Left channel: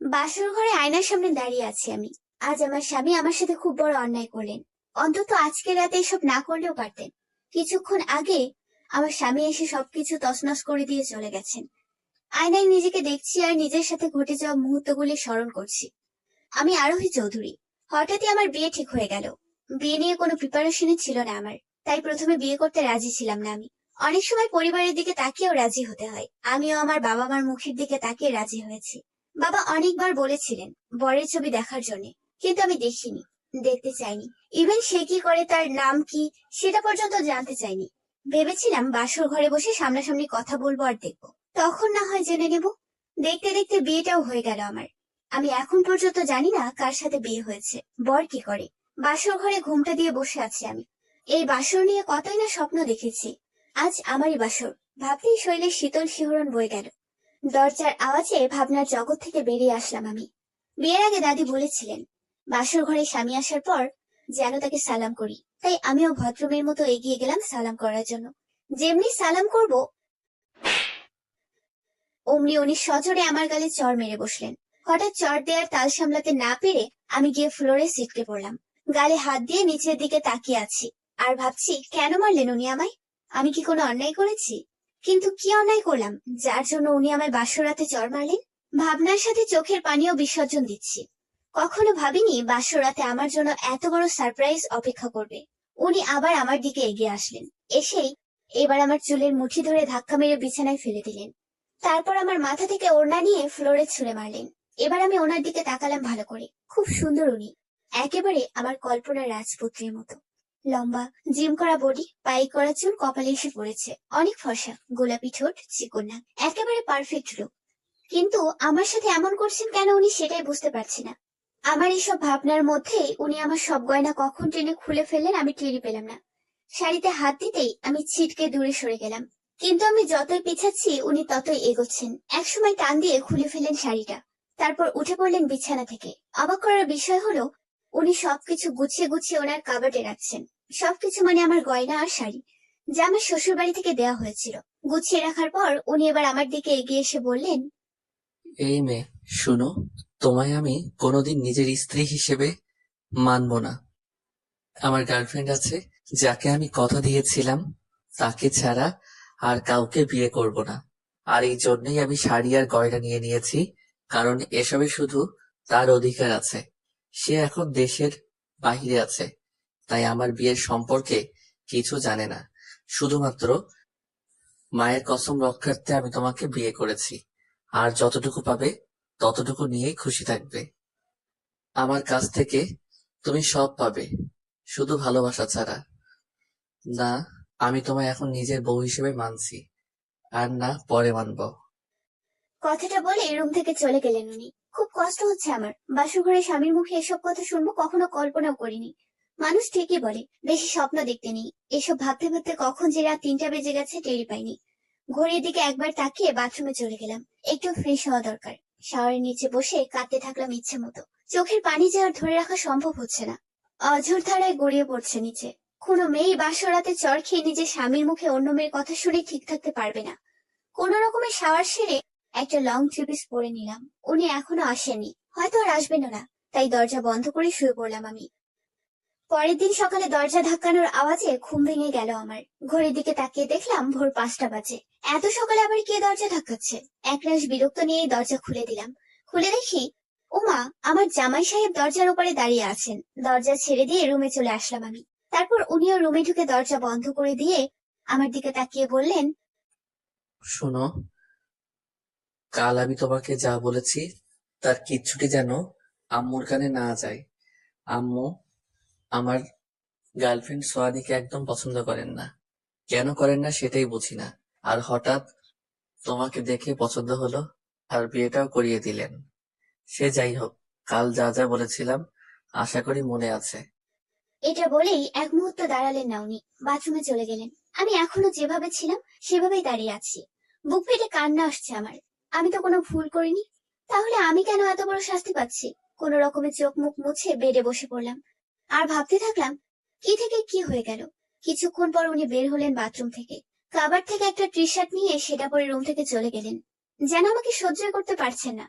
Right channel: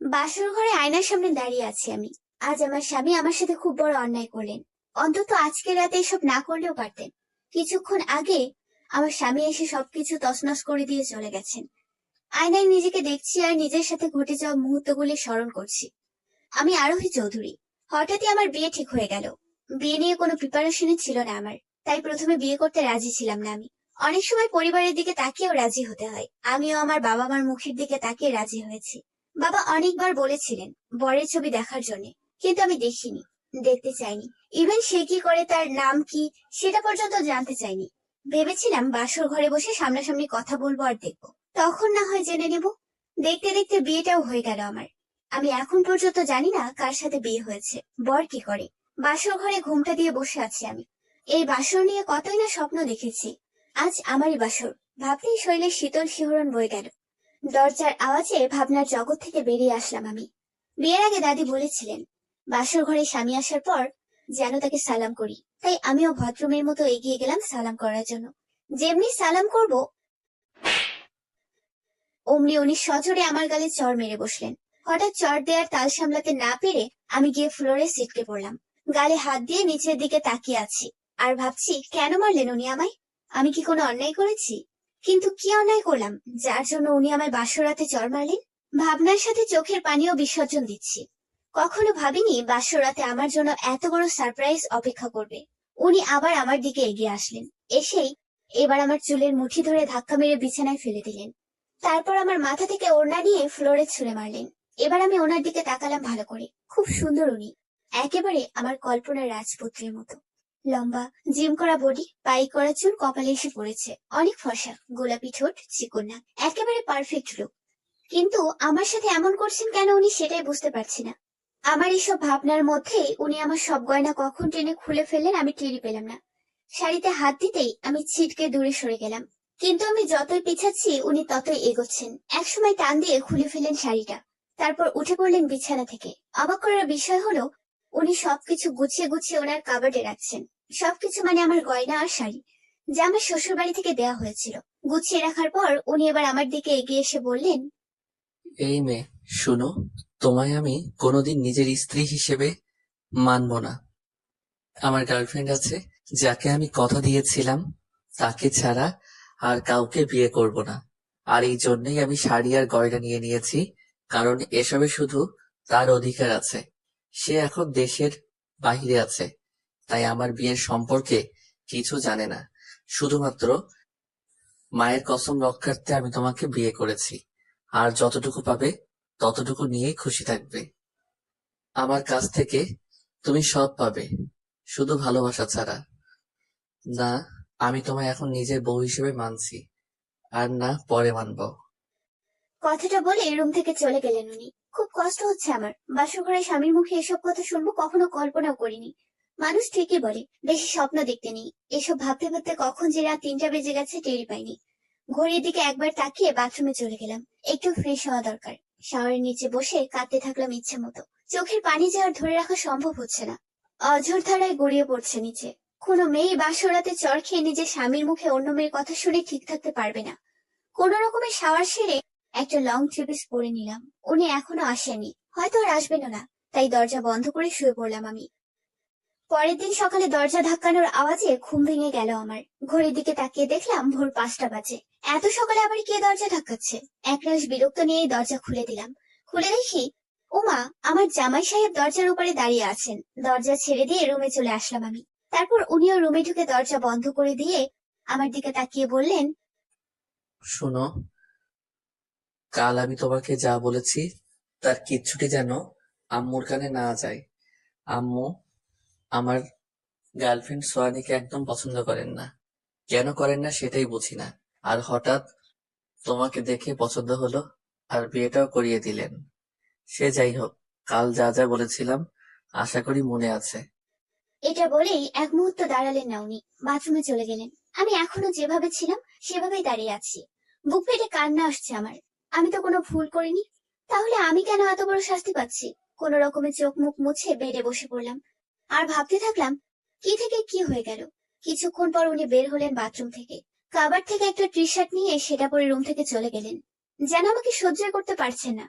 বাসর ঘরে আয়নার সামনে দাঁড়িয়ে আছি আমি। আজ আমার স্বামী আমার সাথে খুব বড় অন্যায় করলেন। অন্তত আজকে রাতে এসব না করলেও পারতেন। কিছুক্ষণ আগে আমার স্বামী এসে সবকিছু তছনছ করে দিয়ে চলে গেছেন। আয়নায় নিজেকে দেখছি আর নিজের সাথে ঘটে যাওয়া মুহূর্তগুলি স্মরণ করছি। আমি আরোহী চৌধুরী। হঠাৎই আমার বিয়ে ঠিক হয়ে গেল। বিয়ে নিয়ে কোনো প্রিপারেশনই ছিল না আমার। তাই প্রথমে বিয়ে করতে রাজি ছিলাম না আমি। অনেক সময় পরিবারের দিকে তাকিয়েও রাজি হতে হয়। আমিও আমার বাবা মার মুখের দিকে তাকিয়ে রাজি হয়েছি। বাবা অনেকবার বলেছিলেন বরের ছবি দেখার জন্য, কিন্তু আমি দেখিনি, দেখতে চাইনি। ইভেন সে কি করে, তার নাম কি, সেটা পর্যন্ত জানতে চাইনি। ভেবেছিলাম বাসর ঘরে বসে সামনাসামনি কথা বলবো আর দেখবো, তখন না হয় জেনে নেব। দেখতে দেখতে বিয়েটাও হয়ে গেল আমার। আমি এখন পর্যন্ত জানি না কার সাথে বিয়ে হয়েছে, বর কি করে। বাসর ঘরে ঘুমটা দিয়ে বসে আছি আমি। এই বাসর নিয়ে কতই না স্বপ্ন দেখেছি। আজ আমারই বাসর। ভাবতেই শরীরে শীতল শিহরণ বয়ে গেল। দরজার আওয়াজে ভাবনার জগৎ থেকে বেরিয়ে আসলাম আমি। বিয়ের আগে দাদি বলেছিলেন বাসর ঘরে স্বামী আসার পর যেন তাকে সালাম করি। তাই আমিও ভদ্রমের মতো এগিয়ে গেলাম সালাম করার জন্য। যেমনি সালাম করব, অমনি উনি সজোরে আমার গালে চড় মেরে বসলেন। হঠাৎ চড় দেওয়ার তাল সামলাতে না পেরে আমি গিয়ে ফ্লোরে ছিটকে পড়লাম। গালে হাত দিয়ে নিচের দিকে তাকিয়ে আছি আর ভাবছি কেন মারলেন উনি আমায়। আমি কি কোনো অন্যায় করেছি? কিন্তু কি অন্যায় করলাম যার জন্য উনি আমায় বাসরাতে চড় মারলেন? ভাবনার সাথে চোখের পানিও বিসর্জন দিচ্ছি। কখনো ভাবিনি বাসরাতে আমার জন্য এত বড় সারপ্রাইজ অপেক্ষা করবে। উনি আবার আমার দিকে এগিয়ে আসলেন। এসেই এবার আমার চুলের মুঠি ধরে ধাক্কা মেরে বিছানায় ফেলে দিলেন। তারপর আমার মাথা থেকে ওড়না নিয়ে ফ্লোরে ছুঁড়ে মারলেন। এবার আমি ওনার দিকে তাকালাম ভালো করে। খুব সুন্দর উনি, একেবারে আমার কল্পনার রাজপুত্রের মতো। লম্বা, জিম করা বডি, পাই করা চুল কপালে এসে পড়েছে, অনেক ফর্সা, গোলাপি ঠোঁট, চিকন নাক, একেবারে পারফেক্ট লুক। কিন্তু আমার সাথে এমন করছেন কেন উনি, সেটাই বুঝতে পারছি না। আমার এইসব ভাবনার মধ্যেই উনি আমার সব গয়না কখন টেনে খুলে ফেললেন আমি টেরই পেলাম না। শাড়িতে হাত দিতেই আমি ছিটকে দূরে সরে গেলাম। কিন্তু আমি যতই পিছাচ্ছি উনি ততই এগোচ্ছেন। একসময় টান দিয়ে খুলে ফেললেন শাড়িটা। তারপর উঠে পড়লেন বিছানা থেকে। অবাক করার বিষয় হলো উনি সবকিছু গুছিয়ে গুছিয়ে ওনার কাবার্ডে রাখছেন। সবকিছু মানে আমার গয়না আর শাড়ি, যা আমার শ্বশুর বাড়ি থেকে দেওয়া হয়েছিল। গুছিয়ে রাখার পর উনি এবার আমার দিকে এগিয়ে এসে বললেন, এই মেয়ে, শোনো, তোমায় আমি কোনোদিন নিজের স্ত্রী হিসেবে মানব না। আমার গার্লফ্রেন্ড আছে, যাকে আমি কথা দিয়েছিলাম তাকে ছাড়া আর কাউকে বিয়ে করব না। আর এই জন্যই আমি শাড়ি আর গয়না নিয়ে নিয়েছি, কারণ এসবে শুধু তার অধিকার আছে। সে এখন দেশের বাইরে আছে, তাই আমার বিয়ের সম্পর্কে কিছু জানে না। শুধুমাত্র মায়ের কসম রক্ষার্থে আমি তোমাকে বিয়ে করেছি। আর যতটুকু পাবে ততটুকু নিয়েই খুশি থাকবে। আমার কাছ থেকে তুমি সব পাবে, শুধু ভালোবাসা ছাড়া। না, আমি তোমায় এখন নিজের বউ হিসেবে মানছি, আর না পরে মানবো। কথাটা বলে রুম থেকে চলে গেলেন উনি। খুব কষ্ট হচ্ছে আমার। বাসর ঘরে স্বামীর মুখে এসব কথা শুনবো কখনো কল্পনাও করিনি। মানুষ ঠিকই বলে বেশি স্বপ্ন দেখতে নেই। এসব ভাবতে ভাবতে কখন যে রাত 3টা বেজে গেছে টেরই পাইনি। ঘড়ির দিকে একবার তাকিয়ে বাথরুমে চলে গেলাম। একটু ফ্রেশ হওয়া দরকার। শাওয়ারের নিচে বসে কাঁদতে থাকলাম ইচ্ছে মতো। চোখের পানি যে আর ধরে রাখা সম্ভব হচ্ছে না। অঝোর ধারায় গড়িয়ে পড়ছে নিচে। কোনো মেয়ে বাসর রাতে চড় খেয়ে নিজের স্বামীর মুখে অন্য মেয়ের কথা শুনে ঠিক থাকতে পারবে না। কোন রকমের শাওয়ার সেরে একটা লং ট্রিপিস পরে নিলাম। উনি এখনো আসেনি, হয়তো আর আসবেনও না। তাই দরজা বন্ধ করে শুয়ে পড়লাম আমি। পরের দিন সকালে দরজা ধাক্কানোর আওয়াজে ঘুম ভেঙে গেল আমার। ঘড়ির দিকে তাকিয়ে দেখলাম ভোর 5টা বাজে। এত সকালে আবার কে দরজা ধাক্কাচ্ছে? একরাশ বিরক্ত নিয়েই দরজা খুলে দিলাম। খুলে দেখি ওমা, আমার জামাই সাহেব দরজার উপরে দাঁড়িয়ে আছেন। দরজা ছেড়ে দিয়ে রুমে চলে আসলাম আমি। তারপর উনিও রুমে ঢুকে দরজা বন্ধ করে দিয়ে আমার দিকে তাকিয়ে বললেন, শোনো, কাল আমি তোমাকে যা বলেছি তার কিচ্ছুটি যেন আম্মুর কানে না যায়। আম্মু আমার গার্লফ্রেন্ড সোয়ানিকে একদম পছন্দ করেন না। কেন করেন না সেটাই বুঝি না। আর হঠাৎ তোমাকে দেখে পছন্দ হলো, আর বিয়েটাও করিয়ে দিলেন। সে যাই হোক, কাল যা যা বলেছিলাম আশা করি মনে আছে। এটা বলেই এক মুহূর্ত দাঁড়ালেন না উনি। বাথরুমে চলে গেলেন। আমি এখনো যেভাবে ছিলাম সেভাবেই দাঁড়িয়ে আছি। বুক ফেটে কান্না আসছে আমার। আমি তো কোনো ভুল করিনি, তাহলে আমি কেন এত বড় শাস্তি পাচ্ছি? কোন রকমে চোখ মুখ মুছে বেডে বসে পড়লাম আর ভাবতে থাকলাম কি থেকে কি হয়ে গেল। কিছুক্ষণ পর উনি বের হলেন বাথরুম থেকে। কাবার থেকে একটা টি শার্ট নিয়ে সেটা পরে রুম থেকে চলে গেলেন, যেন আমাকে সহ্য করতে পারছেন না।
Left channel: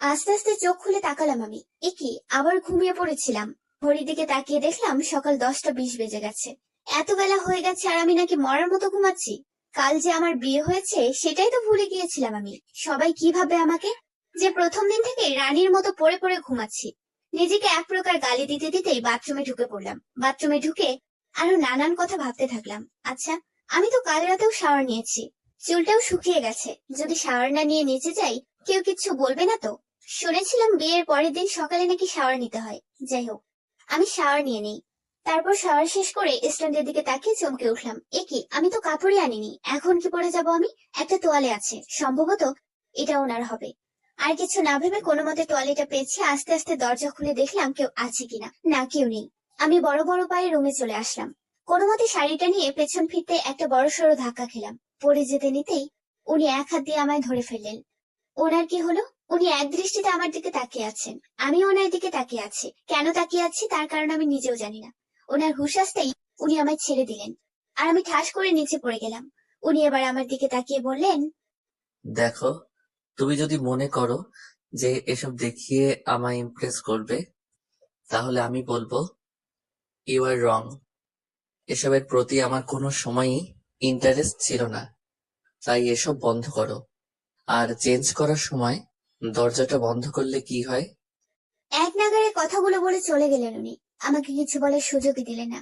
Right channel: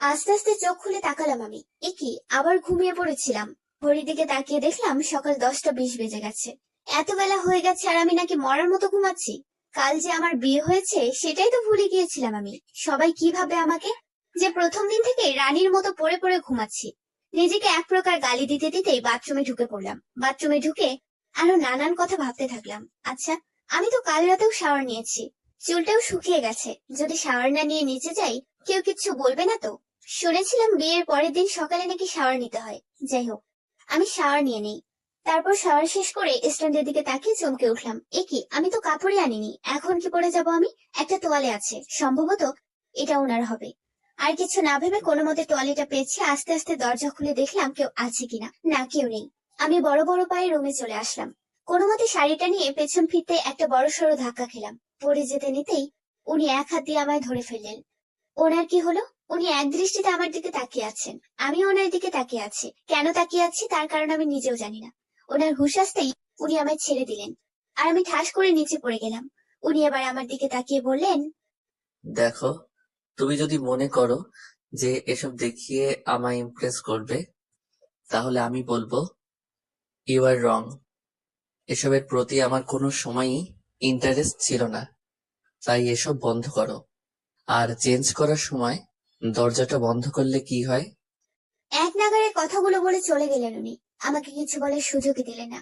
আস্তে আস্তে চোখ খুলে তাকালাম আমি। কি, আবার ঘুমিয়ে পড়েছিলাম। ঘড়ির দিকে তাকিয়ে দেখলাম সকাল 10টা 20 বেজে গেছে। এত বেলা হয়ে গেছে আর আমি নাকি মরার মতো ঘুমাচ্ছি। কাল যে আমার বিয়ে হয়েছে সেটাই তো ভুলে গিয়েছিলাম আমি। সবাই কি ভাবে আমাকে, যে প্রথম দিন থেকে রানীর মতো পড়ে পড়ে ঘুমাচ্ছি। নিজেকে এক প্রকার গালি দিতে দিতেই বাথরুমে ঢুকে পড়লাম। বাথরুমে ঢুকে আরো নানান কথা ভাবতে থাকলাম। আচ্ছা, আমি তো কাল রাতেও শাওয়ার নিয়েছি, চুলটাও শুকিয়ে গেছে। যদি শাওয়ার না নিয়ে নিচে যাই, কেউ কিচ্ছু বলবে না তো? শুনেছিলাম বিয়ের পরের দিন সকালে নাকি শাওয়ার নিতে হয়। যাই হোক, আমি শাওয়ার নিয়ে নেই। তারপর শাওয়ার শেষ করে স্ট্যান্ডের দিকে তাকিয়ে চমকে উঠলাম। কি, আমি তো কাপড়ই আনিনি, এখন কি পরে যাব আমি? একটা তোয়ালে আছে, সম্ভবত এটা ওনার হবে। আর কিছু না ভেবে কোনো মতে তোয়ালেটা পেয়েছি। আস্তে আস্তে দরজা খুলে দেখলাম কেউ আছে কিনা। না, কেউ নেই। আমি বড় বড় পায়ে রুমে চলে আসলাম। কোনো মতে শাড়িটা নিয়ে পেছন ফিরতে একটা বড় সড়ো ধাক্কা খেলাম। পড়ে যেতে নিতেই উনি এক হাত দিয়ে আমায় ধরে ফেললেন। ওনার কি হলো? উনি এক দৃষ্টিতে আমার দিকে তাকিয়ে আছেন, আমি ওনার দিকে তাকিয়ে আছি। কেন তাকিয়ে আছি তার কারণ আমি নিজেও জানি না। ওনার হুঁশ আসতেই উনি আমায় ছেড়ে দিলেন, আর আমি ঠাস করে নিচে পড়ে গেলাম। উনি এবার আমার দিকে তাকিয়ে বললেন, দেখো, তুমি যদি মনে করো যে এসব দেখিয়ে আমায় ইমপ্রেস করবে, তাহলে আমি বলবো ইউ আর রং। এসবের প্রতি আমার কোনো সময়ই ইন্টারেস্ট ছিল না, তাই এসব বন্ধ করো। আর চেঞ্জ করার সময় দরজাটা বন্ধ করলে কি হয়? এক নাগাড়ে কথাগুলো বলে চলে গেলেন উনি। আমাকে কিছু বলার সুযোগই দিলেন না।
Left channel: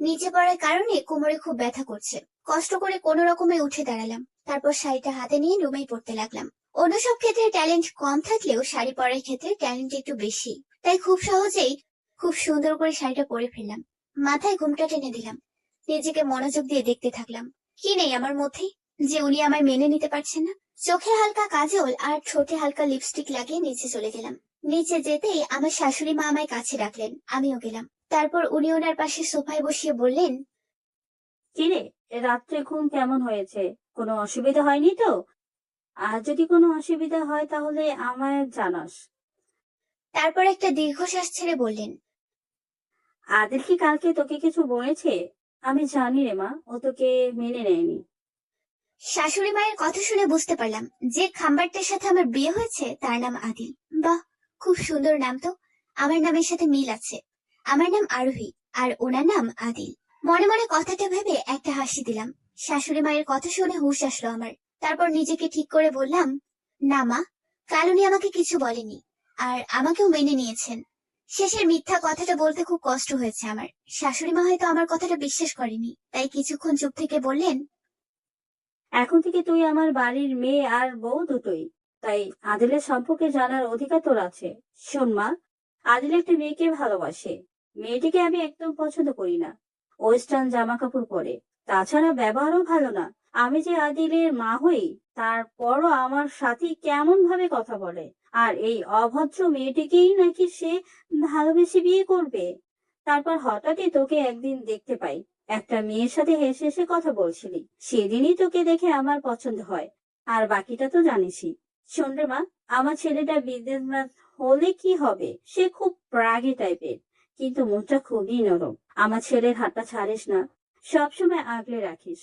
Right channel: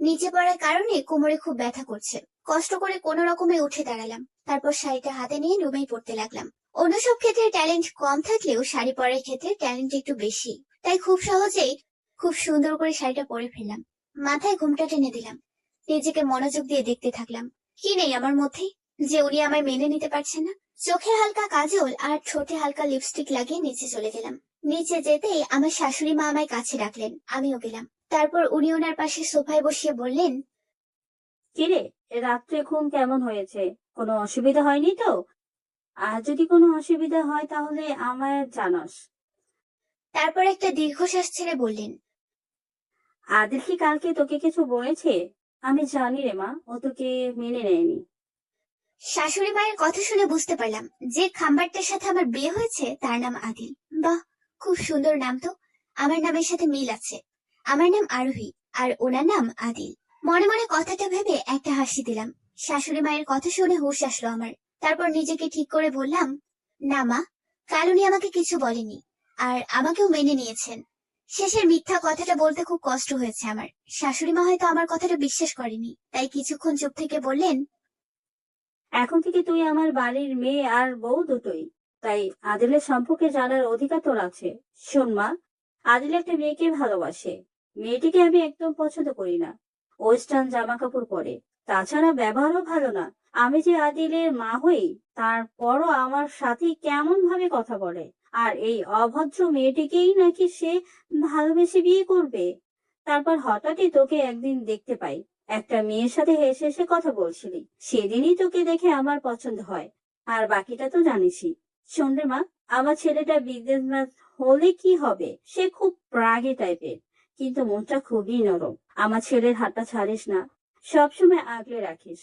নিচে পড়ার কারণে কোমরে খুব ব্যথা করছে। কষ্ট করে কোনো রকমে উঠে দাঁড়ালাম। তারপর শাড়িটা হাতে নিয়ে রুমেই পড়তে লাগলাম। অন্য সব ক্ষেত্রে ট্যালেন্ট কম থাকলেও শাড়ি পরার ক্ষেত্রে ট্যালেন্ট একটু বেশি। তাই খুব সহজেই খুব সুন্দর করে শাড়িটা পরে ফেললাম। মাথায় ঘোমটা টেনে দিলাম। নিজেকে মনোযোগ দিয়ে দেখতে থাকলাম। কি নেই আমার মধ্যে, যে উনি আমায় মেনে নিতে পারছেন না? চোখে হালকা কাজল আর ঠোঁটে হালকা লিপস্টিক লাগিয়ে নিচে চলে গেলাম। নিচে যেতেই আমার শাশুড়ি মা আমায় কাছে ডাকলেন, আমিও গেলাম। তারপর উনি ওনার পাশে সোফায় বসিয়ে বললেন, কিরে, রাত্রে ঘুম কেমন হয়েছে? কোনো অসুবিধা হয়নি তো? আর যদি কোনো অসুবিধা হয় তাহলে আমায় জানাস। তারপর একটা দীর্ঘশ্বাস ছেড়ে বললেন, আদিল কি কালকে তোকে কিছু বলেছে? আমি জানি রে মা, ও তোকে মেনে নেয়নি। শাশুড়ি মায়ের কথা শুনে বুঝতে পারলাম যে খাম্বারটার সাথে আমার বিয়ে হয়েছে তার নাম আদিল। বাহ, খুব সুন্দর নাম তো। আমার নামের সাথে মিল আছে। আমার নাম আরোহী, আর ওনার নাম আদিল। মনে মনে কথাটা ভেবে একটা হাসি দিলাম। শাশুড়ি মায়ের কথা শুনে হুঁশ আসলো আমার। তারপর নিজেকে ঠিক করে বললাম, না মা, কাল উনি আমাকে কিছু বলেনি, আর আমাকেও মেনে নিয়েছেন। শেষের মিথ্যা কথাটা বলতে খুব কষ্ট হয়েছে আমার। শাশুড়ি মা হয়তো আমার কথাটা বিশ্বাস করেনি, তাই কিছুক্ষণ চুপ থেকে বললেন, এখন থেকে তুই আমার বাড়ির মেয়ে আর বউ দুটোই, তাই আদিলের সম্পর্কে জানার অধিকার তোর আছে। শোন মা, আদিল একটা মেয়েকে ভালোবাসে। মেয়েটিকে আমি একদম পছন্দ করি না। ওয়েস্টার্ন জামা কাপড় পরে, তাছাড়া ব্যবহারও ভালো না। আমি যে আদিলের মা হই, তারপরও আমার সাথে কেমন ভাবে কথা বলে। আর এই অভদ্র মেয়েটিকেই নাকি সে ভালোবেসে বিয়ে করবে। তারপর হঠাৎই তোকে একদিন দেখতে পাই, একটা মেয়ের সাথে হেসে হেসে কথা বলছিলি। সেদিনই তোকে দেখে আমার পছন্দ হয়। আর বাকিটা তো জানিসই। শোন রে মা, আমার ছেলেটা বিজনেসম্যান হলে কি হবে? সে খুব রাগী টাইপের, কিন্তু মনটা খুবই নরম। আমার ছেলের হাতটা ছাড়িস না, সবসময় আগলে রাখিস।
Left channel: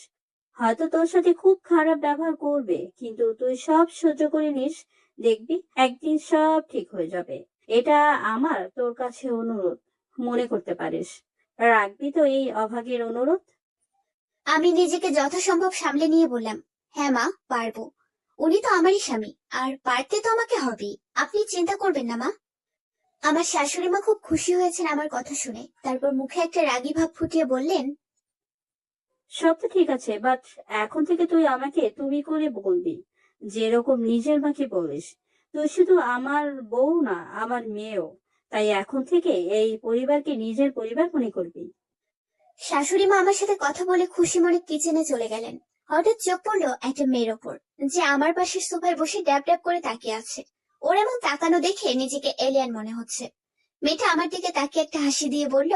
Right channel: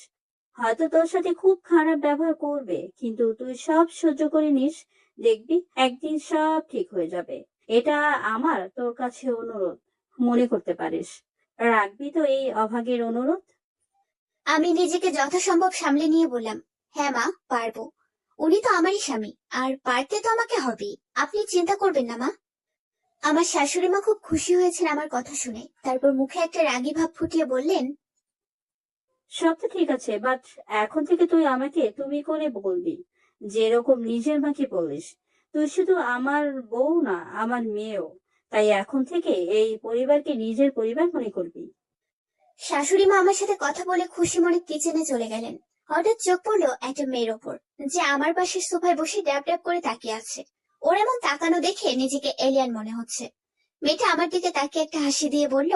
হয়তো তোর সাথে খুব খারাপ ব্যবহার করবে, কিন্তু তুই সব সহ্য করে নিস। দেখবি একদিন সব ঠিক হয়ে যাবে। এটা আমার তোর কাছে অনুরোধ, মনে করতে পারিস। রাখবি তো এই অভাগীর অনুরোধ? আমি নিজেকে যথাসম্ভব সামলে নিয়ে বললাম, হ্যাঁ মা, পারবো। উনি তো আমারই স্বামী, আর পারতে তো আমাকে হবেই। আপনি চিন্তা করবেন না মা। আমার শাশুড়ি মা খুব খুশি হয়েছেন আমার কথা শুনে। তারপর মুখে একটা রাগী ভাব ফুটিয়ে বললেন, সব তো ঠিক আছে, বাট এখন থেকে তুই আমাকে তুমি করে বলবি, যেরকম নিজের মাকে বলিস। তুই শুধু আমার বউ না, আমার মেয়েও। তাই এখন থেকে এই পরিবারকে নিজের পরিবার মনে করবি। শাশুড়ি মা আমার সাথে কথা বলে খুশি মনে কিচেনে চলে গেলেন। হঠাৎ চোখ পড়লো একটা মেয়ের ওপর, যে আমার পাশে সোফায় বসে ড্যাব ড্যাব করে তাকিয়ে আছে। ওর এমন তাকানো দেখে নিজেকে এলিয়ান মনে হচ্ছে। মেয়েটা আমার দিকে তাকিয়ে একটা হাসি দিয়ে বলল,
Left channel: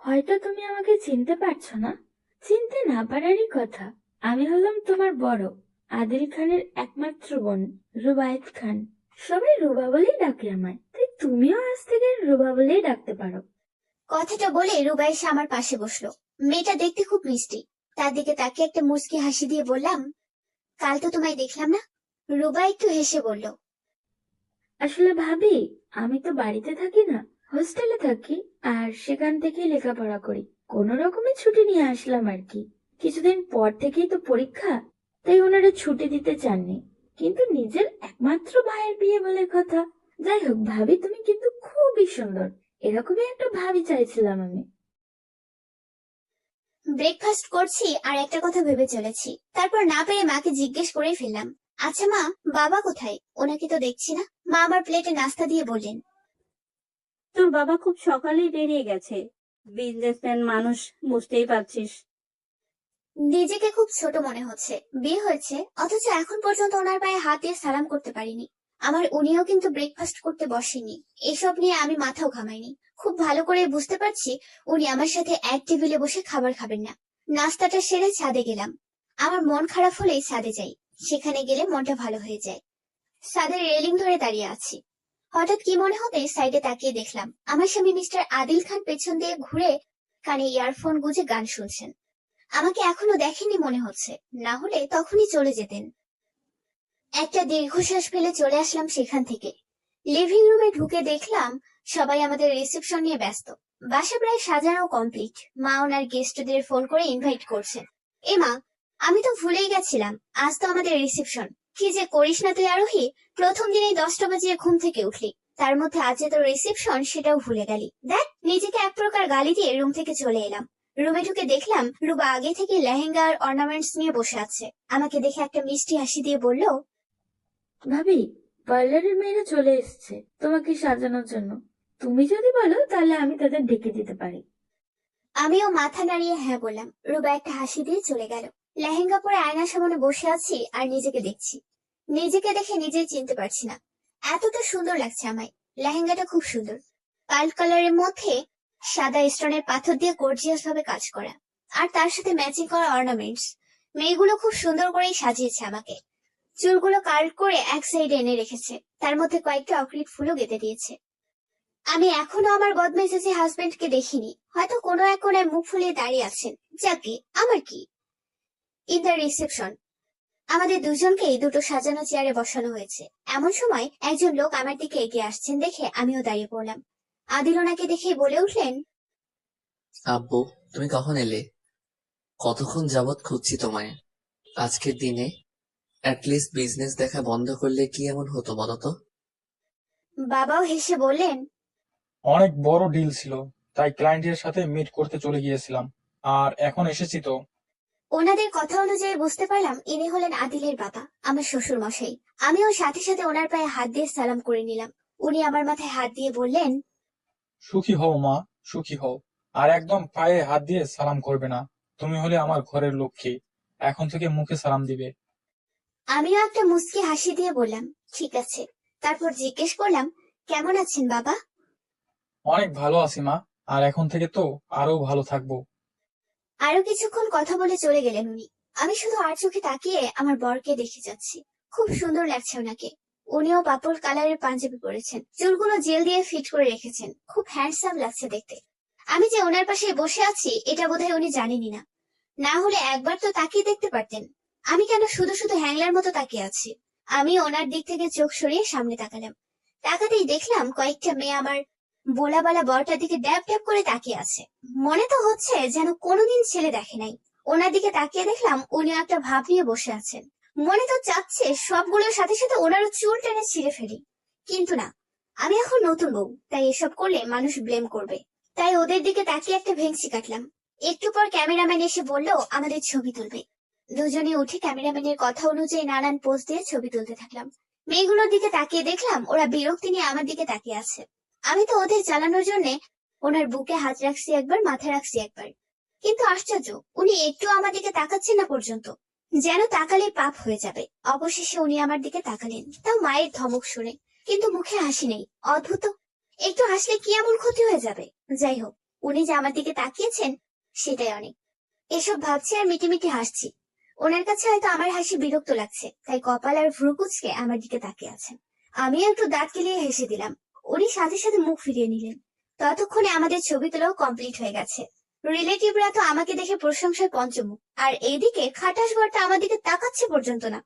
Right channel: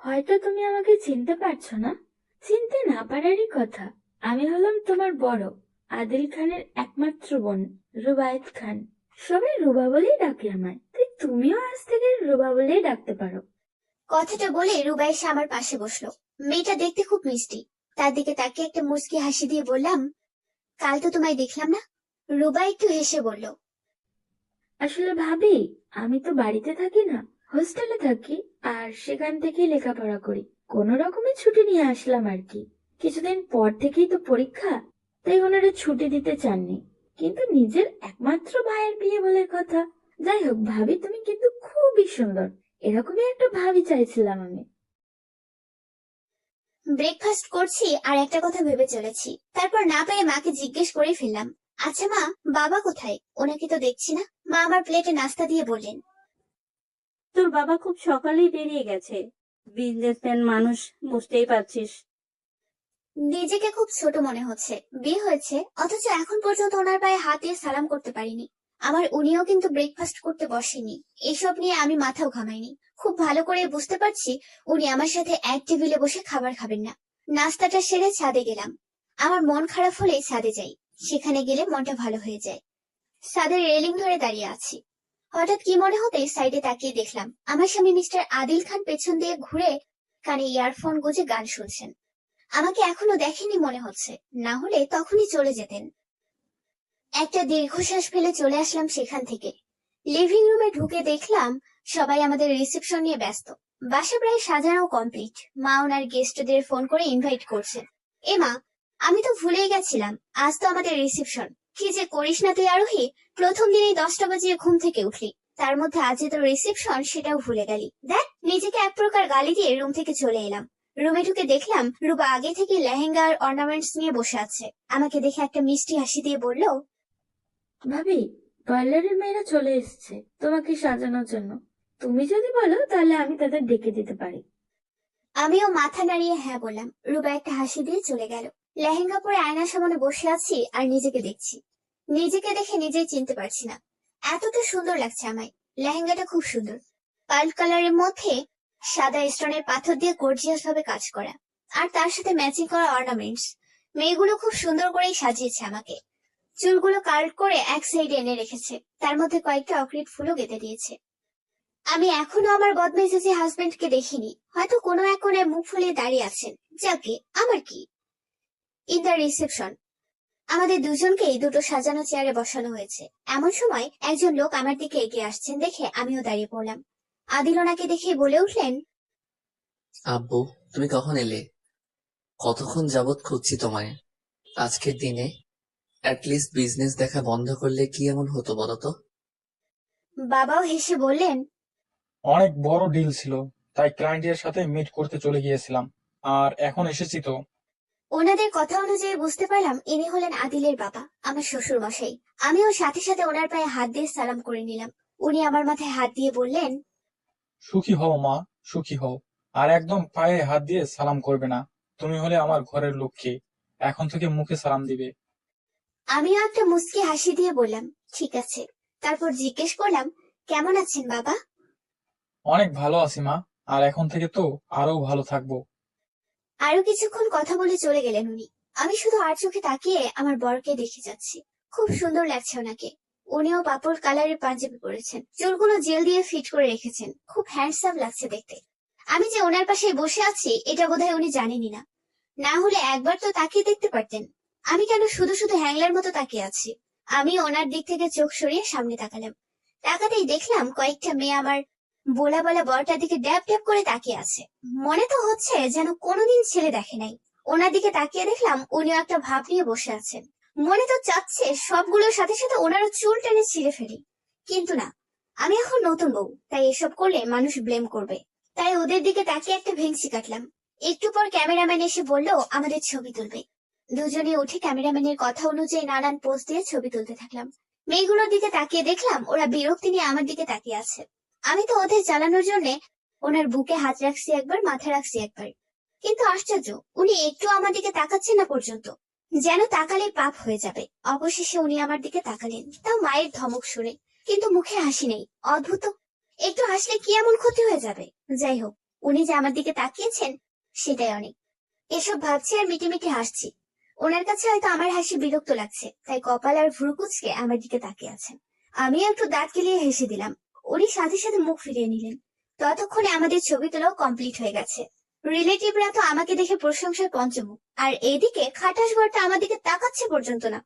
হয়তো তুমি আমাকে চিনতে পারছো না। চিনতে না পারারই কথা। আমি হলাম তোমার বড়, আদিল খানের একমাত্র বোন, রুবায়েত খান। সবাই রুবা বলেই ডাকে আমায়, তাই তুমিও আজ থেকে রুবা বলেই ডাকতে পারো। কথাটা বলে রুবা এসে আমার পাশে বসলো। মেয়েটা দেখতে খুব মিষ্টি। তার দিকে তাকিয়ে একটা মুচকি হাসি দিয়ে বললাম, কাল তো তোমায় দেখলাম না? রুবা একটু হেসে বলল, আসলে ভাবি, আমি তো বাড়িতে থাকি না, হোস্টেলে থাকি, আর সেখান থেকেই লেখাপড়া করি। কোনো রকমে ছুটি নিয়ে আসলাম আর কি। কিছুদিন পর থেকেই তো পরীক্ষা, তাই ওনারা ছুটি দিতে চাননি। কিন্তু নিজের একমাত্র ভাইয়ের বিয়ে বলে কথা। যাই হোক ভাবি, তুমি কিন্তু খুবই সুন্দর। এরকমই একটা ভাবি চাইছিলাম আমি। ব্রেকফাস্ট করছি আর একটা কথা ভেবে চলেছি, তারপর না পেরে মাকে জিজ্ঞেস করেই ফেললাম, আচ্ছা মা, বাবা কোথায়? ওনাকে তো দেখছি না। মা আমার প্লেটে নাস্তা দিয়ে বললেন, তোর বাবা খুব সকালেই বেরিয়ে গেছে। বিজনেসম্যান মানুষ, বুঝতেই পারছিস। নিজেকে খুব ছোট মনে হচ্ছে। বিয়ে হয়েছে অথচ এখন পর্যন্ত ওনার পায়ে হাত দিয়ে সালাম করতে পারিনি। আমার উনিও কিন্তু ব্রেকফাস্ট করতে বসেনি। এসব নিয়ে আমি মাথাও ঘামাইনি। খুব ভালো করে বুঝতে পারছি উনি আমার সাথে এক টেবিলে বসে খাবার খাবেন না। নাস্তাটা সেরে ছাদে গেলাম। আমার মন খারাপ হলেই ছাদে যাই। সেখানে গেলে মনটা ভালো হয়ে যায়। ছাদের রেলিং ধরে দাঁড়িয়ে আছি। হঠাৎ কি মনে হতে সাইডে তাকিয়ে দেখলাম আমার স্বামী মিস্টার আদিল খান পেছন দিয়ে ঘুরে কানে ইয়ারফোন গুজে গান শুনছেন। আমাকে এখনো দেখেনি মনে হচ্ছে, না হলে তখনই চলে যেতেন। একটা দীর্ঘশ্বাস ফেলে চলে আসলাম সেখান থেকে। লিভিং রুমে ঢুকে দেখলাম সবাই আমাদের রিসেপশন নিয়ে ব্যস্ত। বাসা প্রায় সাজানো কমপ্লিট। মা ওনার গেস্টদের ফোন করে ইনভাইট করছেন। এ মা, আমি তো ভুলেই গেছিলাম, আজ তো আমাদের রিসেপশন। কি যে করিস না তুই আরোহী, প্রথম দিনেই 10টা বাজিয়ে ঘুম থেকে উঠলি, তার মধ্যে আজ যে তোর রিসেপশন সেটাও ভুলে গেলি। দেখ, নিজেকে এক প্রকার গালি দিয়ে রুম থেকে চলে এলাম। রুমে ঢুকে দেখলাম রুবা আগে থেকে লেহেঙ্গা আর অর্নামেন্টস নিয়ে বসে আছে। আমাকে দেখে একটা মিষ্টি হাসি দিয়ে বলল, ভাবি, পার্লারের মেয়েরা চলে এসেছে তোমাকে সাজানোর জন্য। তুমি যদি বলো তাহলে আমি তাদের ডেকে দিতে পারি। আমিও মাথা নাড়িয়ে হ্যাঁ বললাম। রুবা একটা হাসি দিয়ে চলে গেল। লেহেঙ্গা পরে আয়নার সামনে বসে আছি আর নিজেকে দেখছি। নিজেকে দেখে নিজেই চিনতে পারছি না, এতটা সুন্দর লাগছে আমায়। লেহেঙ্গাটা খুব সুন্দর, পার্ল কালারের মধ্যে সাদা স্টোনের পাথর দিয়ে গর্জিয়াস ভাবে কাজ করা, আর তার সাথে ম্যাচিং করা অর্নামেন্টস। মেয়েগুলো খুব সুন্দর করেই সাজিয়েছে আমাকে। চুলগুলো কার্ল করে এক সাইডে এনে রেখেছে, তার মধ্যে কয়েকটা অক্রিট ফুলও গেঁথে দিয়েছে। আমি এখনো আমার বদমেজাজি হাজবেন্ডকে দেখিনি, হয়তো কোনো এক কোণে মুখ ফুলিয়ে দাঁড়িয়ে আছেন। যাকে আমার কি। ইন দ্য রিসেপশন আমাদের দুজনকেই দুটো সাজানো চেয়ারে বসানো হয়েছে। এমন সময় একজন লোক আমার দিকে এগিয়ে আসছেন দেখে আমিও দাঁড়িয়ে পড়লাম। আদিল ওনাকে দেখেই বলে উঠলেন, আব্বু, তুমি কখন এলে? কতক্ষণ যাবৎ খুঁজছি তোমায়। আজকের দিনে অ্যাটলিস্ট বিজনেস দেখা বন্ধ করলে কি এমন হতো বলো তো? বাবাও হেসে বললেন, অনেক বড় ডিল ছিল, তাই ক্লায়েন্টের সাথে মিট করতে চলে গিয়েছিলাম, আর এখন এসেছি তো। ওনাদের কথা অনুযায়ী বুঝতে পারলাম ইনি হলেন আদিলের বাবা, আমার শ্বশুর মশাই। আমিও সাথে সাথে ওনার পায়ে হাত দিয়ে সালাম করে নিলাম। উনি আমার মাথায় হাত দিয়ে বললেন, সুখী হও মা, সুখী হও। আর একদম পায়ে হাত দিয়ে সালাম করবে না। তুমি হলে আমার ঘরের লক্ষ্মী, এখন থেকে মুখে সালাম দিবে। আমিও একটা মুচকি হাসি দিয়ে বললাম, ঠিক আছে। তারপর জিজ্ঞেস করলাম, কেমন আছেন বাবা? অনেক ভালো আছি মা, আর এখন থেকে তো আরো ভালো থাকবো। আরো কিছুক্ষণ কথা বলে চলে গেলেন উনি। আমি শুধু আর চোখে তাকিয়ে আমার বরকে দেখে যাচ্ছি। খুব সুন্দর লাগছে ওনাকে। উনিও পার্পল কালারের পাঞ্জাবি পরেছেন, চুলগুলো জেল দিয়ে ফিট করে রেখেছেন, খুব হ্যান্ডসাম লাগছে দেখতে। আমি যে ওনার পাশে বসে আছি এটা বোধহয় উনি জানেনই না। না হলে একবার তো তাকিয়ে দেখতে পারতেন। আমি কেন শুধু শুধু হ্যাংলার মতো তাকিয়ে আছি? আমি ওনার দিক থেকে চোখ সরিয়ে সামনে তাকালাম। তাকাতেই দেখলাম কয়েকটা মেয়ে আমার বোলা বালা বরটার দিকে ড্যাব ড্যাব করে তাকিয়ে আছে। মনে তো হচ্ছে যেন কোনোদিন ছেলে দেখে নাই। ওনার দিকে তাকিয়ে দেখলাম উনিও একটা ভাব নিয়ে বসে আছেন। মনে তো চাচ্ছে সবগুলোর সাথে সাথে ওনারও চুল টেনে ছিঁড়ে ফেলি, কিন্তু না, আমি এখন নতুন বউ, তাই এসব করলে মানুষ ব্লেম করবে। তাই ওদের দিকে তাকিয়ে একটা ভেংচি কাটলাম। একটু পর ক্যামেরাম্যান এসে বলল আমাদের ছবি তুলবে। দুজনে উঠে ক্যামেরাম্যানের কথা অনুযায়ী নানান পোজ দিয়ে ছবি তুলতে থাকলাম। মেয়েগুলোর দিকে তাকিয়ে দেখলাম ওরা বিরক্তি নিয়ে আমার দিকে তাকিয়ে আছে। আমি তো ওদের জ্বালানোর জন্য ওনার বুকে হাত রাখছি একবার, মাথা রাখছি একবার, কিন্তু আশ্চর্য, উনি একটু আমার দিকে তাকাচ্ছেন না পর্যন্ত। যেন তাকালে পাপ হয়ে যাবে। অবশেষে উনি আমার দিকে তাকালেন, তাও মায়ের ধমক শুনে, কিন্তু মুখে হাসি নেই। অদ্ভুত, একটু হাসলে কি এমন ক্ষতি হয়ে যাবে? যাই হোক, উনি যে আমার দিকে তাকিয়েছেন সেটাই অনেক। এসব ভাবছি আর মিটিমিটি হাসছি। ওনার কাছে হয়তো আমার হাসি বিরক্ত লাগছে, তাই কপাল আর ভ্রু কুঁচকে আমার দিকে তাকিয়ে আছেন। আমি একটু দাঁত কেলিয়ে হেসে দিলাম। উনি সাথে সাথে মুখ ফিরিয়ে নিলেন। ততক্ষণে আমাদের ছবি তোলাও কমপ্লিট হয়ে গেছে। রিলেটিভরা তো আমাকে দেখে প্রশংসায় পঞ্চমুখ, আর এইদিকে খাটাস বরটা আমার দিকে তাকাচ্ছে পর্যন্ত না।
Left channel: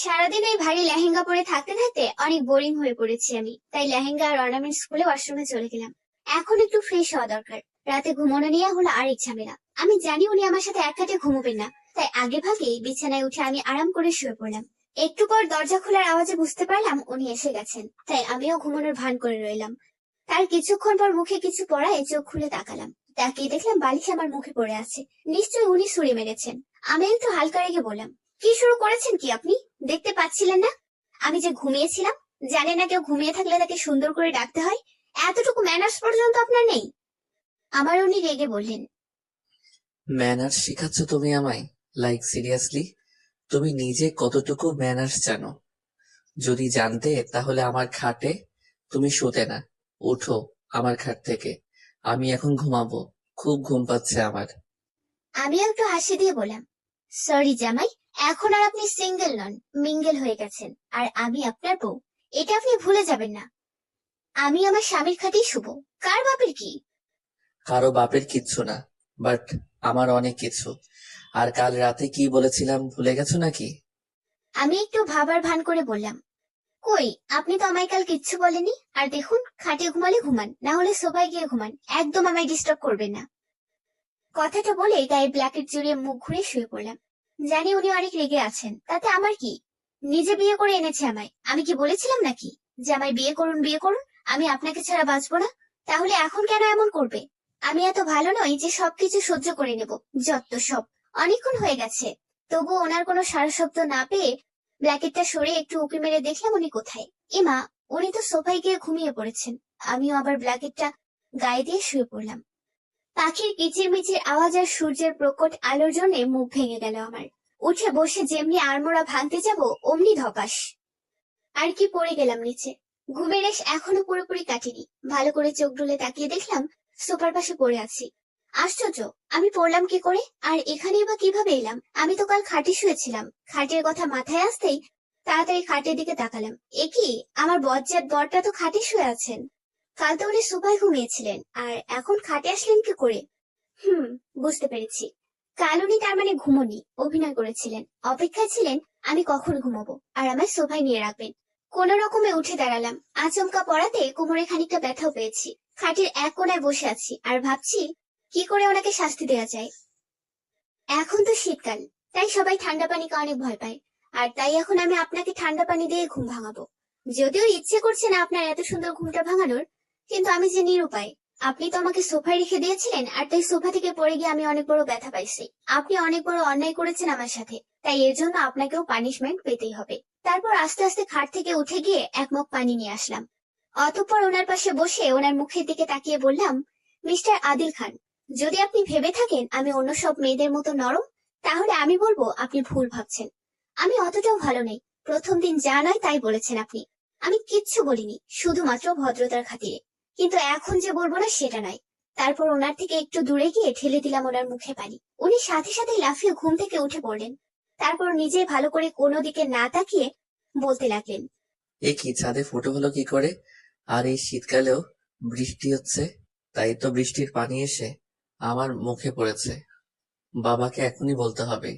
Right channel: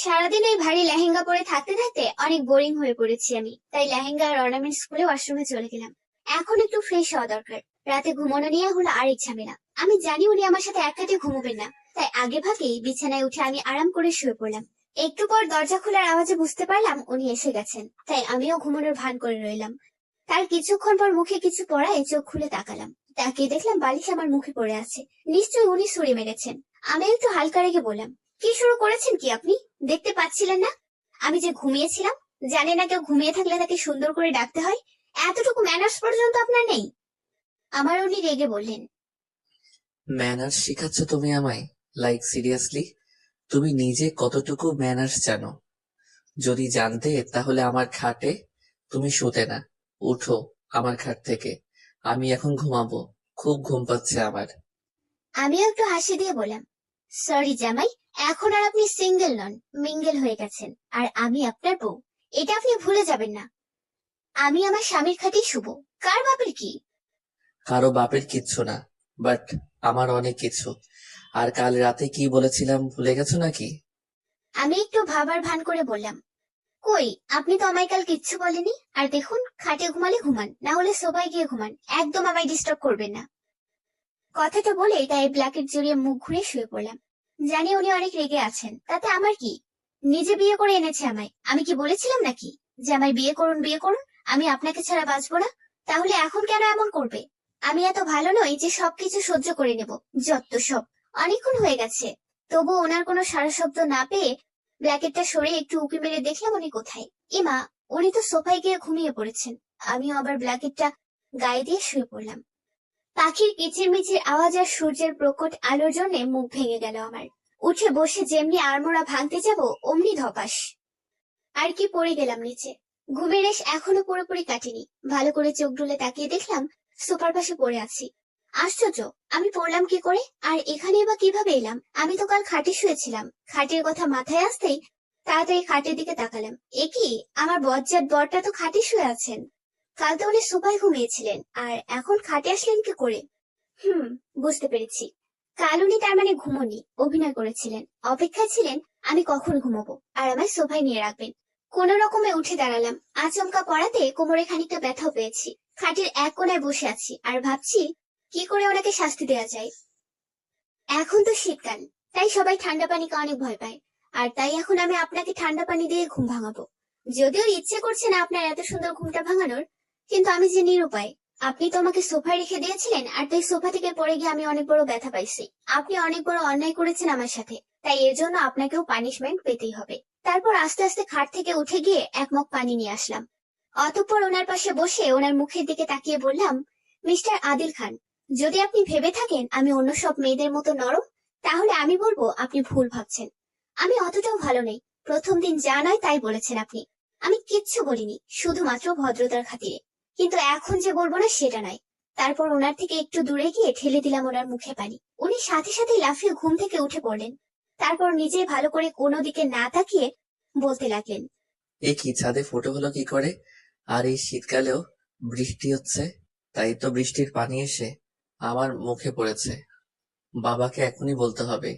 সারাদিন এই ভারী লেহেঙ্গা পরে থাকতে থাকতে অনেক বোরিং হয়ে পড়েছি আমি, তাই লেহেঙ্গা আর অর্নামেন্টস খুলে ওয়াশরুমে চলে গেলাম। এখন একটু ফ্রেশ হওয়া দরকার। রাতে ঘুমানো নিয়ে হলো আরেক ঝামেলা। আমি জানি উনি আমার সাথে এক কাটে ঘুমোবেন না, তাই আগে ভাগেই বিছানায় উঠে আমি আরাম করে শুয়ে পড়লাম। একটু পর দরজা খোলার আওয়াজে বুঝতে পারলাম উনি এসে গেছেন, তাই আমিও ঘুমানোর ভান করে রইলাম। তার কিছুক্ষণ পর মুখে কিছু পড়ায় চোখ খুলে তাকালাম। তাকিয়ে দেখলাম বালিশ আমার মুখে পড়ে আছে। নিশ্চয়ই উনি ছুরি মেরেছেন। আমি একটু হালকা রেগে বললাম, কি শুরু করেছেন কি আপনি? দেখতে পাচ্ছিলেন না আমি যে ঘুমিয়েছিলাম? জানে না কেউ ঘুমিয়ে থাকলে তাকে সুন্দর করে ডাকতে হয়? এতটুকু ম্যানার্স পর্যন্ত আপনার নেই? আমার উনি রেগে বললেন, ম্যানার্স শেখাচ্ছ তুমি আমায়? Like seriously? তুমি নিজে কতটুকু ম্যানার্স জানো? যদি জানতে তাহলে আমার খাটে তুমি শুতে না। উঠো আমার খাট থেকে, আমি এখন ঘুমাবো, খুব ঘুম পাচ্ছে আমার। আমিও একটু হাসি দিয়ে বললাম, সরি জামাই, এখন আর আপনি সিঙ্গেল নন, মিঙ্গেল হয়ে গেছেন, আর আমি আপনার বউ। এটা আপনি ভুলে যাবেন না। আমি আমার স্বামীর খাটেই শুভ। কার বাপের কি? কারো বাপের কিচ্ছু না, বাট আমার অনেক কিছু। আর কাল রাতে কি বলেছিলাম ভুলে গেছো নাকি? আমি একটু ভাবার ভান করে বললাম, কই, আপনি তো আমায় কাল কিচ্ছু বলেনি। আর দেখুন, খাটে ঘুমালে ঘুমান, না হলে সোফায় গিয়ে ঘুমান, একদম আমায় ডিস্টার্ব করবেন না। কথাটা বলে গায়ে ব্ল্যাকেট জড়িয়ে মুখ ঘুরে শুয়ে পড়লাম। জানি উনি অনেক রেগে আছেন, তাতে আমার কি? নিজে বিয়ে করে এনেছে আমায়। আমি কি বলেছিলাম নাকি যে আমায় বিয়ে করুন বিয়ে করুন, আমি আপনাকে ছাড়া বাঁচবো না? তাহলে এখন কেন এমন করবে? আমি এত ভালো নই যে সবকিছু সহ্য করে নেব। যত সব। অনেকক্ষণ হয়ে গেছে, তবু ওনার কোনো সারা শব্দ না পেয়ে ব্ল্যাকেটটা সরিয়ে একটু উঁকি মেরে দেখলাম উনি কোথায়। এমা, উনি তো সোফায় গিয়ে ঘুমিয়ে পড়েছেন। আমিও আবার ব্ল্যাকেটটা গায়ে দিয়ে শুয়ে পড়লাম। পাখির কিচিরমিচির আওয়াজ আর সূর্যের প্রকট আলোর জন্য মুখ ভেঙে গেল আমার। উঠে বসে যেমনি আড়মোড়া ভাঙতে যাব অমনি ধপাস। আর কি পড়ে গেলাম নিচে। ঘুমের রেশ এখনো পুরোপুরি কাটেনি। ভালো করে চোখ ডুলে তাকিয়ে দেখলাম সোফার পাশে পড়ে আছি। আশ্চর্য, আমি পড়লাম কি করে, আর এখানে বা কিভাবে এলাম? আমি তো কাল খাটে শুয়েছিলাম। খাটের কথা মাথায় আসতেই তাড়াতাড়ি খাটের দিকে তাকালাম। এ কি, আমার বজ্জাত বরটা তো খাটে শুয়ে আছেন। কাল তো উনি সোফায় ঘুমিয়েছিলেন, আর এখন খাটে আসলেন কি করে? হুম, বুঝতে পেরেছি। কাল উনি তার মানে ঘুমোনি, অভিনয় করেছিলেন। অপেক্ষায় ছিলেন আমি কখন ঘুমাবো আর আমার সোফায় নিয়ে রাখবেন। কোন রকমে উঠে দাঁড়ালাম। আচমকা পড়াতে কোমরে খানিকটা ব্যথাও পেয়েছি। খাটের এক কোণায় বসে আছি আর ভাবছি কি করে ওনাকে শাস্তি দেওয়া যায়। এখন তো শীতকাল, তাই সবাই ঠান্ডা পানিকে অনেক ভয় পায়। আর তাই এখন আমি আপনাকে ঠান্ডা পানি দিয়ে ঘুম ভাঙাবো। যদিও ইচ্ছে করছে না আপনার এত সুন্দর ঘুমটা ভাঙানোর, কিন্তু আমি যে নিরুপায়। আপনি তো আমাকে সোফায় রেখে দিয়েছিলেন, আর তাই সোফা থেকে পড়ে গিয়ে আমি অনেক বড় ব্যথা পাইছি। আপনি অনেক বড় অন্যায় করেছেন আমার সাথে, তাই এর জন্য আপনাকেও পানিশমেন্ট পেতেই হবে। তারপর আস্তে আস্তে খাট থেকে উঠে গিয়ে এক মগ পানি নিয়ে আসলাম। অতঃপর ওনার পাশে বসে ওনার মুখের দিকে তাকিয়ে বললাম, মিস্টার আদিল খান, যদি আপনি ভেবে থাকেন আমি অন্য সব মেয়েদের মতো নরম, তাহলে আমি বলবো আপনি ভুল ভাবছেন। আমি অতটাও ভালো নেই। প্রথম দিন যা নয় তাই বলেছেন আপনি। আমি কিচ্ছু বলিনি, শুধুমাত্র ভদ্রতার খাতিরে। কিন্তু এখন যে বলবো না সেটা নাই। তারপর ওনার থেকে একটু দূরে গিয়ে ঠেলে দিলাম ওনার মুখে পানি। উনি সাথে সাথে লাফিয়ে ঘুম থেকে উঠে পড়লেন। তারপর নিজে ভালো করে কোনো দিকে না তাকিয়ে বলতে লাগলেন, এই কি, ছাদে ফোটো হলো কি করে? আর এই শীতকালেও বৃষ্টি হচ্ছে, তাই তো বৃষ্টির পানি এসে আমার মুখে পড়েছে। বাবাকে এখনই বলতে হবে।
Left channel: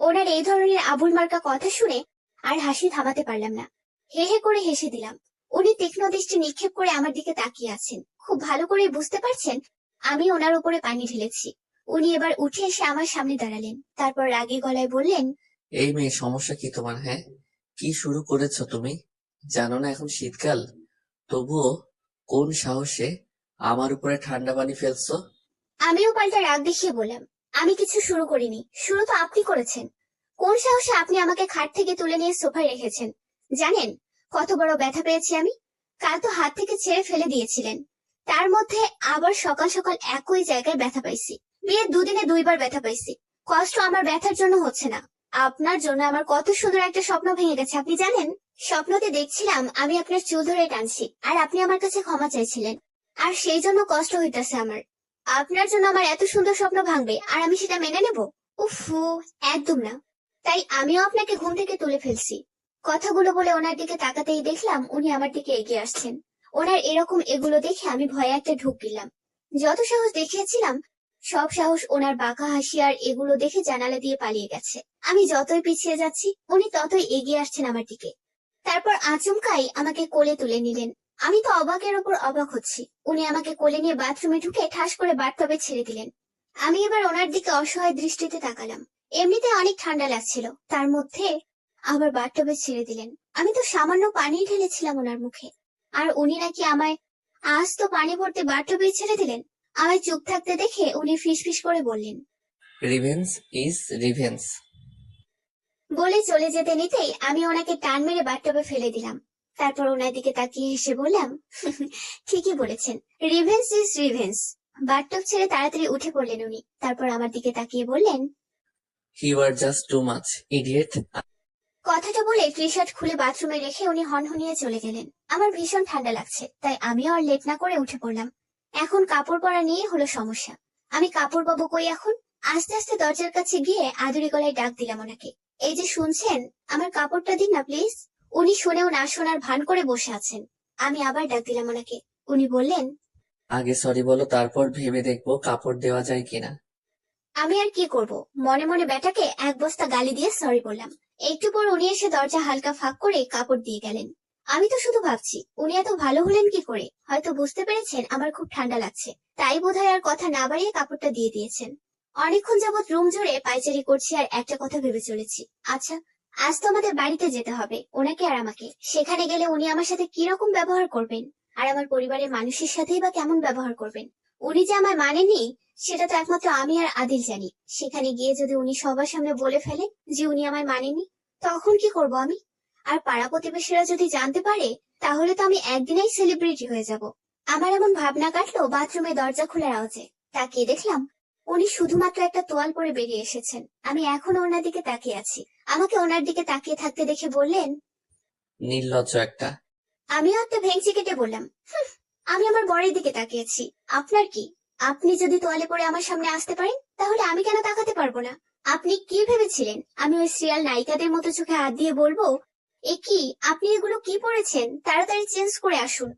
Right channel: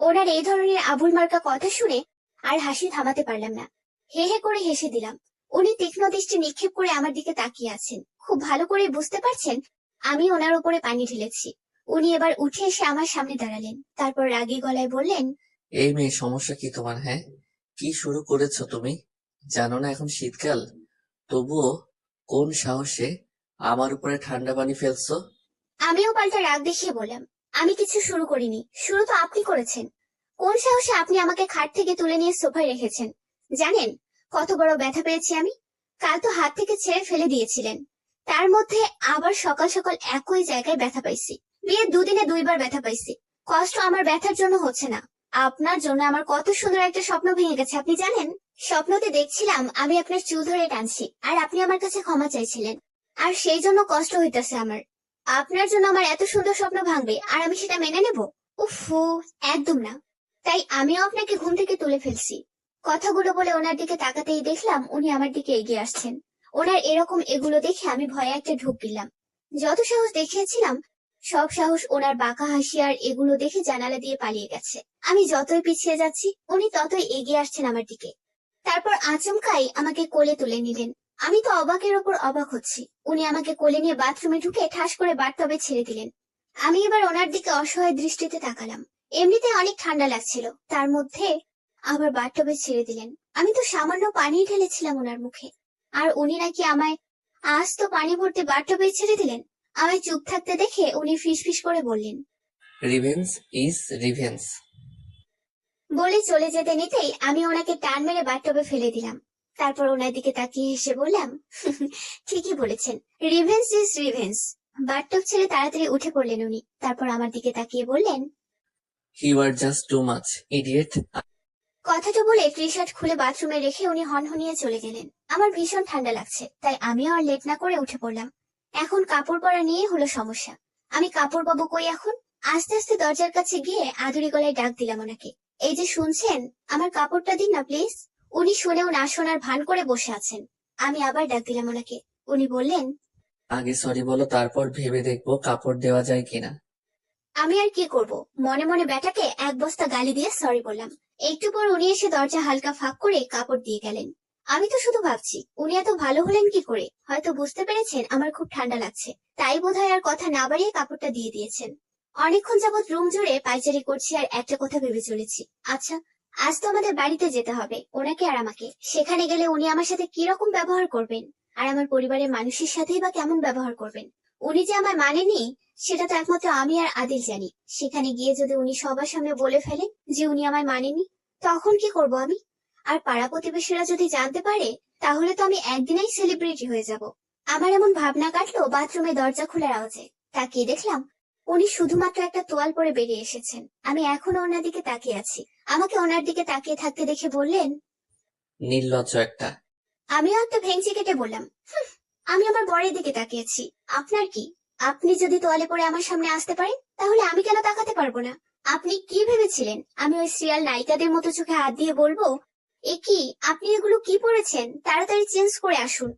ওনার এই ধরনের আবুল মার্কা কথা শুনে আর হাসি থামাতে পারলাম না। হে হে করে হেসে দিলাম। উনি তীক্ষ্ণ দৃষ্টি নিক্ষেপ করে আমার দিকে তাকিয়ে আছেন। খুব ভালো করে বুঝতে পারছেন আমি ওনার উপরে পানি ঢেলেছি। উনি এবার উঠে এসে আমার সামনে দাঁড়ালেন। তারপর রাগী গলায় বললেন, এই মেয়ে, সমস্যা কি তোমার? হ্যাঁ, কি শুরু করেছো তুমি? জানো না এখন শীতকাল? তবুও কোন সাহসে আমার উপরে ঠান্ডা পানি ফেলছো? আমিও পাল্টা রাগ দেখিয়ে বললাম, আমি কিছু শুরু করিনি, শুরু তো আপনি করেছেন। কোন সাহসে আপনি আমাকে খাট থেকে তুলে নিয়ে সোফায় রেখেছেন? জানেন কত বড় ব্যথা পেয়েছি আমি? কাল তো হাত থেকে ছেড়ে ফেলে দিয়েছিলেন, তার মধ্যে আবার সকাল সকাল একই জায়গায় ব্যথা পাইছি। বিয়ের দুদিনে দুইবার ব্যথা পাইছি। কষ্ট আমার ব্যথার জন্য হচ্ছে না, আপনার জন্য। আমার কত সুন্দর একটা স্বপ্ন ভেঙে গেছে আপনি জানেন? স্বপ্নতে দেখছিলাম আমি আপনার চুল ধরে টানছি, আর আপনি আমার কাছে ক্ষমা চাইছিলেন। আর সেই জন্য কষ্ট হইতাছে আমার। আপনার জন্য আমার এত সুন্দর স্বপ্ন ভাঙবে আর আমি সেটা মেনে নেব? উফু, একদম না। তাই আমিও আপনাকে ঘুম থেকে তুলে ফেলছি। কথাগুলো বলে ওনার দিকে তাকাতেই দেখলাম উনি আমার দিকে এগিয়ে আসছেন। ওনার এরকম এগুলো দেখে আমি ভয়ে একটা ঢুক দিলাম। যত সাহস দেখিয়েছিলাম সব সাহস ওনার বাঁকা হাসি আর এগুলো দেখে জানালা দিয়ে পালিয়ে গেছে। আমি যতই পিছিয়ে যাচ্ছি উনি ততই এগিয়ে আসছেন আমার দিকে। তারপর আচমকাই আমাকে কোলে তুলে নিলেন। আমি তো অবাকের ওপর অবাক হচ্ছি। উনি আমাকে কোলে নিয়ে বাথরুমে ঢুকে ঠাস করে বাথটবে ছেড়ে দিলেন। আমি এবার ওনার দিকে অসহায় দৃষ্টিতে তাকালাম। এমনিতে অনেক ঠান্ডা লাগছিল, তার মধ্যে আবার বাথটবে ছেড়ে দিলেন। আমি তো সামান্য পানি ঢেলেছিলাম ওনার মুখে, আর উনি নাকি আমায় আজ তো পানি ভর্তি বাথটবে ছেড়ে দিলেন। আমায় চুপ থাকতে দেখে উনি ফিসফিস করে বললেন, রিভেঞ্জ ইজ রিভেঞ্জ। বলে চলে যেতে নিতেই আমি ওনাকে টান মেরে বাথটবে ফেলে দিলাম। তারপর ওনার দিকে তাকিয়ে হেসে বললাম, ঠিকই বলেছেন, রিভেঞ্জ ইজ রিভেঞ্জ। বাথটব ছেড়ে তাড়াতাড়ি উঠে পড়লেন উনি। তারপর আমার দিকে তাকিয়ে বললেন, you are just too much idiot. কথাটা বলে টি শার্ট খুলে বাথরুমে রেখে উনি হনহনিয়ে চলে গেলেন। আমার ভীষণ ঠান্ডা লাগছে, তাই আমিও আর লেট না করে উঠে পড়লাম। এখন কাপড় পরা নিয়ে হলো সমস্যা। আমি কাপড় পাবো কই এখন? আস্তে আস্তে দরজার কাছে গিয়ে আদুরি গলায় ডাক দিলাম ওনাকে, এই যে শুনছেন, আমার কাপড়টা দিন না প্লিজ। উনি শুনেও না শোনার ভান করে বসে আছেন। আমি আবার ডাক দিলাম ওনাকে। উনি বললেন, আগে সরি বলো, তারপর ভেবে দেখবো কাপড় দেওয়া যায় কিনা। আমি আর কি করব, মনে মনে বেটাকে এক বস্তা গালি দিয়ে সরি বললাম। একটু পর উনি এসে দরজা হালকা ফাঁক করে কাপড় দিয়ে গেলেন। আমি তো শুধু ভাবছি উনি এত ভালো হলেন কি করে। হয়তো বুঝতে পেরেছেন আমার খুব ঠান্ডা লাগছে, তাই বোধহয় আর কথা না বাড়িয়ে কাপড়টা দিয়ে দিয়েছেন। অনেকক্ষণ যাবৎ রুম জুড়ে পায়চারি করছি আর একটা কথা ভেবে চলেছি, আচ্ছা আজ তো আমাদের বাড়িতে যেতে হবে ওনাকে আর আমাকে। সেখানে গেলে উনি আমার সাথে কি রকম ব্যবহার করবেন, আর আমার পরিবারের মানুষের সাথেই বা কেমন ব্যবহার করবেন। উনি যে আমায় মানেনি সেটা তো একমাত্র আমি আর আদিল জানি। সেখানে গিয়ে যদি উনি সবার সামনে বলে ফেলেন যে উনি আমায় মানেনি, তখন কি করব আমি? আর পাড়া প্রতিবেশীরা যদি জানতে পারে, তাহলে তো আমি একদিনেই সেলিব্রিটি হয়ে যাব। আমার এমন ভাবনা কাটলো বাথরুমে দরজা খোলার আওয়াজে। তাকিয়ে দেখলাম উনি শুধুমাত্র একটা তোয়াল পরে বেরিয়ে এসেছেন। আমি এখনো ওনার দিকে তাকিয়ে আছি। আমাকে ওনার দিকে তাকিয়ে থাকতে দেখে বললেন, নির্লজ্জ একটা। আমিও একটা ভেঙচি কেটে বললাম, "হুঁ, আমি আমার বরের দিকে তাকিয়েছি, আপনার কি? আপনি যদি তোয়ালে পরে আমার সামনে আসতে পারেন, তাহলে আমি কেন তাকাতে পারবো না? আপনি কি ভেবেছিলেন আমি ওই সিরিয়াল নায়িকাদের মতো চোখে হাত দিয়ে বলবো, এ কি আপনি এগুলো কি পরেছেন, তাড়াতাড়ি চেঞ্জ করে আসুন?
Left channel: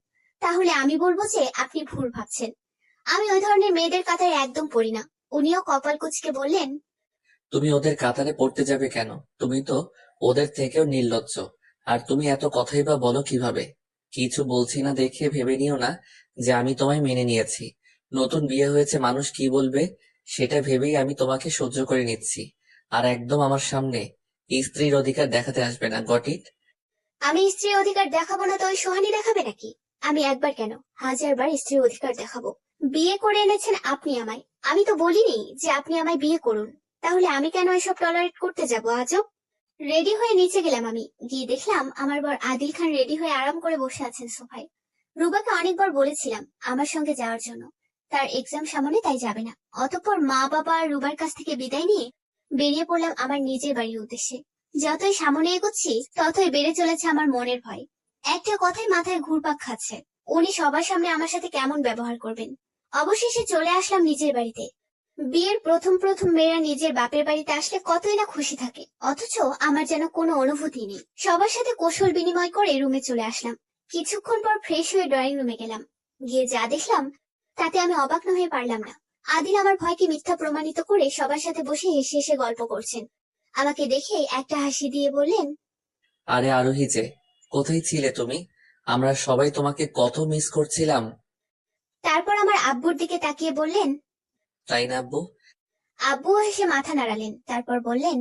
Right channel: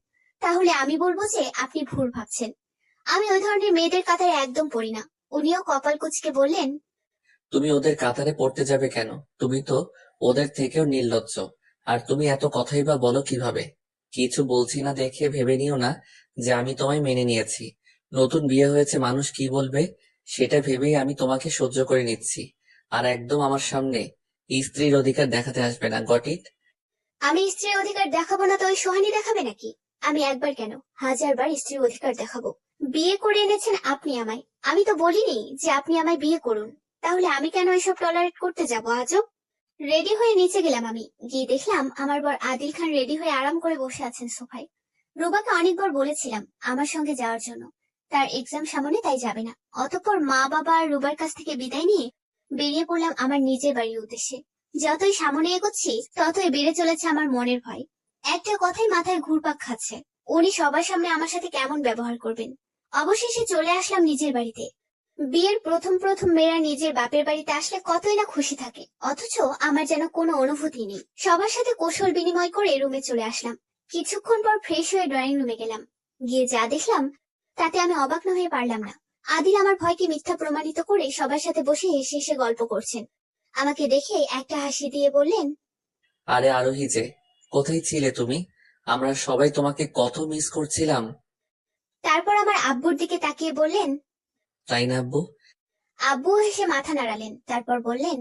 তাহলে আমি বলবো যে আপনি ভুল ভাবছেন। আমি ওই ধরনের মেয়েদের কাতারে একদম পড়ি না। উনিও কপাল কুঁচকে বললেন, তুমি ওদের কাতারে পড়তে যাবে কেন? তুমি তো ওদের থেকেও নির্লজ্জ। আর তুমি এত কথাই বা বলো কিভাবে? কিছু বলছি না দেখে ভেবে নিও না যে আমি তোমায় মেনে নিয়েছি। নতুন বিয়ে হয়েছে, মানুষ কি বলবে সেটা ভেবেই আমি তোমাকে সহ্য করে নিচ্ছি। আর একদম আমার সামনে স্ত্রীর অধিকার দেখাতে আসবে না, গট ইট? আমি স্ত্রীর অধিকার দেখাবো না তো ওই সোহানি দেখাবে নাকি? আমি একবার কেন, হাজারবার স্ত্রীর অধিকার দেখাবো। বিয়ে করে এনেছেন আপনি আমায়, আমি তো বলিনি যে আপনি আমায় বিয়ে করুন। তাহলে আমি কেন এসব টলারেট করতে যাবো আজব? রেডি হয়ে নিচে গেলাম। আমি গিয়ে দেখলাম আমার বর আদিল খান রেডি হয়ে আরাম করে বসে আছেন সোফায়। রুবাকে অনেকবার বলেছিলাম আমার সঙ্গে যাওয়ার জন্য, তার এক্সাম সামনে তাই যাবে না। অতঃপর মা বাবা আর রুবার কাছ থেকে বিদায় নিয়ে বেরিয়ে পড়লাম আমার নিজের বাড়ির উদ্দেশ্যে। যতই সামনে এগোচ্ছি ততই বেড়ে চলেছে আমার মনের ভয়। একটা কথাই মাথায় ঘুরপাক খাচ্ছে, উনি সবার সামনে আমার সাথে কেমন ব্যবহার করবেন। অবশেষে চলে আসলাম নিজের বাড়িতে। বিয়ের প্রথম প্রথম মেয়েরা নিজের বাপের বাড়িতে আসলে কতই না খুশি থাকে, অথচ আমার যেন কোনো অনুভূতি নেই। সবার সাথে কৌশল বিনিময় করে রুমে চলে আসলাম। কিছুক্ষণ পর ফ্রেশ হয়ে ড্রয়িং রুমে গেলাম। গিয়ে যা দেখলাম তাতে আমি অবাক না হয়ে পারলাম না। আদিল আমার ভয়কে মিথ্যা প্রমাণিত করে সবার সাথে বসে হেসে হেসে গল্প করছেন। আমাকে দেখে একটা হাসি দিয়ে বললেন, আরে আরোহী যে, কোথায় ছিলে তুমি? আমরা সবাই তোমাকে কত মিস করছিলাম। তারপর আমার আব্বুর দিকে তাকিয়ে বললেন, তাই না আব্বু? আব্বুও হেসে মাথা নাড়ালেন। তারপর বললেন,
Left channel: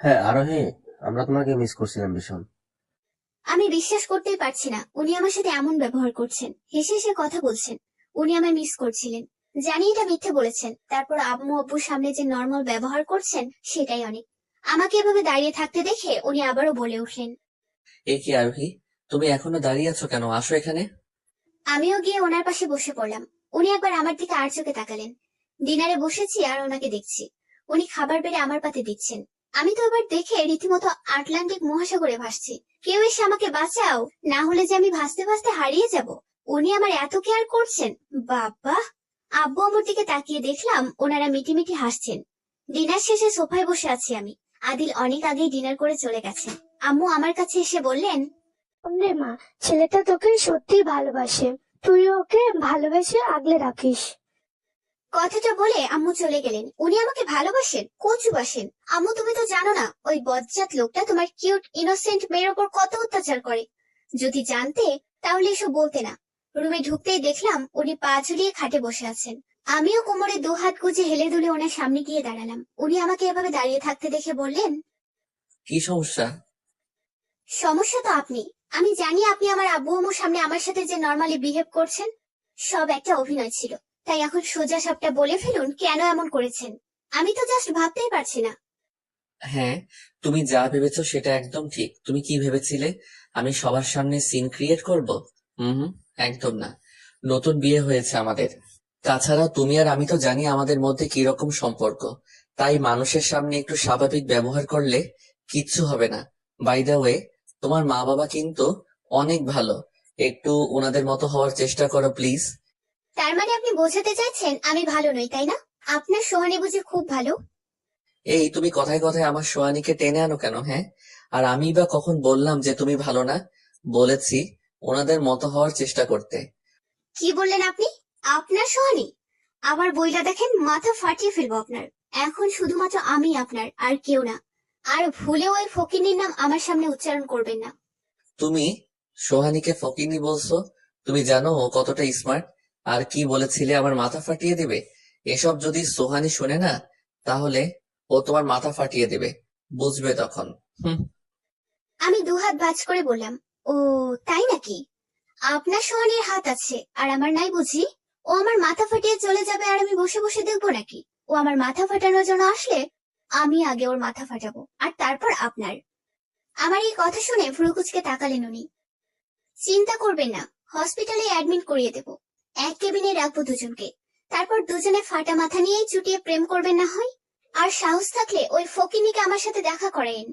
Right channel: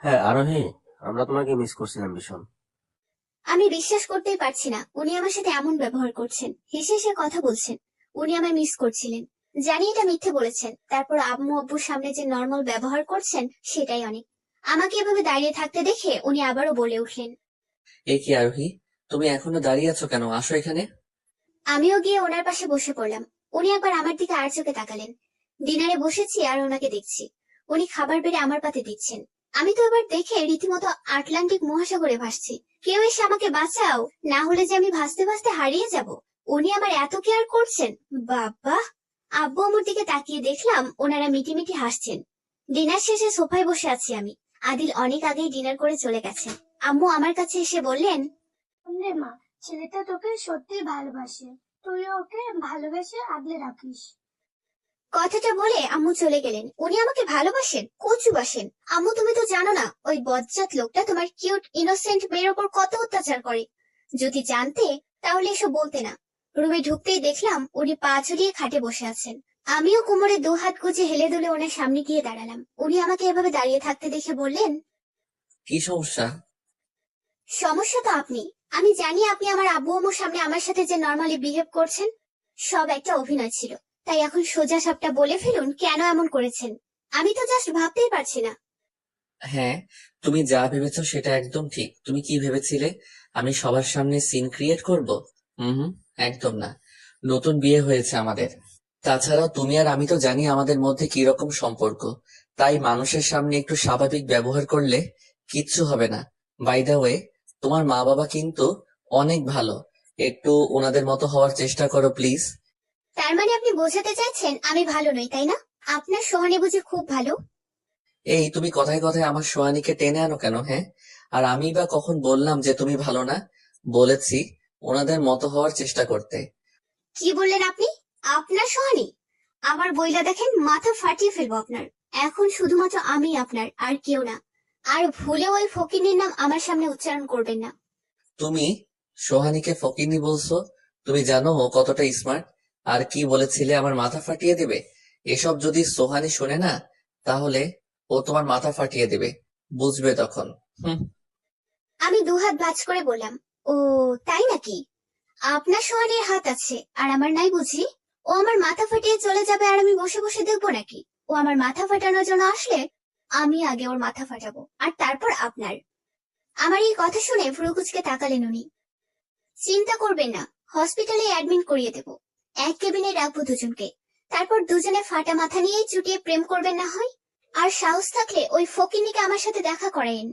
হ্যাঁ আরোহী, আমরা তোমাকে মিস করছিলাম ভীষণ। আমি বিশ্বাস করতেই পারছি না উনি আমার সাথে এমন ব্যবহার করছেন। হেসে হেসে কথা বলছেন, উনি আমায় মিস করছিলেন। জানি এটা মিথ্যে বলেছেন, তারপর আম্মু আব্বুর সামনে যে নর্মাল ব্যবহার করছেন সেটাই অনেক। আমাকে এভাবে দাঁড়িয়ে থাকতে দেখে উনি আবারও বলে উঠলেন, এ কি আরোহী, তুমি এখনো দাঁড়িয়ে আছো কেন? আসো এখানে। আমিও গিয়ে ওনার পাশে বসে পড়লাম। উনি একবার আমার দিকে আর চোখে তাকালেন। ডিনারে বসেছি আর ওনাকে দেখছি, উনি খাবার বেড়ে আমার পাতে দিচ্ছেন। আমি তো এবার দেখে রীতিমতো আটলান্টিক মহাসাগরে ভাসছি। কেউ এসে আমাকে বাঁচাও, না হলে যে আমি ভাসতে ভাসতে হারিয়ে যাব। উনি আমার এত কেয়ার করছেন, বাবা। আব্বু আমার দিকে তাকিয়ে দেখলাম ওনারা মিটিমিটি হাসছেন। ডিনার শেষে সোফায় বসে আছি আমি। আদিল অনেক আগেই ডিনার করে চলে গেছেন। আম্মু আমার কাছে এসে বললেন, রে মা, ছেলেটা তোকে সত্যি ভালোবাসে, তুই ওকে ভালোবেসে আগলে রাখিস। কথাটা বলে আম্মু চলে গেলেন। উনি আমাকে ভালোবাসেন, কচু বাসেন। আম্মু তুমি তো জানো না ওই বজ্জাত লোকটা তোমার কিউট ইনোসেন্ট মেয়ের ওপর কত অত্যাচার করে। যদি জানতে তাহলে এসব বলতে না। রুমে ঢুকতেই দেখলাম উনি পা ঝুলিয়ে খাটে বসে আছেন। আমিও কোমরে 2 হাত গুজে হেলে দুলে ওনার সামনে গিয়ে দাঁড়ালাম। উনি আমাকে এভাবে দাঁড়িয়ে থাকতে দেখে বললেন, কি সমস্যা? সমস্যা তো আপনি। আমি জানি আপনি আমার আব্বু আম্মুর সামনে আমার সাথে যে নর্মালি বিহেভ করছেন সব একটা অভিনয় ছিল। তাই এখন সোজা সাপটা বলে ফেলুন কেন এমন করেছেন। আমি তো জাস্ট ভাবতেই পারছি না। হ্যাঁ, তুমি যা ভেবেছো সেটা একদম ঠিক। তুমি কি ভেবেছিলে আমি সবার সামনে সিন ক্রিয়েট করব? হুম, একদম না। নতুন বিয়ে হয়েছে আমাদের। তাছাড়া তুমি আর আমি তো জানি আমাদের মধ্যে কি রকম সম্পর্ক। তাই মানুষের সামনে একটু স্বাভাবিক ব্যবহার করলে কিচ্ছু হবে না। বাই দ্য ওয়ে, তোমার মা বাবা কিন্তু অনেক ভালো। একটু ওনাদের মতো হওয়ার চেষ্টা করো প্লিজ। তার মানে আপনি বোঝাতে চাইছেন আমি ভালো নই, তাই না? আপনার সোহানি বুঝি খুব ভালো? এই তুমি কথায় কথায় আমার সোহানীকে টেনে আনো কেন? হ্যাঁ, আর আমি বা কখন বললাম যে তুমি ভালো না? বলেছি ওনাদের মতো হওয়ার চেষ্টা করতে। কি বললেন আপনি? আপনার সোহানি? আবার বইলা দেখেন মাথা ফাটিয়ে ফেলবো আপনার। এখন শুধুমাত্র আমি আপনার, আর কেউ না। আর ভুলেও ওই ফকিনের নাম আমার সামনে উচ্চারণ করবেন না। তুমি সোহানীকে ফকিন্নি বলছো? তুমি জানো ও কতটা স্মার্ট? আর কি বলেছিলে আমার মাথা ফাটিয়ে দিবে? এসব যদি সোহানী শোনে না, তাহলে ও তোমার মাথা ফাটিয়ে দেবে, বুঝবে তখন। হুম। আমি 2 হাত ভাঁজ করে বললাম, ও তাই নাকি? আপনার সোহানির হাত আছে আর আমার নাই বুঝি? ও আমার মাথা ফাটিয়ে চলে যাবে আর আমি বসে বসে দেখবো নাকি? ও আমার মাথা ফাটানোর জন্য আসলে আমি আগে ওর মাথা ফাটাবো, আর তারপর আপনার। আমার এই কথা শুনে ভ্রুকুচকে তাকালেন উনি। চিন্তা করবেন না, হসপিটালে অ্যাডমিট করিয়ে দেব। এক কেবিনে রাখবো দুজনকে। তারপর দুজনে ফাটা মাথা নিয়েই চুটিয়ে প্রেম করবেন না হয়। আর সাহস থাকলে ওই ফকিনিকে আমার সাথে দেখা করেন।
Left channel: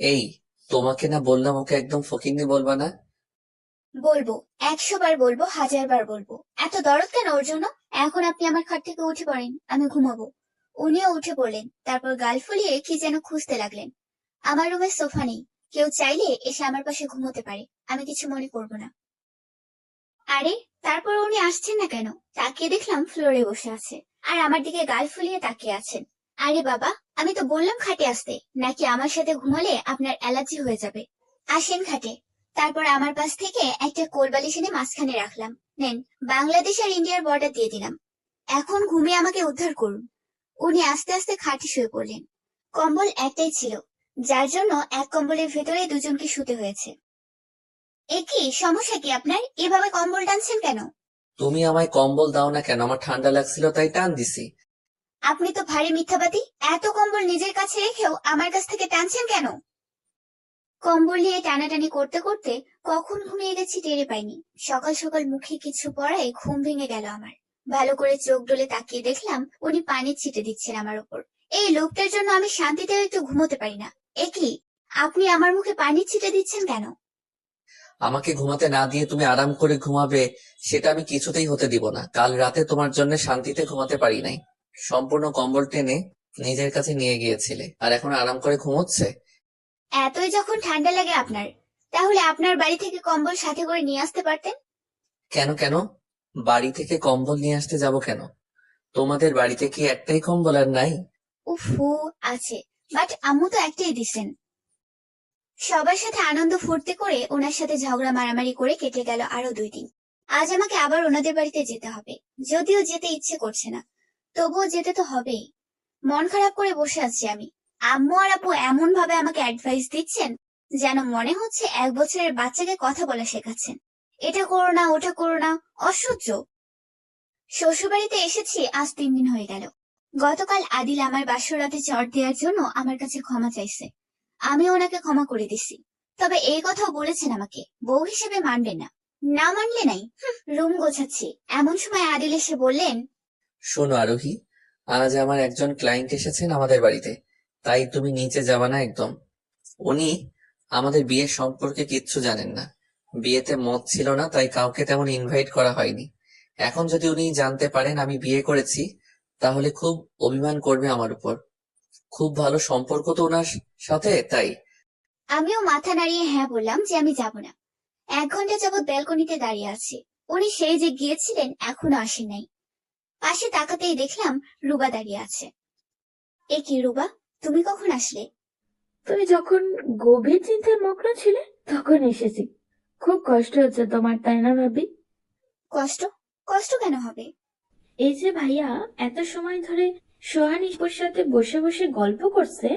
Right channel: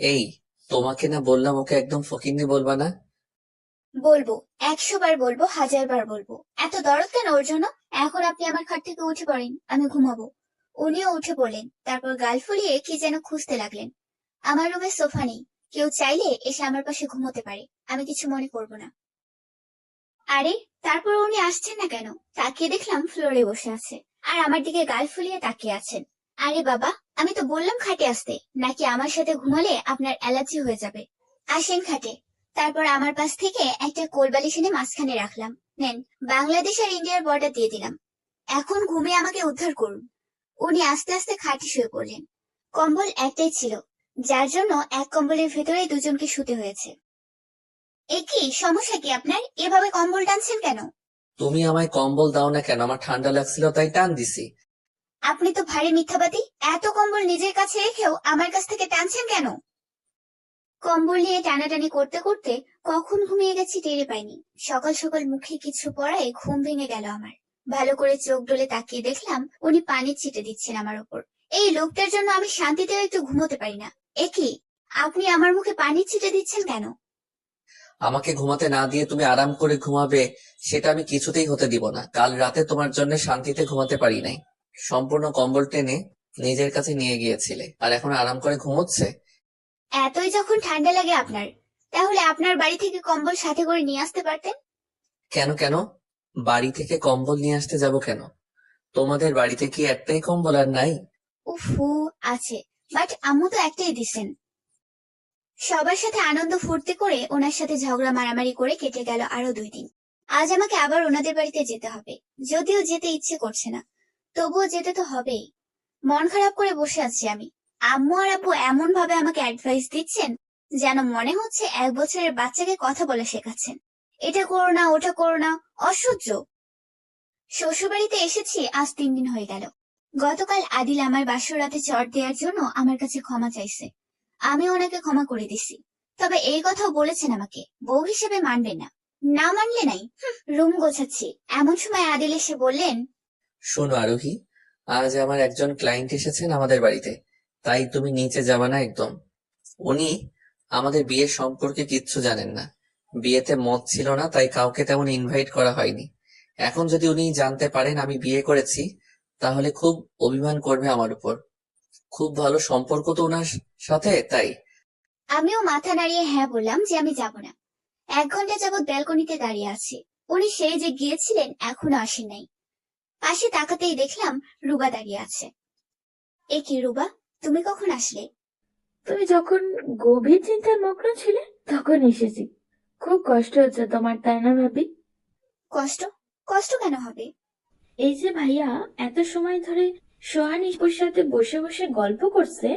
এই, তোমাকে না বললাম ওকে একদম ফকিন্নি বলবা না? বলবো, 100 বার বলবো, 1000 বার বলবো। এত দরদ কেন ওর জন্য? এখন আপনি আমার খাট থেকে উঠে পড়েন, আমি ঘুমাবো। উনিও উঠে পড়লেন, তারপর গাল ফুলিয়ে কি যেন খুঁজতে লাগলেন। আমার রুমে সোফা নেই, কেউ চাইলে এসে আমার পাশে ঘুমোতে পারে, আমি কিছু মনে করব না। আরে, তারপর উনি আসছেন না কেন? তাকিয়ে দেখলাম ফ্লোরে বসে আছে, আর আমার দিকে গাল ফুলিয়ে তাকিয়ে আছেন। আরে বাবা, আমি তো বললাম খাটে আসতে, নাকি আমার সাথে ঘুমালে আপনার অ্যালার্জি হয়ে যাবে? আসেন খাটে। তারপর আমার পাশ থেকে একটা কোলবালিশ এনে মাঝখানে রাখলাম। নেন, বাংলাদেশ আর ইন্ডিয়ার বর্ডার দিয়ে দিলাম। এখন ঘুমিয়ে আমাকে উদ্ধার করুন। উনি আস্তে আস্তে খাটে শুয়ে পড়লেন। কম্বল একটাই ছিল, যার জন্য এক কম্বলের ভেতরে দুজনকে শুতে হয়েছে। এ কি সমস্যা কি আপনার? এভাবে কম্বল টানছেন কেন? তুমি আমায় কম্বল দাও না কেন? আমার ঠান্ডা লাগছিল তাই টান দিছি। আপনি তো ভারী মিথ্যাবাদী। এত কম্বল নিজের কাছে রেখেও আমার কাছ থেকে টানছেন কেন? কম্বল নিয়ে টানাটানি করতে করতে কখন ঘুমিয়ে গেছি টেরে পাইনি। সকাল সকাল মুখে কিছু পড়ায় ঘুম ভেঙে গেল আমার। ভালো করে চোখ ডলে তাকিয়ে দেখলাম উনি পানির ছিটে দিচ্ছেন আমার উপর। এই লোকটার জন্য আমি শান্তিতেও একটু ঘুমোতে পারি না। এ কি, আপনি আমার মুখে পানির ছিটে দিচ্ছেন কেন? আমাকে ঘুমাতে না দিয়ে তুমি আরাম করে ঘুমাবে, সেটা আমি কিছুতেই হতে দিব না। কাল রাতে তোমার জন্য শান্তিতে ঘুমাতে পারি নাই। সম্পূর্ণ কম্বল টেনে নিজের কাছে নিয়ে গিয়েছিলে, আর এখন আরাম করে ঘুমোচ্ছে। এতই যখন ঠান্ডা লাগে আপনার, তাহলে আপনার বাড়ি থেকে কম্বল সাথে করে নিয়ে আসতে পারতেন। কেন কেন? বাড়ি থেকে কম্বল নিয়ে আসতে যাব কেন? তোমাদের বাড়িতে কি একটাই কম্বল আর নাই? উফু, আছে, বাট আম্মু তো একটাই দিছেন। সবার সাথে আনন্দ ফুর্তি করে ওনার সাথে ঝগড়া মারামারি করে কেটে গেল আরো 2 দিন। আজ আমাকে আবার ওনাদের বাড়িতে যেতে হবে। যদিও যেতে ইচ্ছে করছে না, তবুও যেতে তো হবেই। মন খারাপ করে বসে আছি আমি। আম্মু আর আব্বু এমন ভাবে আমাকে অ্যাডভাইস দিচ্ছেন যেন মনে হচ্ছে 1 বছরের বাচ্চাকে কথা বলা শেখাচ্ছেন। এটা করো না, ওটা করো না, অসহ্য। শ্বশুরবাড়িতে এসেছি আজ 3 দিন হয়ে গেল। গতকাল আদিল আমার বাসর রাতে চড় দেওয়ার জন্য আমার কাছে ক্ষমা চাইছে। আমি ওনাকে ক্ষমা করে দিছি। তবে এই কথাও বলেছেন আমাকে বউ হিসেবে মানবেন না। না মানলে নাই, রুম গোছাচ্ছি এমন সময় আদিল এসে বললেন, শোনো আরোহী, আজ আমার একজন ক্লায়েন্ট এসেছেন আমাদের বাড়িতে, তাই তুমি নিচে যাবা না একদম। উনি আমাদের বিয়ের সম্পর্কে কিচ্ছু জানেন না। বিয়েতে মত ছিল না, তাই কাউকে তেমন ইনভাইট করা হয়নি। এখন যদি উনি জানতে পারেন আমি বিয়ে করেছি, তাহলে খুব অভিমান করবে আমার উপর। খুব ভালো সম্পর্ক তো ওনার সাথে, তাই। আমিও মাথা নাড়িয়ে হ্যাঁ বললাম যে আমি যাব না। 1 ঘন্টা যাবৎ ব্যালকনিতে দাঁড়িয়ে আছি। উনি সেই যে গিয়েছিলেন এখনো আসেন নাই। পাশে তাকাতেই দেখলাম রুবা দাঁড়িয়ে আছে। এ কি রুবা, তুমি কখন আসলে? তুমি যখন গভীর চিন্তার মগ্ন ছিলে তখন এসেছি। খুব কষ্ট হচ্ছে তোমার, তাই না ভাবি? কষ্ট? কষ্ট কেন হবে? এই যে ভাইয়া এত সময় ধরে সোহানির সাথে বসে বসে গল্প করছে।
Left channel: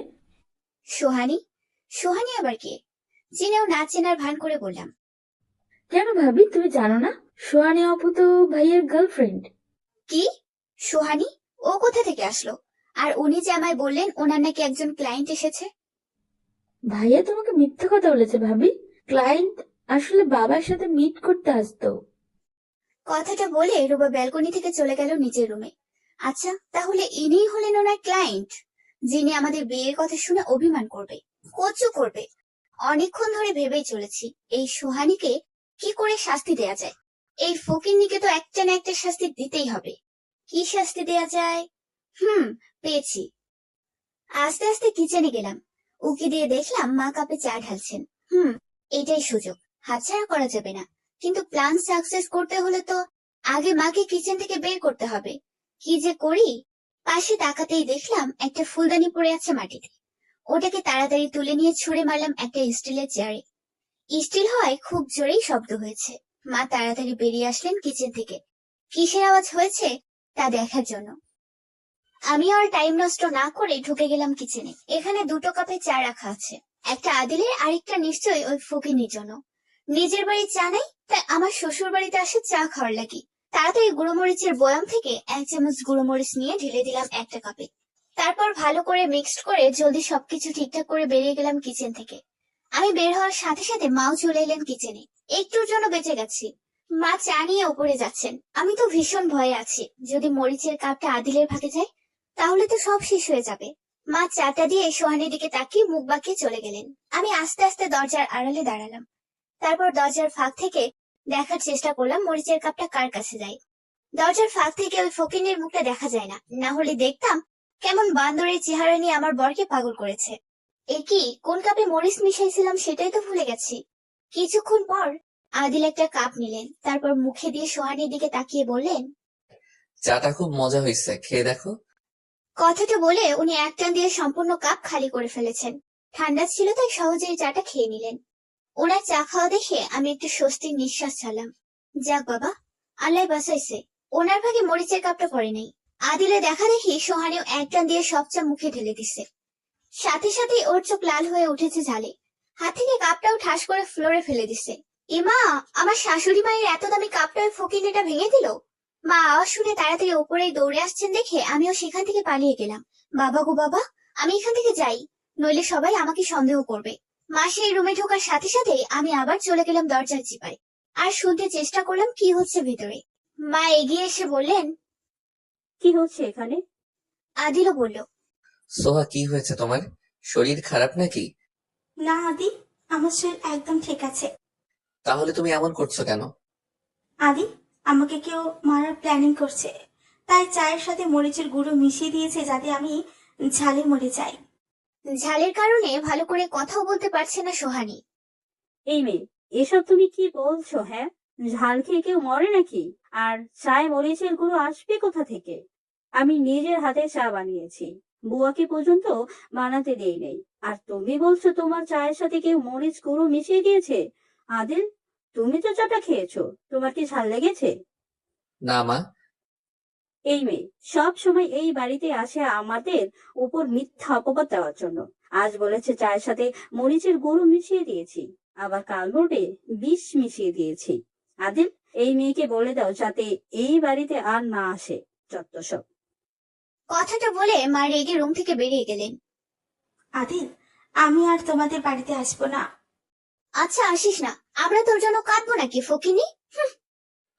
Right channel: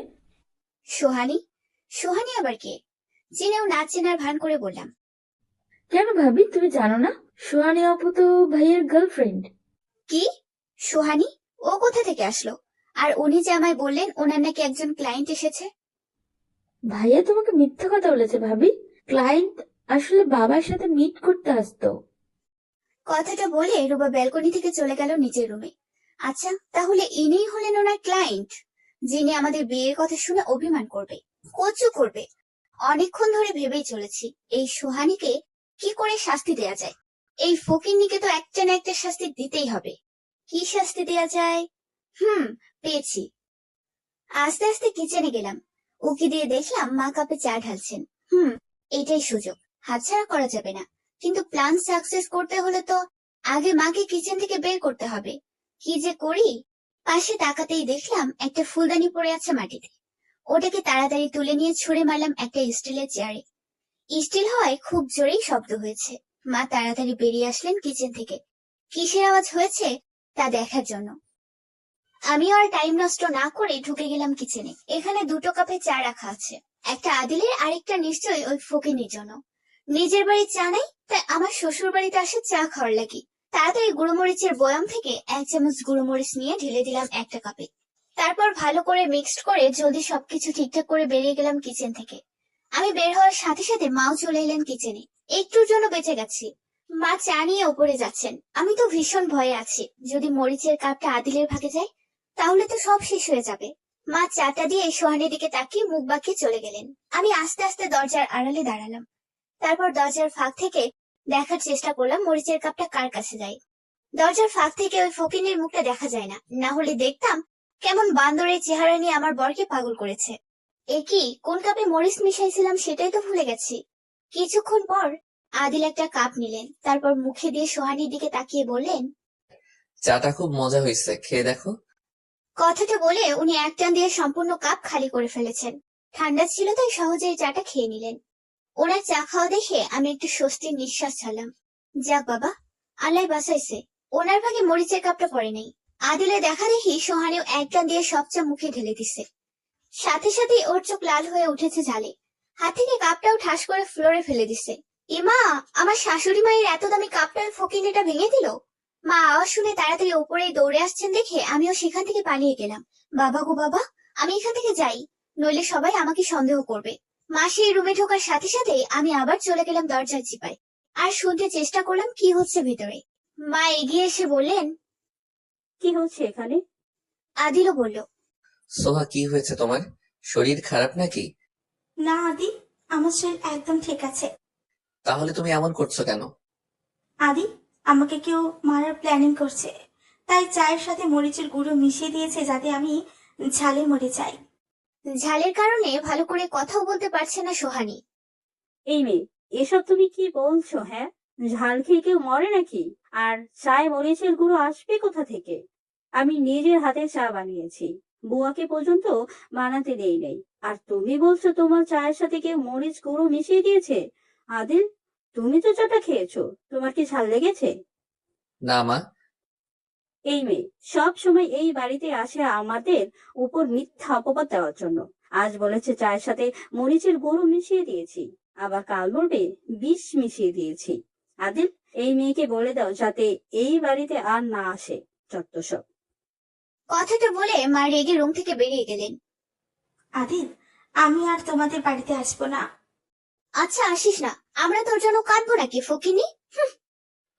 সোহানি? সোহানি আবার কে? চিনেও না চেনার ভান করে বললাম। কেন ভাবি, তুমি জানো না? সোহানি আপু তো ভাইয়ার গার্লফ্রেন্ড। কি? সোহানি? ও কোথা থেকে আসলো? আর উনি যে আমায় বললেন ওনার নাকি একজন ক্লায়েন্ট এসেছে। ভাইয়া তোমাকে মিথ্যা কথা বলেছে ভাবি। ক্লায়েন্ট আসলে বাবার সাথে মিট করতে আসতো। কথাটা বলে রুবা ব্যালকনি থেকে চলে গেল নিজের রুমে। আচ্ছা, তাহলে ইনিই হলেন ওনার ক্লায়েন্ট, যিনি আমাদের বিয়ের কথা শুনে অভিমান করবে, কচু করবে। অনেকক্ষণ ধরে ভেবেই চলেছি এই সোহানিকে কি করে শাস্তি দেয়া যায়। এই ফকিন্নিকে তো একটা না একটা শাস্তি দিতেই হবে। কি শাস্তি দেয়া যায়? পেয়েছি। আস্তে আস্তে কিচেনে গেলাম। উকি দিয়ে দেখলাম মা কাপে চা ঢালছেন। এটাই সুযোগ, হাতছাড়া করা যাবে না। কিন্তু প্ল্যান সাকসেস করতে হলে তো আগে মাকে কিচেন থেকে বের করতে হবে। কি যে করি! পাশে তাকাতেই দেখলাম একটা ফুলদানি পড়ে আছে মাটিতে। ওটাকে তাড়াতাড়ি তুলে নিয়ে ছুঁড়ে মারলাম একটা স্টিলের চেয়ারে। স্টিল হওয়ায় খুব জোরেই শব্দ হয়েছে। মা তাড়াতাড়ি বেরিয়ে আসলেন কিচেন থেকে। কিসের আওয়াজ হয়েছে তা দেখার জন্য। আমি আর টাইম নষ্ট না করে ঢুকে গেলাম কিচেনে। এখানে দুটো কাপে চা রাখা আছে, একটা আদিলের, আরেকটা নিশ্চয়ই ওই ফকিনীর জন্য। নিজের বাড়ি চা নাই, তাই আমার শ্বশুর বাড়িতে আসে চা খাওয়ার লাগি। তাড়াতাড়ি গুঁড়োমরিচের বয়াম থেকে 1 চামচ গুঁড়োমরিচ নিয়ে ঢেলে দিলাম একটা কাপে। তারপর ভালো করে মিক্সড করে জলদি সবকিছু ঠিকঠাক করে বেরিয়ে গেলাম কিচেন থেকে। আমি বের হওয়ার সাথে সাথে মাও চলে এলেন কিচেনে। একটুর জন্য বেঁচে গেছি। মা চা নিয়ে উপরে যাচ্ছেন। আমি তো ভীষণ ভয়ে আছি, যদি মরিচের কাপটা আদিলের ভাগে যায় তাহলে তো সব শেষ হয়ে যাবে। মা চাটা দিয়ে সোহানের দিকে তাকিয়ে মুখ বাঁকিয়ে চলে গেলেন। আমি আস্তে আস্তে দরজার আড়ালে দাঁড়ালাম। তারপর দরজার ফাঁক থেকে দেখার চেষ্টা করলাম মরিচের কাপটা কার কাছে যায়। দরজার ফাঁক থেকে ওই ফকিনের মুখটা দেখা যায় না, না হলে দেখতাম কেমন বান্দরের চেহারা নিয়ে আমার বরকে পাগল করেছে। এ কি, কোন কাপে মরিচ মিশাইছিলাম সেটাই তো ভুলে গেছি। কিছুক্ষণ পর আদিল একটা কাপ নিলেন, তারপর মুখে দিয়ে সোহানির দিকে তাকিয়ে বললেন, চাটা খুব মজা হয়েছে, খেয়ে দেখো। কথাটা বলে উনি এক টান দিয়ে সম্পূর্ণ কাপ খালি করে ফেলেছেন। ঠান্ডা ছিল তাই সহজেই চাটা খেয়ে নিলেন। ওনার চা খাওয়া দেখে আমি একটু স্বস্তির নিঃশ্বাস ছাড়লাম। যাক বাবা, আল্লাহ বাঁচাইছে, ওনার ভাগে মরিচের কাপটা পড়ে নেই। আদিলে দেখা দেখি সোহানিও এক টান দিয়ে সব চা মুখে ঢেলে দিছে। সাথে সাথে ওর চোখ লাল হয়ে উঠেছে ঝালে। হাত থেকে কাপটাও ঠাস করে ফ্লোরে ফেলে দিছে। ইমা, আমার শাশুড়ি মায়ের এত দামি কাপটা ফকিনেটা ভেঙে দিল। মা আওয়াজ শুনে তাড়াতাড়ি উপরে দৌড়ে আসছেন দেখে আমিও সেখান থেকে পালিয়ে গেলাম। বাবা গো বাবা, আমি এখান থেকে যাই, নইলে সবাই আমাকে সন্দেহ করবে। মা সেই রুমে ঢোকার সাথে সাথে আমি আবার চলে গেলাম দরজার চিপায়, আর শুনতে চেষ্টা করলাম কি হচ্ছে ভেতরে। মা এগিয়ে এসে বললেন, কি হচ্ছে এখানে? আদিলও বলল, সোহা, কি হয়েছে তোমার? শরীর খারাপ নাকি? না আদি, আমার শরীর একদম ঠিক আছে। তাহলে তুমি এমন করছো কেন? আদি, আমাকে কেউ মারার প্ল্যানিং করছে, তাই চায়ের সাথে মরিচের গুঁড়ো মিশিয়ে দিয়েছে যাতে আমি ঝালে মরে যাই। ঝালের কারণে ভালো করে কথাও বলতে পারছে না সোহানি। এই মেয়ে, এসব তুমি কি বলছো? হ্যাঁ, ঝাল খেয়ে কেউ মরে নাকি? আর চায় মরিচের গুঁড়ো আসবে কোথা থেকে? আমি নিজের হাতে চা বানিয়েছি, বুয়াকে পর্যন্ত বানাতে দেই নাই। আর তুমি বলছো তোমার চায়ের সাথে কেউ মরিচ গুঁড়ো মিশিয়ে দিয়েছে? আদিল, তুমি তো চাটা খেয়েছো, তোমার কি ঝাল লেগেছে? না মা। এই মেয়ে সব সময় এই বাড়িতে আসে আমাদের উপর মিথ্যা অপবাদ দেওয়ার জন্য। আজ বলেছে চায়ের সাথে মরিচের গুঁড়ো মিশিয়ে দিয়েছি, আবার কাল বলবে বিষ মিশিয়ে দিয়েছি। আদিল, এই মেয়েকে বলে দাও যাতে এই বাড়িতে আর না আসে, যত সব। কথাটা বলে মা রেগে রুম থেকে বেরিয়ে গেলেন। আদিল, আমি আর তোমাদের বাড়িতে আসবো না। আচ্ছা আসিস না, আমরা তোর জন্য কাঁদবো নাকি ফকিনি?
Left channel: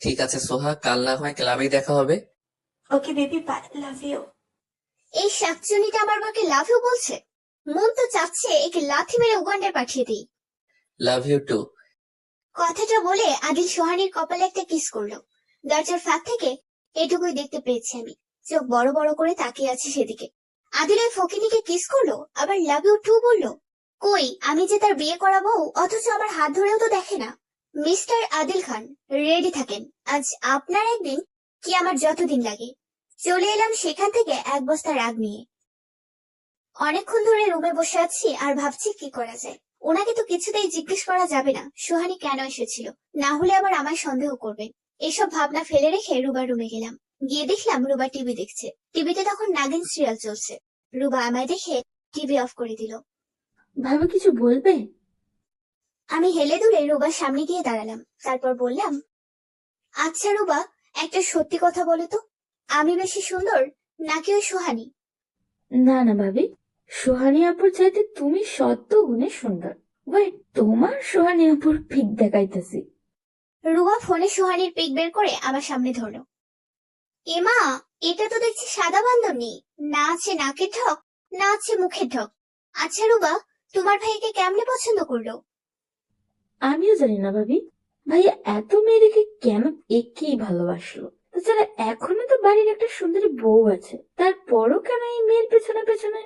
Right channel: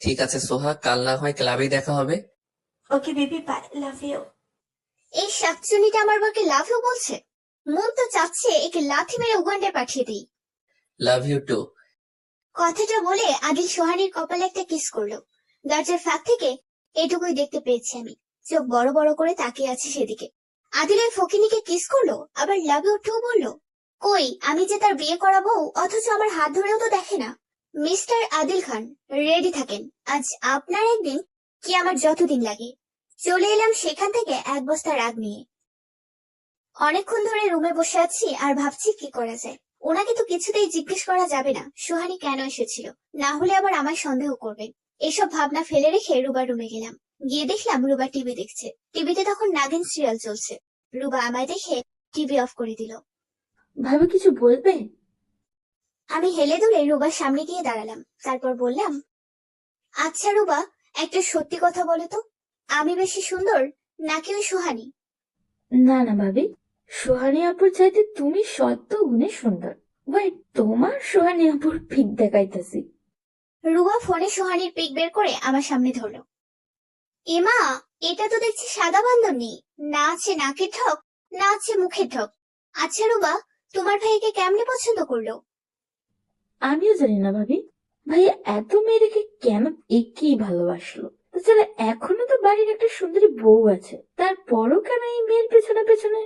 ঠিক আছে সোহা, কাল না হয় ক্লাবেই দেখা হবে। Okay baby, bye, love you. এই শাকচুনিটা আমার বাকে লাভও বলছে। মন তো চাচ্ছে একে লাথি মেরে উগান্ডায় পাঠিয়ে দিই। Love you too. কথাটা বলে আদিল সোহানির কপালে একটা কিস করলো। দরজার ফাঁক থেকে এটুকুই দেখতে পেয়েছি আমি। চোখ বড় বড় করে তাকিয়ে আছে সেদিকে। আদিল ওই ফকিনিকে কিস করলো, আবার লাভ ইউ টু বললো। কই, আমি যে তার বিয়ে করাবো, অথচ আমার হাত ধরেও তো দেখে না। মিস্টার আদিল খান, রেডি থাকেন, আজ আপনার একদিন কি আমার যতদিন লাগে। চলে এলাম সেখান থেকে এক বস্তা রাগ নিয়ে। অনেকক্ষণ ধরে রুমে বসে আছি আর ভাবছি কি করা যায়। ওনাকে তো কিছুতেই জিজ্ঞেস করা যাবে না সোহানি কেন এসেছিল, না হলে আবার আমায় সন্দেহ করবে। এসব ভাবনা ফেলে রেখে রুবার রুমে গেলাম। গিয়ে দেখলাম রুবা টিভি দেখছে। টিভিতে তখন নাগিন সিরিয়াল চলছে। রুবা আমায় দেখে টিভি অফ করে দিল। ভাবে কিছু বলবে? আমি হেলে দুলে রুবার সামনে গিয়ে দাঁড়ালাম। তারপর বললাম, আচ্ছা রুবা, একটা সত্যি কথা বলো তো, আমি বেশি সুন্দর নাকি ওই সোহানি? না না ভাবি, সোহানি আপুর চাইতে তুমি শত গুণে সুন্দর। ওয়েট, তোমার সোহানি আপুর পিক দেখাইতেছি। রুবা ফোনে সোহানির পিক বের করে আমার সামনে ধরলো। এমা, এটা তো দেখছি সাদা বান্ধবী, না আছে নাকের ঠক, না আছে মুখের ঠক। আচ্ছা রুবা, তোমার ভাইকে কেমনে পছন্দ করলো? আমিও জানি না ভাবি, ভাইয়া এত মেয়ে রেখে কেন একেই ভালোবাসলো। তাছাড়া এখনো তো বাড়ির একটা সুন্দরী বউ আছে, তারপরও কেন এই মেয়ের পেছনে পেছনে,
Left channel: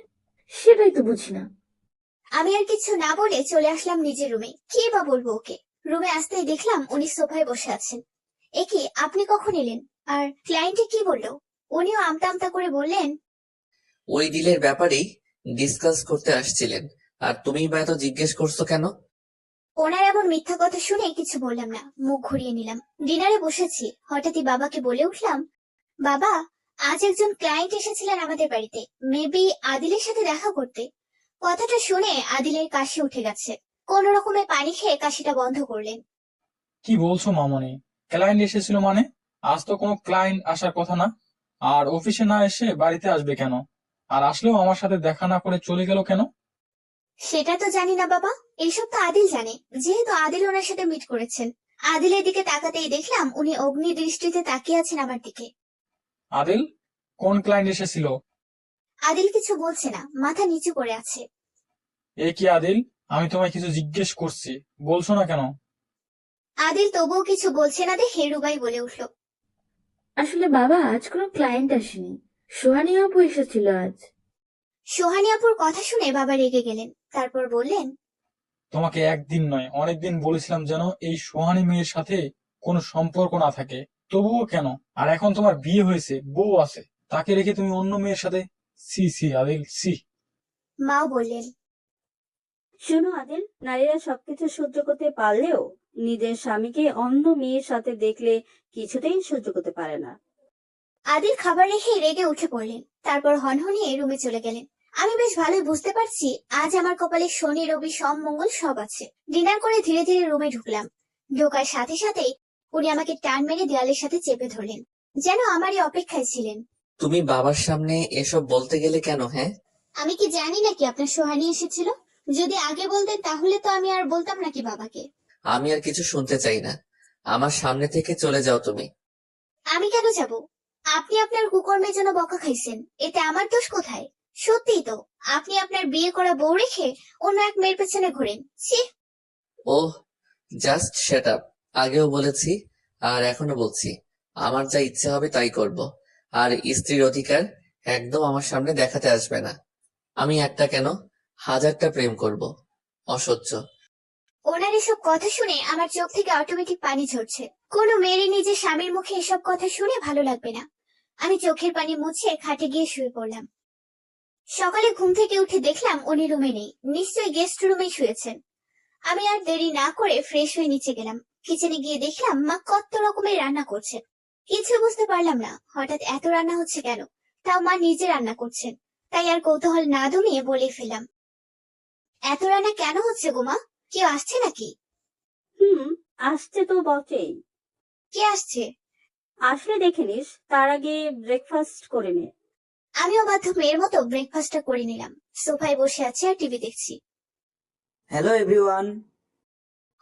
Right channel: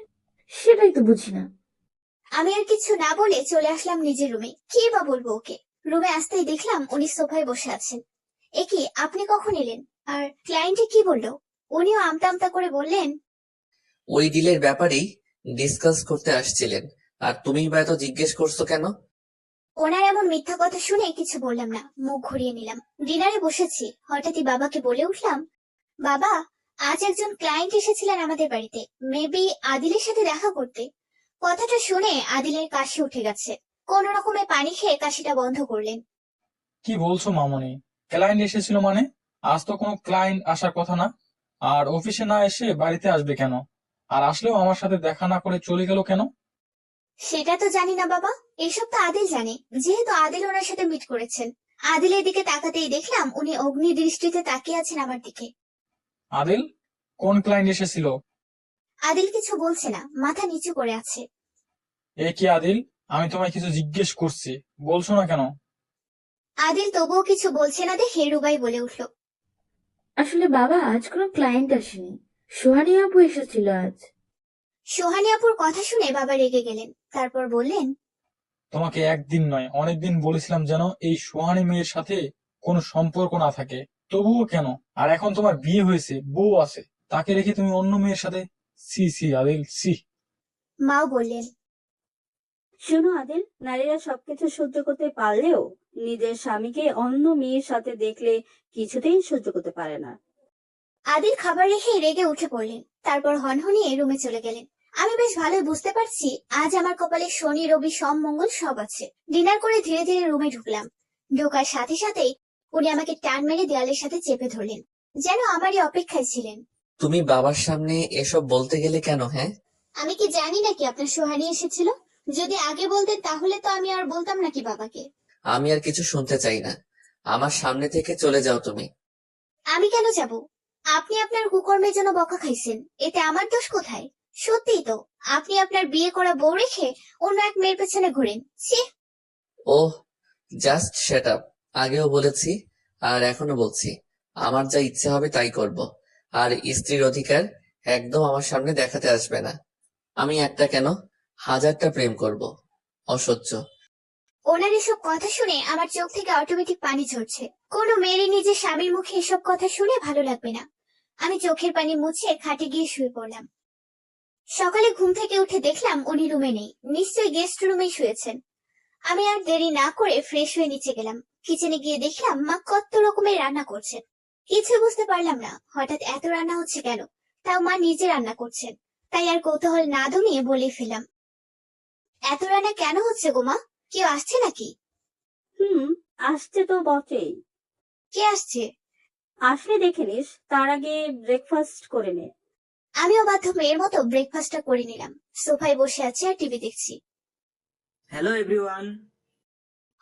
সেটাই তো বুঝি না। আমি আর কিছু না বলে চলে আসলাম নিজের রুমে। কি বা বলবো ওকে। রুমে আসতেই দেখলাম উনি সোফায় বসে আছেন। এ কি, আপনি কখন এলেন? আর ক্লায়েন্টে কি বললো? উনিও আমতা আমতা করে বললেন, ওই ডিলের ব্যাপারেই ডিসকাস করতে আসছিলেন, আর তুমি বা এত জিজ্ঞেস করছো কেন? ওনার এমন মিথ্যা কথা শুনে কিছু বললাম না, মুখ ঘুরিয়ে নিলাম। ডিনারে বসেছি, হঠাৎই বাবাকে বলে উঠলাম, বাবা, আজ একজন ক্লায়েন্ট এসেছিলেন আমাদের বাড়িতে, মেবি আদিলের সাথে দেখা করতে। কথাটা শুনে আদিলের কাশি উঠে গেছে। কোন রকমে পানি খেয়ে কাশিটা বন্ধ করলেন। কি বলছো মামনি? ক্লায়েন্ট এসেছিল মানে? আজ তো কোনো ক্লায়েন্ট আসার কথা না। আর অফিসে না এসে বাড়িতে আসবে কেন? আর আসলেও আমার সাথে দেখা না করে চলে গেল কেন? সেটা তো জানি না বাবা, এসব তো আদিল জানে, যেহেতু আদিল ওনার সাথে মিট করেছেন। আদিলের দিকে তাকাতেই দেখলাম উনি অগ্নি দৃষ্টিতে তাকিয়ে আছেন আমার দিকে। আদিল? কোন ক্লায়েন্ট এসেছিল? আদিল কিছু বলছে না, মাথা নিচু করে আছে। এ কি আদিল? আমি তোমায় কিছু জিজ্ঞেস করছি, বলছো না কেন? আদিল তবুও কিছু বলছে না দেখে রুবাই বলে উঠল, আসলে বাবা, আজ কোনো ক্লায়েন্ট আসেনি, সোহানি আপু এসেছিল আজ। সোহানি আপুর কথা শুনে বাবা রেগে গেলেন। তারপর বললেন, তোমাকে একদিন নয় অনেকদিন বলেছিলাম যেন এই সোহানী মেয়ের সাথে কোনো সম্পর্ক না থাকে, তবুও কেন? আর এখন তোমার বিয়ে হয়েছে, বউ আছে, তাকে রেখে তুমি অন্য মেয়ের সাথে? See see Adil, see. মাও বললেন, শোনো আদিল, নারীরা সবকিছু সহ্য করতে পারলেও নিজের স্বামীকে অন্য মেয়ের সাথে দেখলে কিছুতেই সহ্য করতে পারে না। আদিল খাবার রেখে রেগে উঠে পড়লেন। তারপর হনহনিয়ে রুমে চলে গেলেন। আমি বেশ ভালোই বুঝতে পারছি আজ আমার কপালে শনি রবি সোম মঙ্গল সব আছে। ডিনার করে ধীরে ধীরে রুমে ঢুকলাম। ঢোকার সাথে সাথেই উনি আমাকে টান মেরে দেয়ালের সাথে চেপে ধরলেন, যেন আমারই অপেক্ষায় ছিলেন। তুমি বাবার সামনে এসব বলতে গেলে কেন? হ্যাঁ, আমি কি জানি নাকি আপনার সোহানি এসেছিল? যদি আগে বলতেন তাহলে তো আমি আর বলতাম নাকি বাবাকে। আমি আর কিছু শুনতে চাই না। আমার সামনে থেকে চলে যাও তুমি। আমি কেন যাব? আপনি আপনার কুকর্মের জন্য বকা খাইছেন, এতে আমার দোষ কোথায়? সত্যিই তো, আপনি আপনার বিয়ে করা বউ রেখে অন্য এক মেয়ের পেছনে ঘোরেন। ছি! ওহ, জাস্ট সেট আপ। আগেও বলেছি আর এখনো বলছি, আমার যা ইচ্ছে হবে তাই করব। আর স্ত্রীর অধিকার একদম আমার সামনে দেখাতে আসবে না। আমি একটা কেন, হাজারটা প্রেম করব। অসহ্য। ওনার এসব কথা শুনে আমার চোখ থেকে অটোমেটিক পানি ঝরছে। কোনো মেয়েরই নিজের স্বামীর মুখে এসব কথা শুনে ভালো লাগবে না। আমি চোখের পানি মুছে খাটে গিয়ে শুয়ে পড়লাম। সকালে ঘুম থেকে উঠে দেখলাম উনি রুমে নেই, নিশ্চয়ই গেস্ট রুমে শুয়েছেন। আমি আর দেরি না করে ফ্রেশ হয়ে নিচে গেলাম। কিচেনে গিয়ে দেখলাম মা কত রকমের রান্না করছে। কিছু বুঝতে পারলাম না হঠাৎ এত রান্না হচ্ছে কেন, তাও মা নিজে রান্না করছেন। তাই আর কৌতূহল না দমিয়ে বলে ফেললাম, এত রান্না কেন হচ্ছে গো মা? কেউ আসছে নাকি? আসছে তো বটেই। কে আসছে? আসলে দেখে নিস, তার আগে ব্রেকফাস্ট করে নে। আমিও বাধ্য মেয়ের মতো ব্রেকফাস্টটা করে নিলাম। সোফায় বসে আছি আর টিভি দেখছি। Hello everyone.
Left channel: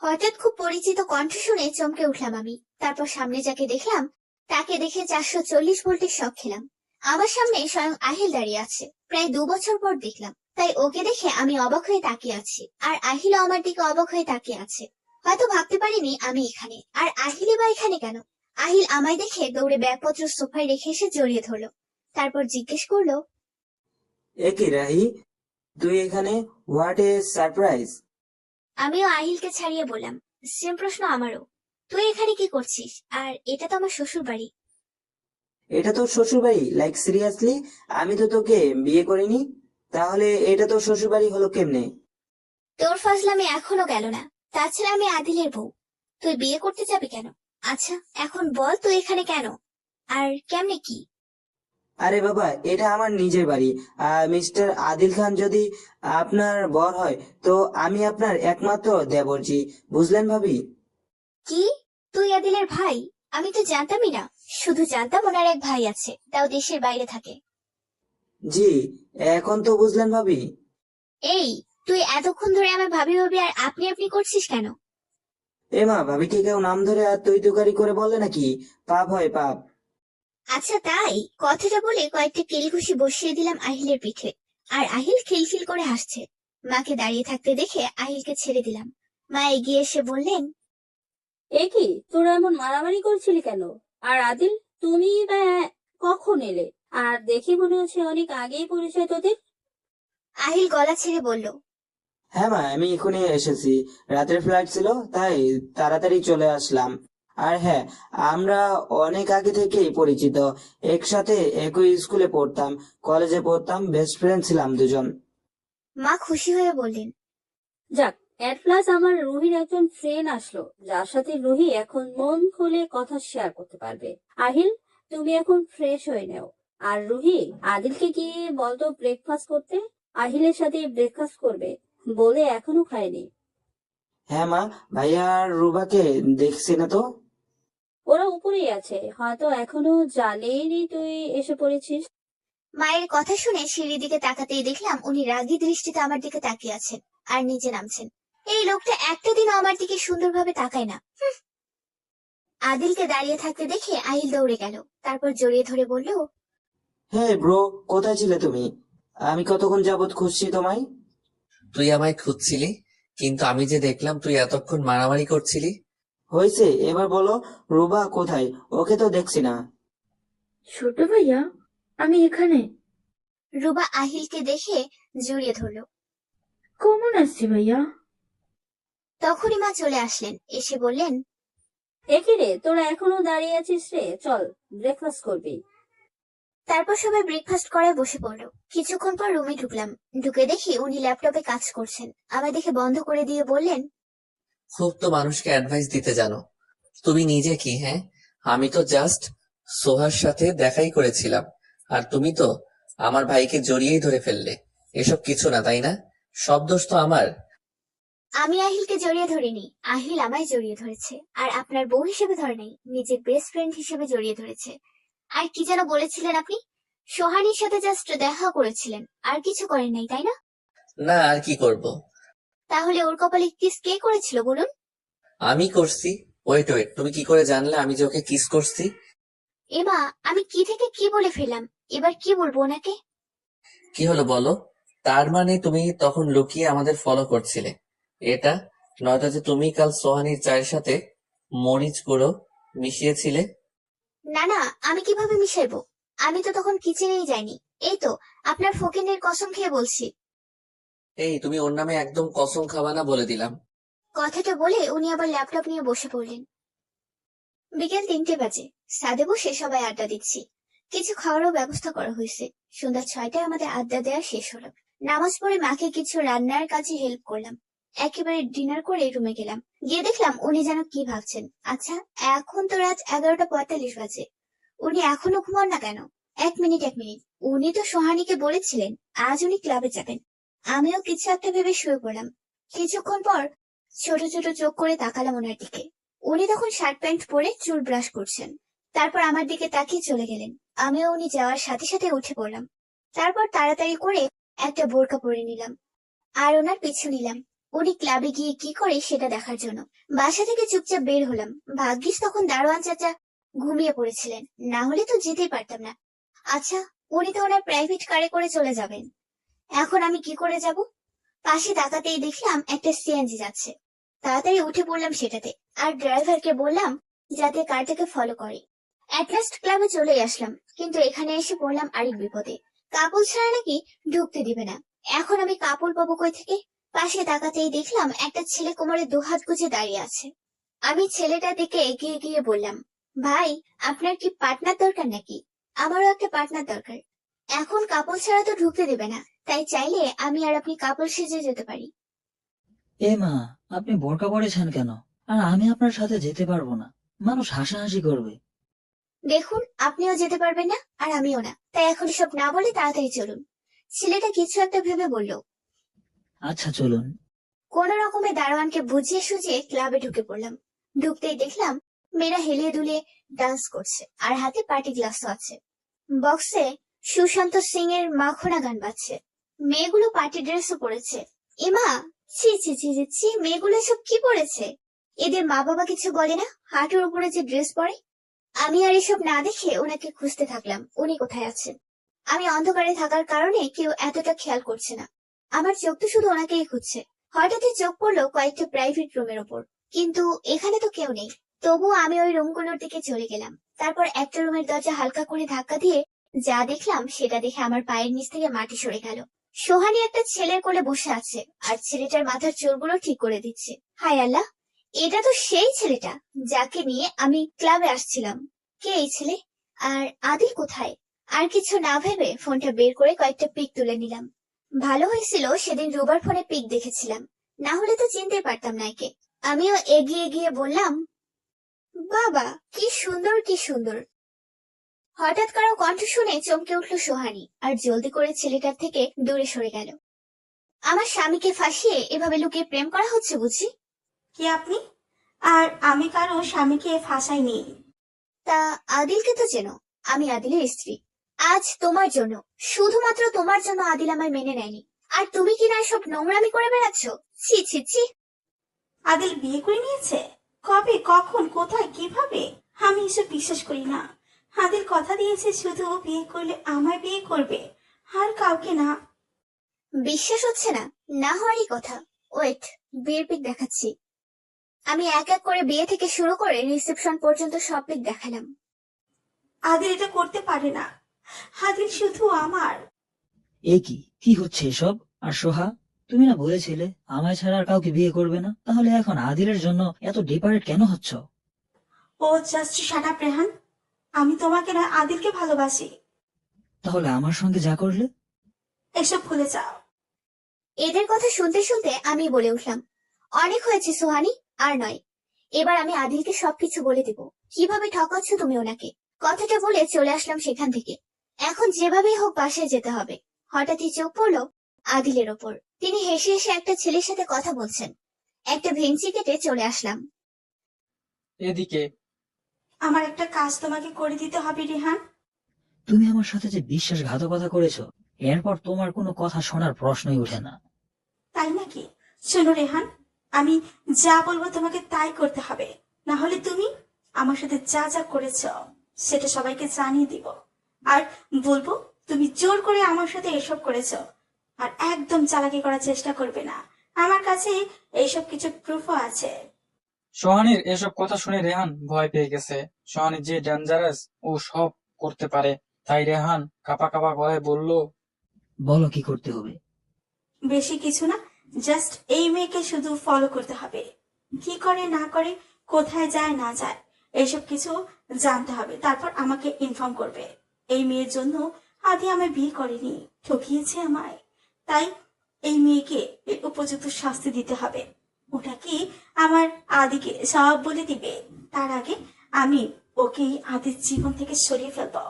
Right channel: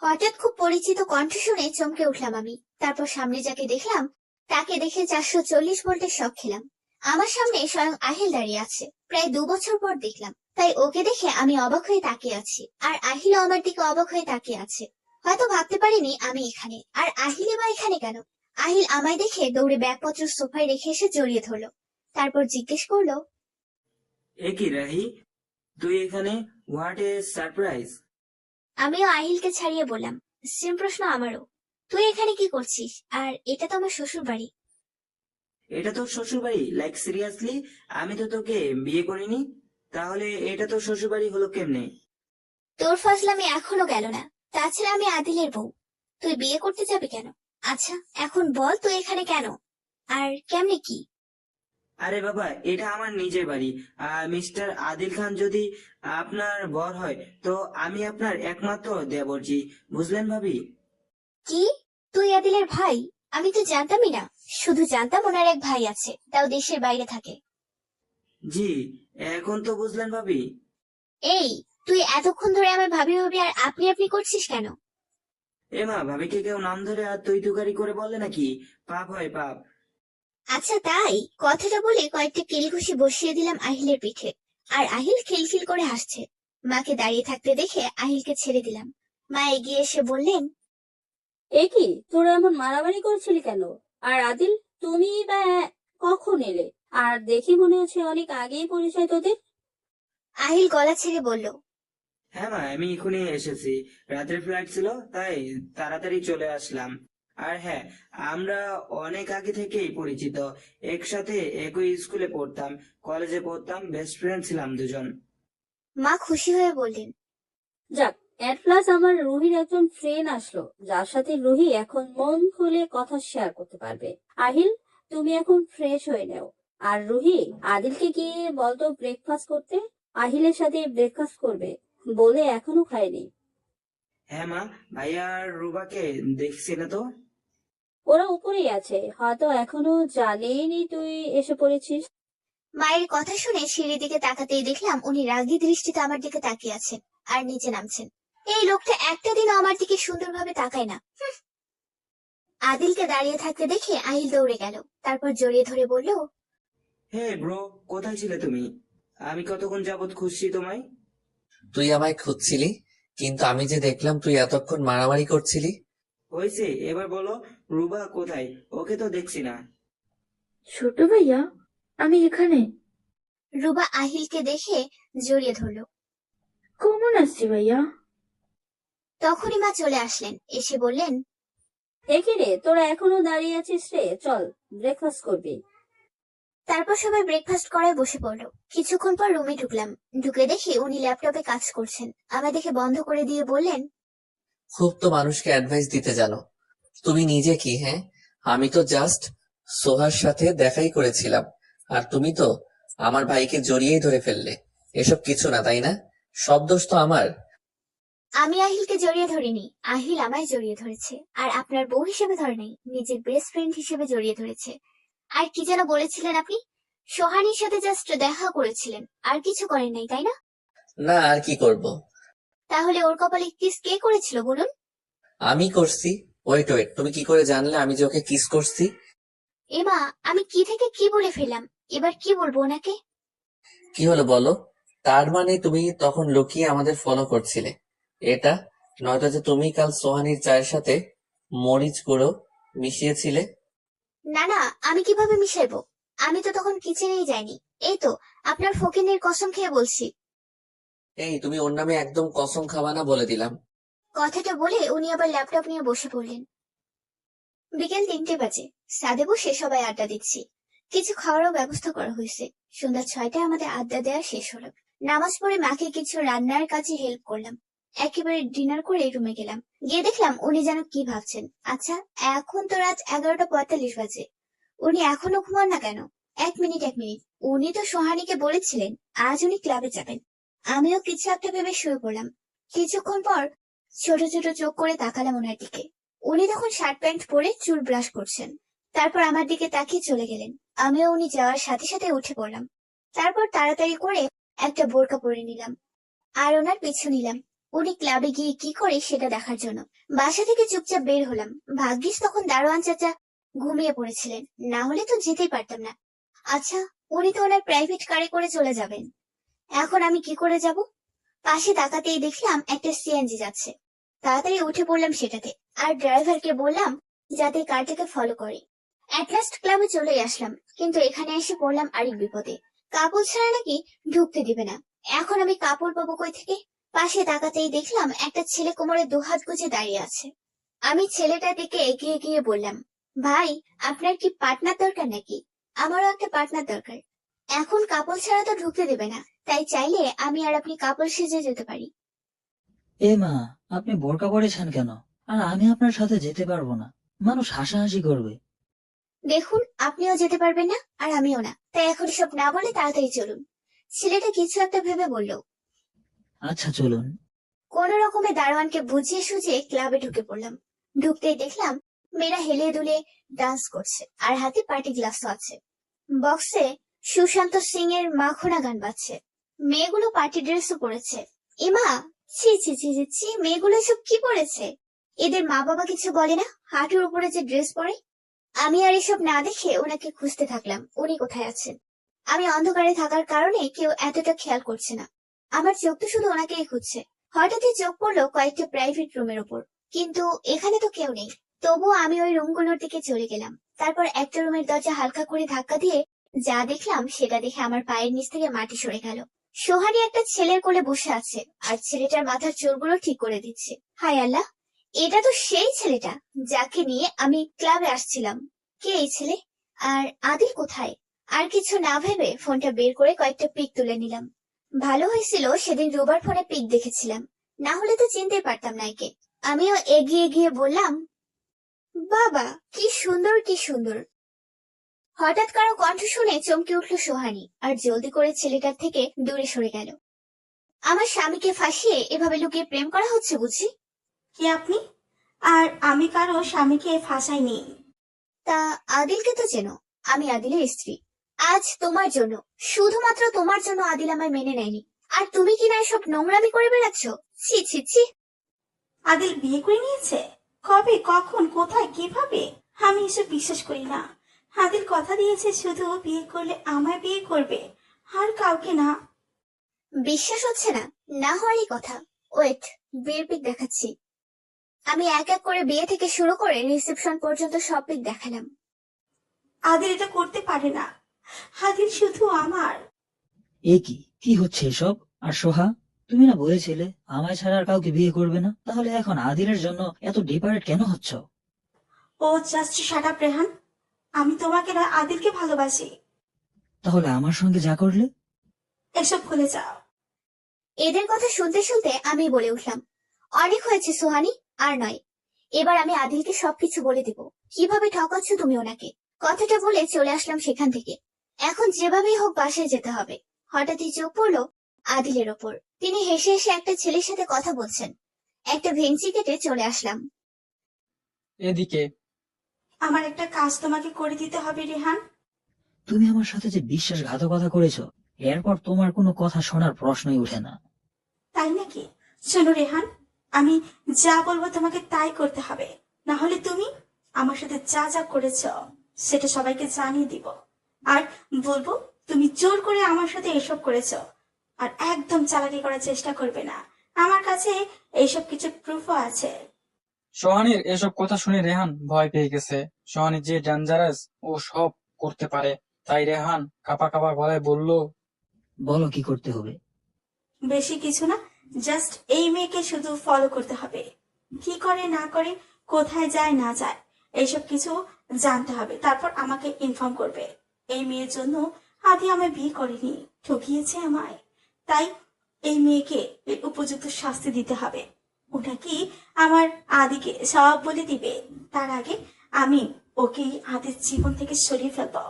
হঠাৎ খুব পরিচিত কণ্ঠ শুনে চমকে উঠলাম আমি। তারপর সামনে যাকে দেখলাম তাকে দেখে 440 ভোল্টের শক খেলাম। আমার সামনে স্বয়ং আহিল দাঁড়িয়ে আছে। প্রায় 2 বছর পর দেখলাম, তাই ওকে দেখে আমি অবাক হয়ে তাকিয়ে আছি, আর আহিলও আমার দিকে অবাক হয়ে তাকিয়ে আছে। হয়তো ভাবতে পারিনি আমি এখানে, আর আহিলে বা এখানে কেন। আহিল আমায় দেখে দৌড়ে ব্যাগপত্র সোফায় রেখে এসে জড়িয়ে ধরলো। তারপর জিজ্ঞেস করলো, এ কি রাহি, তুই এখানে? What a surprise. আমিও আহিলকে ছাড়িয়ে বললাম, সেম প্রশ্ন আমারও। তুই এখানে কি করছিস? আর এটা তো আমার শ্বশুর বাড়ি। এটা তোর শ্বশুর বাড়ি? Like seriously? আমি তো তোকে বিয়ে করিনি, তাহলে এটা তোর শ্বশুর বাড়ি হলো কেমনে? তোর ফাজলামি এখনো গেল না। তাছাড়া আমি আদিলের বউ, তুই বিয়ে করতে যাবি কেন? আচ্ছা এখন বল তুই এখানে কেন, আর কেমনে কি? আরে বাবা, এটা আমার নিজের বাড়ি। মিস্টার আদিল খান যদি আপনার বর হয়, তো আমি আপনার একমাত্র দেবরজি, বুঝলেন ভাবি? কি, তুই আদিলের ভাই? আমি তো জানতামই না, শুধু জানতাম ওনার এক ভাই আছে, তাও দেশের বাইরে থাকে। জি, এখন তো বুঝলেন ভাবি? এই, তুই এতক্ষণ ধরে আমার ভাবি ভাবি আর আপনি আপনি করছিস কেন? মা, ভাবিকে কেউ নাম ধরে আর তুই তুকারি করে বলে নাকি? পাপ হয়, পাপ। আচ্ছা তাই, কথাটা বলে কয়েকটা কিলঘুষি বসিয়ে দিলাম আহিলের পিঠে। আর আহিল খিলখিল করে হাসছে। মাকে দাঁড়িয়ে থাকতে দেখে আহিলকে ছেড়ে দিলাম। মা এগিয়ে এসে বললেন, এ কি, তোরা এমন মারামারি করছিলি কেন? আর আদিল, তুমি বা কখন এলে? আর দেখে মনে হচ্ছে অনেক আগেই পরিচয় তোদের। আহিল গলা ছেড়ে বলল, হ্যাঁ মা, আমি এখনই এসেছি। রাতের ফ্লাইট ছিল, তাই তাড়াতাড়ি চলে আসলাম। আর হ্যাঁ, আমরা অনেক আগে থেকেই পরিচিত। একসাথে একই স্কুলে পড়তাম, কলেজে পড়তাম, বেস্ট ফ্রেন্ড ছিলাম দুজন। মা খুশি হয়ে বললেন, যাক, এট লাস্ট আমার রুহির একজন ফ্রেন্ড আসলো, যার সাথে রুহি এখন মন খুলে কথা শেয়ার করতে পারবে। আহিল, তুমি এখন ফ্রেশ হয়ে নাও। আর রুহি, আদিলকে গিয়ে বলতো ব্রেকফাস্ট করতে। আহিলের সাথে ব্রেকফাস্ট করবে বলে এখনো খায়নি। হ্যাঁ মা, ভাইয়া আর রুবাকে দেখছি না তো। ওরা উপরেই আছে, হয়তো এখনো জানেনি তুই এসে পড়েছিস। মায়ের কথা শুনে সিঁড়ির দিকে তাকাতেই দেখলাম উনি রাগী দৃষ্টিতে আমার দিকে তাকিয়ে আছেন আর নিচে নামছেন। এই লোকটা একটা দিনও আমার দিকে সুন্দরভাবে তাকায় না। আদিলকে দাঁড়িয়ে থাকতে দেখে আহিল দৌড়ে গেল, তারপর জড়িয়ে ধরে বলল, হে ব্রো, কোথায় ছিলে তুমি? আমি কতক্ষণ যাবত খুঁজছি তোমায়। তুই আমায় খুঁজছিলি, কিন্তু আমি যে দেখলাম তুই এতক্ষণ মারামারি করছিলি। হয়েছে, এবার বলো, রুবা কোথায়? ওকে তো দেখছি না। ছোট ভাইয়া, আমি এখানে। রুবা আহিলকে দেখে জড়িয়ে ধরল। কেমন আছি ভাইয়া? তখনই মা চলে আসলেন, এসে বললেন, একই রে, তোরা এখনো দাঁড়িয়ে আছিস রে, চল ব্রেকফাস্ট করবি। তারপর সবাই ব্রেকফাস্ট করায় বসে পড়লো। কিছুক্ষণ পর রুমে ঢুকলাম, ঢুকে দেখি উনি ল্যাপটপে কাজ করছেন। আমায় দেখে বন্ধ করে দিয়ে বললেন, খুব তো মানুষকে অ্যাডভাইস দিতে জানো। তুমি নিজে কি? হ্যাঁ, আমি তো জাস্ট সোহার সাথে দেখাই করেছিলাম, আর তুমি তো আমার ভাইকে জড়িয়েই ধরে ফেললে। এসব কিছু না, তাই না? সব দোষ তো আমার। আমি আহিলকে জড়িয়ে ধরিনি, আহিল আমায় জড়িয়ে ধরেছে। আর আপনার বউ হিসেবে ধরে নাই, নিজের বেস্ট ফ্রেন্ড হিসেবে জড়িয়ে ধরেছে। আর কি যেন বলেছিলেন আপনি? সোহানির সাথে জাস্ট দেখা করেছিলেন, আর কিছু করেন নাই, তাই না? না, আর কি করব? তাহলে ওর কপালে কিস কে করেছিল বলুন? আমি করছি। ওয়েট ওয়েট, তুমি কি করে জানলে আমি যে ওকে কিস করছি? এমা, আমি কি থেকে কি বলে ফেললাম, এবার কি বলবো ওনাকে? কি হলো বলো? তার মানে তুমি তখন লুকিয়ে আমাদের ফলো করছিলে এটা? নয়তো যে তুমি কাল সোহানীর চায়ের সাথে মরিচ গুঁড়ো মিশিয়েছিলে? না না, আমি কিভাবে মিশাইবো? আমি তো তখন কিচেনেই যাইনি। এই তো, আপনার ফকিনের কসম খেয়ে বলছি। এই, তুমি ওর নামে একদম কসম খাবা না বলে দিলাম। কথাটা বলে উনি আবার ল্যাপটপ নিয়ে বসে পড়লেন। বিকেল 3টে বাজে, ছাদে বসে সবাই আড্ডা দিচ্ছি। কিছু খাওয়ারও ব্যবস্থা করা হয়েছে। সন্ধ্যা 6টায় আমাদের আড্ডা দেওয়া শেষ হলো। নামাজ পড়ে মাকে কিছু রান্নার কাজে হেল্প করলাম। একেবারে ডিনার করে রুমে গেলাম। গিয়ে দেখলাম উনি যেন কি ভাবছেন। আচ্ছা, এখন তো রাত 11টা 45 বাজে, উনি এখনো ঘুমান না কেন? এক মিনিট এক মিনিট, উনি তো সোহানীকে বলেছিলেন আজ উনি ক্লাবে যাবেন। আমিও কিছু একটা ভেবে শুয়ে পড়লাম। কিছুক্ষণ পর ছোট ছোট চোখ করে তাকালাম ওনার দিকে। উনি তখন শার্ট প্যান্ট পরে চুল ব্রাশ করছেন। তারপর আমার দিকে তাকিয়ে চলে গেলেন। আমিও উনি যাওয়ার সাথে সাথে উঠে পড়লাম। তারপর তাড়াতাড়ি করে একটা বোরকা পরে নিলাম আর ওনার পিছু নিলাম, উনি ক্লাবে গিয়ে কি করে সেটা দেখার জন্য। বাসা থেকে চুপচাপ বের হলাম। ভাগ্যিস তখন দারোয়ান চাচা ঘুমিয়ে পড়েছিলেন, না হলে তো যেতেই পারতাম না। আচ্ছা, উনি তো ওনার প্রাইভেট কারে করে চলে যাবেন, এখন আমি কি করে যাব? পাশে তাকাতেই দেখলাম একটা সিএনজি যাচ্ছে। তাড়াতাড়ি উঠে পড়লাম সেটাতে, আর ড্রাইভারকে বললাম যাতে কারটাকে ফলো করে। অ্যাটলাস্ট ক্লাবে চলে আসলাম, কিন্তু এখানে এসে পড়লাম আরেক বিপদে। কাপড় ছাড়া নাকি ঢুকতে দিবে না। এখন আমি কাপড় পাবো কই থেকে? পাশে তাকাতেই দেখলাম একটা ছেলে কোমরে দুহাত গুজে দাঁড়িয়ে আছে। আমি ছেলেটার দিকে এগিয়ে গিয়ে বললাম, ভাই, আপনার কি পার্টনার দরকার নাকি? আমারও একটা পার্টনার দরকার। এখন কাপল ছাড়া তো ঢুকতে দেবে না, তাই চাইলে আমি আর আপনি কাপল সেজে যেতে পারি। এ মা, আপনি বোরকা পরেছেন কেন? আর আমি আপনার সাথে যেতে পারবো না, মানুষ হাসাহাসি করবে। দেখুন, আপনিও যেতে পারবেন না আর আমিও না, তাই এখন সব না বলে তাড়াতাড়ি চলুন। ছেলেটা কিছু একটা ভেবে বলল। আচ্ছা চলুন। কোন রকমে দারোয়ানকে বুঝিয়ে সুঝিয়ে ক্লাবে ঢুকে পড়লাম। ঢুকতেই দেখলাম মেয়েরা হেলে দুলে ডান্স করছে আর হাতে পার্টি গ্লাসও আছে। বক্সে সুশান্ত সিং এর মাখনা গান বাজছে। মেয়েগুলো পার্টি ড্রেসও পরেছে। এমা, ছি ছি ছি ছি ছি, মেয়েগুলো সব কি পরেছে? এদের মা বাবা কিছু বলে না হাঁটুর উপরে যে ড্রেস পরে? আমি আর এসব না দেখে ওনাকে খুঁজতে থাকলাম, উনি কোথায় আছেন। আমি অন্ধকারে থাকার কারণে কেউ এতটা খেয়াল করছে না। আমার চোখ তো শুধু ওনাকেই খুঁজছে। হঠাৎই চোখ পড়লো কয়েকটা প্রাইভেট রুমের ওপর, কিন্তু এখানে তো কেউ নেই। তবুও আমি ওই রুমগুলোর দিকে চলে গেলাম। তারপর একটা রুমের দরজা হালকা করে ধাক্কা দিয়ে যা দেখলাম সেটা দেখে আমার পায়ের নিচ থেকে মাটি সরে গেল। সোহানি একটা ছেলের কোলে বসে আছে আর ছেলেটার মাথার চুলগুলো ঠিক করে দিচ্ছে। হায় আল্লাহ, এটা তো সেই ছেলেটা যাকে নিয়ে আমি ক্লাবে আসছিলাম। কে এই ছেলে? আর আদিল কোথায়? আর কিছু না ভেবে ফোনটা বের করে কয়েকটা পিক তুলে নিলাম। ভালো হয়েছিল সেদিন রোবার ফোনে পিক দেখেছিলাম, না হলে তো চিনতে পারতাম না একে। আমিও এগিয়ে গিয়ে বললাম, বাবা কি সুন্দর কি সুন্দর। হঠাৎ কারো কণ্ঠ শুনে চমকে উঠল সোহানি আর জলদি করে ছেলেটার থেকে দূরে সরে গেল। আমার স্বামীকে ফাঁসিয়ে এভাবে লুকিয়ে প্রেম করা হচ্ছে বুঝি? কে আপনি? আর আমি কারো স্বামীকে ফাঁসাইনি। তা আদিলকে তো চেনো, আমি আদিলের স্ত্রী। আজ তোমার জন্য, শুধুমাত্র তোমার জন্য আদিল আমায় মেনে নেয়নি, আর তুমি কিনা সব নোংরামি করে বেড়াচ্ছ। ছি ছি ছি। আদিল বিয়ে করে নিয়েছে? কবে, কখন, কোথায়, কিভাবে? আমি এসব বিশ্বাস করি না। আদিল কথা দিয়েছে শুধু বিয়ে করলে আমায় বিয়ে করবে, আর কাউকে না। বিশ্বাস হচ্ছে না? না হওয়ারই কথা। ওয়েট, বিয়ের পিক দেখাচ্ছি। আমি এক এক করে বিয়ে থেকে শুরু করে রিসেপশন পর্যন্ত সব পিক দেখালাম। আদিল এটা করতে পারে না। আদিল শুধু আমার। এ কি হচ্ছে এসব? আর সোহা, তুমি না বলেছিলে আমায় ছাড়া আর কাউকে বিয়ে করবে না, তাহলে এখন আদিলের জন্য এত ডিপারেট কেন হচ্ছ? ও জাস্ট শাট আপ রেহান। আমি তোমাকে না, আদিলকে ভালোবাসি। তাহলে আমার সঙ্গে যা করলে? এসব ভুলে যাও। এদের কথা শুনতে শুনতে আমি বলে উঠলাম, অনেক হয়েছে সোহানি, আর নয়। এবার আমি আদিলকে সবকিছু বলে দিব, কিভাবে ঠকাচ্ছ তুমি ওনাকে। কথাটা বলে চলে আসলাম সেখান থেকে। এখন যেভাবেই হোক বাসায় যেতে হবে। হঠাৎই চোখ পড়লো আদিলের ওপর। তিনি হেসে হেসে একটা ছেলের সাথে কথা বলছেন। একটা ভেংচি কেটে চলে আসলাম। এদিকে আমার একটা কাজ তোমাকে করে দিতে হবে রিহান। তুমি আমার সাথে যে বিশ্বাসঘাতকতা করেছো, এরপর তোমার কোনো কথা শোনার প্রশ্নই ওঠে না। তাই নাকি? শোনো রেহান, আমি যা বলবো তোমাকে তাই করতে হবে, না হলে তুমি আমার সাথে যা যা করেছ সেটা সবাইকে জানিয়ে দিব। আর বলবো তুমি জোর করে আমার সাথে এসব করেছ। আর একদম চালাকি করার চেষ্টা করবে না, আমার কাছে এইসব কিছু প্রুফও আছে। সোহানির এসব কথা শুনে রেহান ভয় পেয়ে গেছে। সোহানি যে ডেঞ্জারাস, ও সব করতে পারে। তাই রেহান কাঁপা কাঁপা গলায় বলল, বলো কি করতে হবে? বেশি কিছু না, জাস্ট এই মেয়েকে শুধু ফলো করতে হবে। কি করে না করে, কোথায় যায় না যায়, এসব কিছু জানতে হবে। তারপর আমাকে ইনফর্ম করবে। এই মেয়ের জন্য আদি আমায় বিয়ে করেনি, ঠকিয়েছে আমায়। তাই এই মেয়েকে এর উপযুক্ত শাস্তি দিতে হবে। ওটা কি আমার আদিকে সব বলে দিবে। তার আগে আমি ওকে আদির জীবন থেকে সরিয়ে ফেলবো।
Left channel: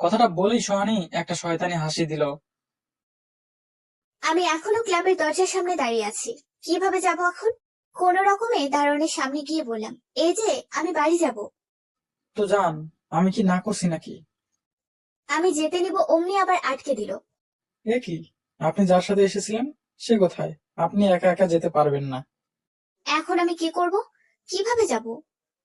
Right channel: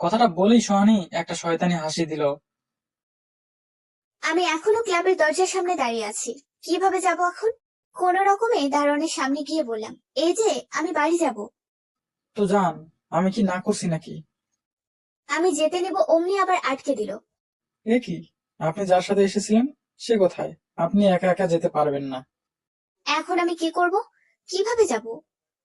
কথাটা বলেই সোহানি একটা শয়তানি হাসি দিল। আমি এখনো ক্লাবের দরজার সামনে দাঁড়িয়ে আছি। কিভাবে যাব এখন? কোন রকমে দারোয়ানের সামনে গিয়ে বললাম, এই যে আমি বাড়ি যাব। তো জান, আমি কি না করছি নাকি? আমি যেতে নিব অমনি আবার আটকে দিল। এ কি, আপনি যার সাথে এসেছিলেন সে কোথায়? আপনি একা একা যেতে পারবেন না। এখন আমি কি করব? কিভাবে যাব?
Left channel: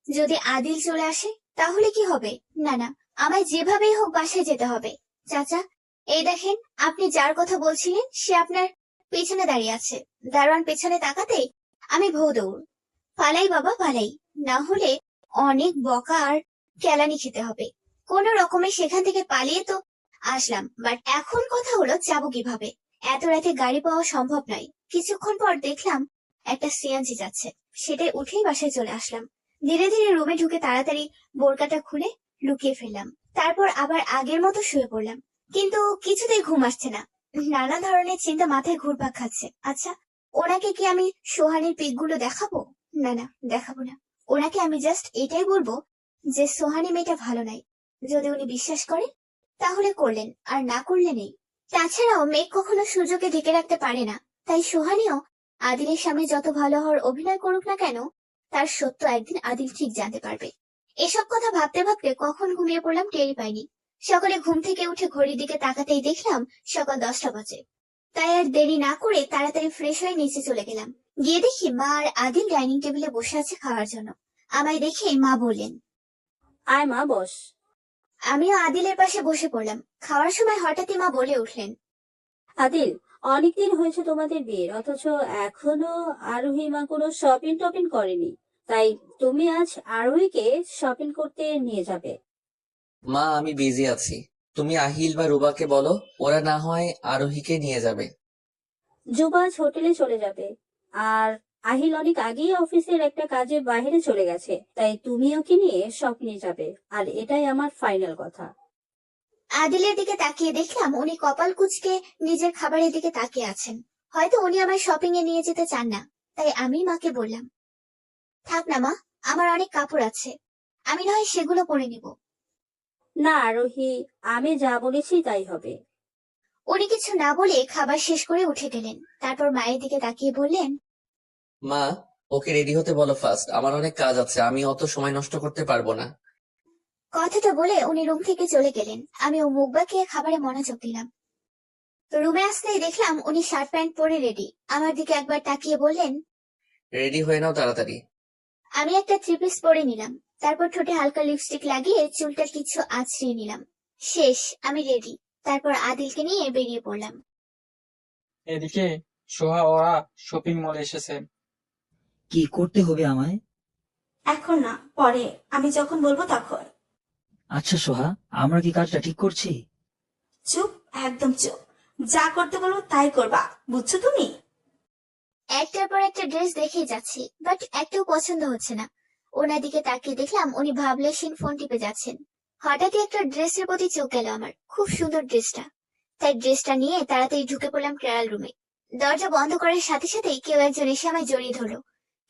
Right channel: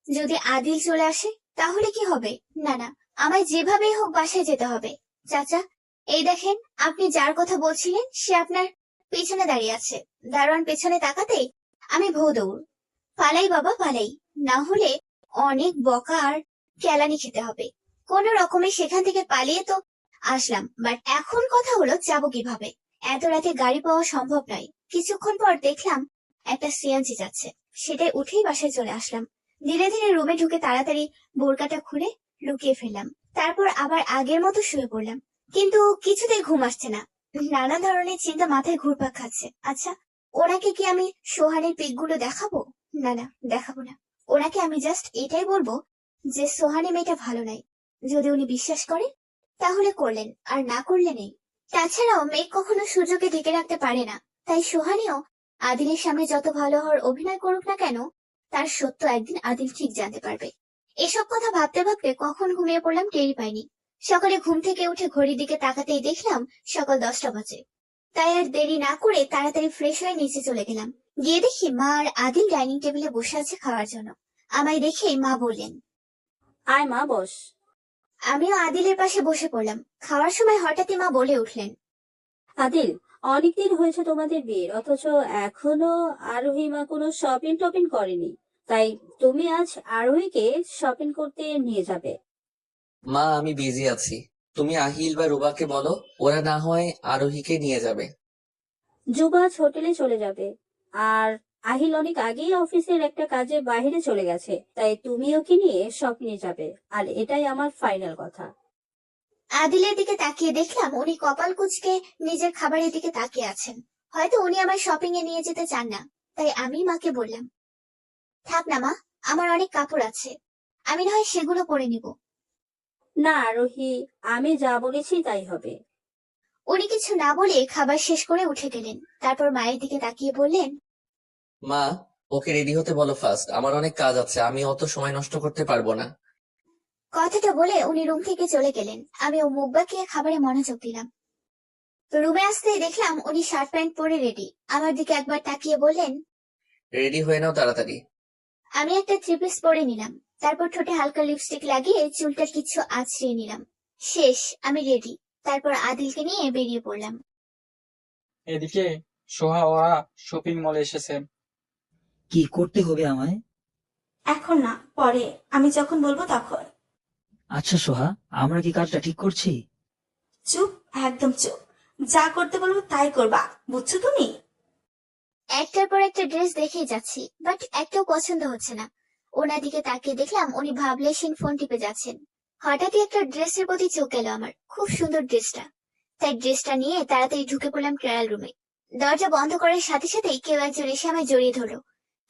যদি আদিল চলে আসে তাহলে কি হবে? না না, আমায় যেভাবেই হোক বাসায় যেতে হবে। চাচা, এই দেখেন, আপনি যার কথা বলছিলেন সে আপনার পেছনে দাঁড়িয়ে আছে। দারোয়ান পেছনে তাকাতেই আমি ভৌ দৌড়। পালাই বাবা পালাই, না হলে অনেক বকা আর কেলানি খেতে হবে। কোন রকমে সেখান থেকে পালিয়ে তো আসলাম, বাট এখন কথা হলো যাবো কিভাবে। এত রাতে গাড়ি পাওয়া সম্ভব নয়। কিছুক্ষণ পর দেখলাম একটা সিএনজি যাচ্ছে, সেটাই উঠেই বাসায় চলে আসলাম। ধীরে ধীরে রুমে ঢুকে তাড়াতাড়ি বোরকাটা খুলে লুকিয়ে ফেললাম। তারপর আবার আগের মতো শুয়ে পড়লাম, কিন্তু কিছুতেই ঘুম আসছে না। নানা ধরনের চিন্তা মাথায় ঘুরপাক খাচ্ছে। আচ্ছা, ওনাকে কি আমি সোহানের পিকগুলো দেখাবো? না না, দেখাবো না। ওনাকে আমি জাস্ট এটাই বলবো যে সোহানি মেয়েটা ভালো নাই। যদি উনি বিশ্বাস করেন তাহলে করলেন, আর না করলে নেই। তাছাড়াও মেয়ে কখনো সুযোগে ঢেকে রাখতে পারে না। তাই সোহানিও আদিলের সামনে যত ভালো হওয়ার অভিনয় করুক না কেন, তার সত্য একদিন আদিল ঠিক জানতে পারবে। এসব কথা ভাবতে ভাবতে কখন ঘুমিয়ে পড়লাম টেরই পাইনি। সকালে ঘুম থেকে উঠে ঘড়ির দিকে তাকাতেই দেখলাম সকাল 10টা বাজে। তাই আর দেরি না করে তাড়াতাড়ি ফ্রেশ হয়ে নিচে চলে গেলাম। গিয়ে দেখি মা আর আদিল ডাইনিং টেবিলে বসে আছে খাওয়ার জন্য। আমায় দেখে মা বললেন। আয় মা, বস। আমিও আদিলের পাশে বসে পড়লাম। খাওয়ার সময় হঠাৎই মা বলে উঠলেন। আদিল, অনেকদিন হয়েছে তোমাদের বিয়ের, অথচ এখনো আরোহী মা কোনো শপিং টপিং করেনি। তাই তুমি আজ আরোহীকে শপিং করতে নিয়ে যাবে। মা, আমি বিজি আছি। তুমি আহিল বা রুবাকে বলো, ওরা না হয় আরোহীকে নিয়ে যাবে। যুবা আজ হোটেলে চলে যাবে, আর আহিল অনেক আগেই অফিসের একটা কাজে বাইরে চলে গেছে। তাই তুমি ওকে নিয়ে শপিং এ যাবে, আর এটাই আমার ফাইনাল কথা। আদিলের দিকে তাকিয়ে দেখলাম উনি কপাল কুঁচকে নিজের খাবারের দিকে তাকিয়ে আছেন। হয়তো উনি আমার শপিং এ নিয়ে যেতে চান না। তাই আমি মাকে বললাম, থাক না মা, আমার অনেক কাপড় আছে, আমি না হয় সেগুলো পরে নিব। না আরোহী, আমি যা বলেছি তাই হবে। উনি কিছু না বলে খাবার শেষ করে উঠে গেলেন। তারপর মায়ের দিকে তাকিয়ে বললেন, মা, ওকে রেডি হতে বলো ফার্স্ট, আমার অনেক কাজ আছে, আমি অত সময় নষ্ট করতে পারবো না। কথাটা বলে উনি রুম থেকে চলে গেলেন। আমি ও মুখ বাঁকিয়ে খাবারে মনোযোগ দিলাম। রুমে আসতেই দেখলাম উনি শার্ট প্যান্ট পরে রেডি। আমার দিকে একবার তাকিয়ে বললেন, রেডি হয়ে নাও তাড়াতাড়ি। আমি একটা থ্রি পিস পরে নিলাম। তারপর ঠোঁটে হালকা লিপস্টিক লাগিয়ে চুলটা কিছু আঁচড়িয়ে নিলাম। শেষ, আমি রেডি। তারপর আদিলকে নিয়ে বেরিয়ে পড়লাম। এদিকে সোহা ওরা শপিং মলে এসেছে। কি করতে হবে আমায়? এখন না, পরে, আমি যখন বলবো তখন। আচ্ছা সোহা, আমরা কি কাজটা ঠিক করছি? চুপ, একদম চুপ। যা করতে বলবো তাই করবা, বুঝছো তুমি? একটার পর একটা ড্রেস দেখেই যাচ্ছি, বাট একটাও পছন্দ হচ্ছে না। ওনার দিকে তাকিয়ে দেখলাম উনি ভাবলেশীন ফোন টিপে যাচ্ছেন। হঠাৎই একটা ড্রেসের প্রতি চোখ গেল আমার। খুব সুন্দর ড্রেসটা। তাই ড্রেসটা নিয়ে তাড়াতাড়ি ঢুকে পড়লাম ট্রায়াল রুমে। দরজা বন্ধ করার সাথে সাথেই কেউ একজন এসে আমায় জড়িয়ে ধরলো।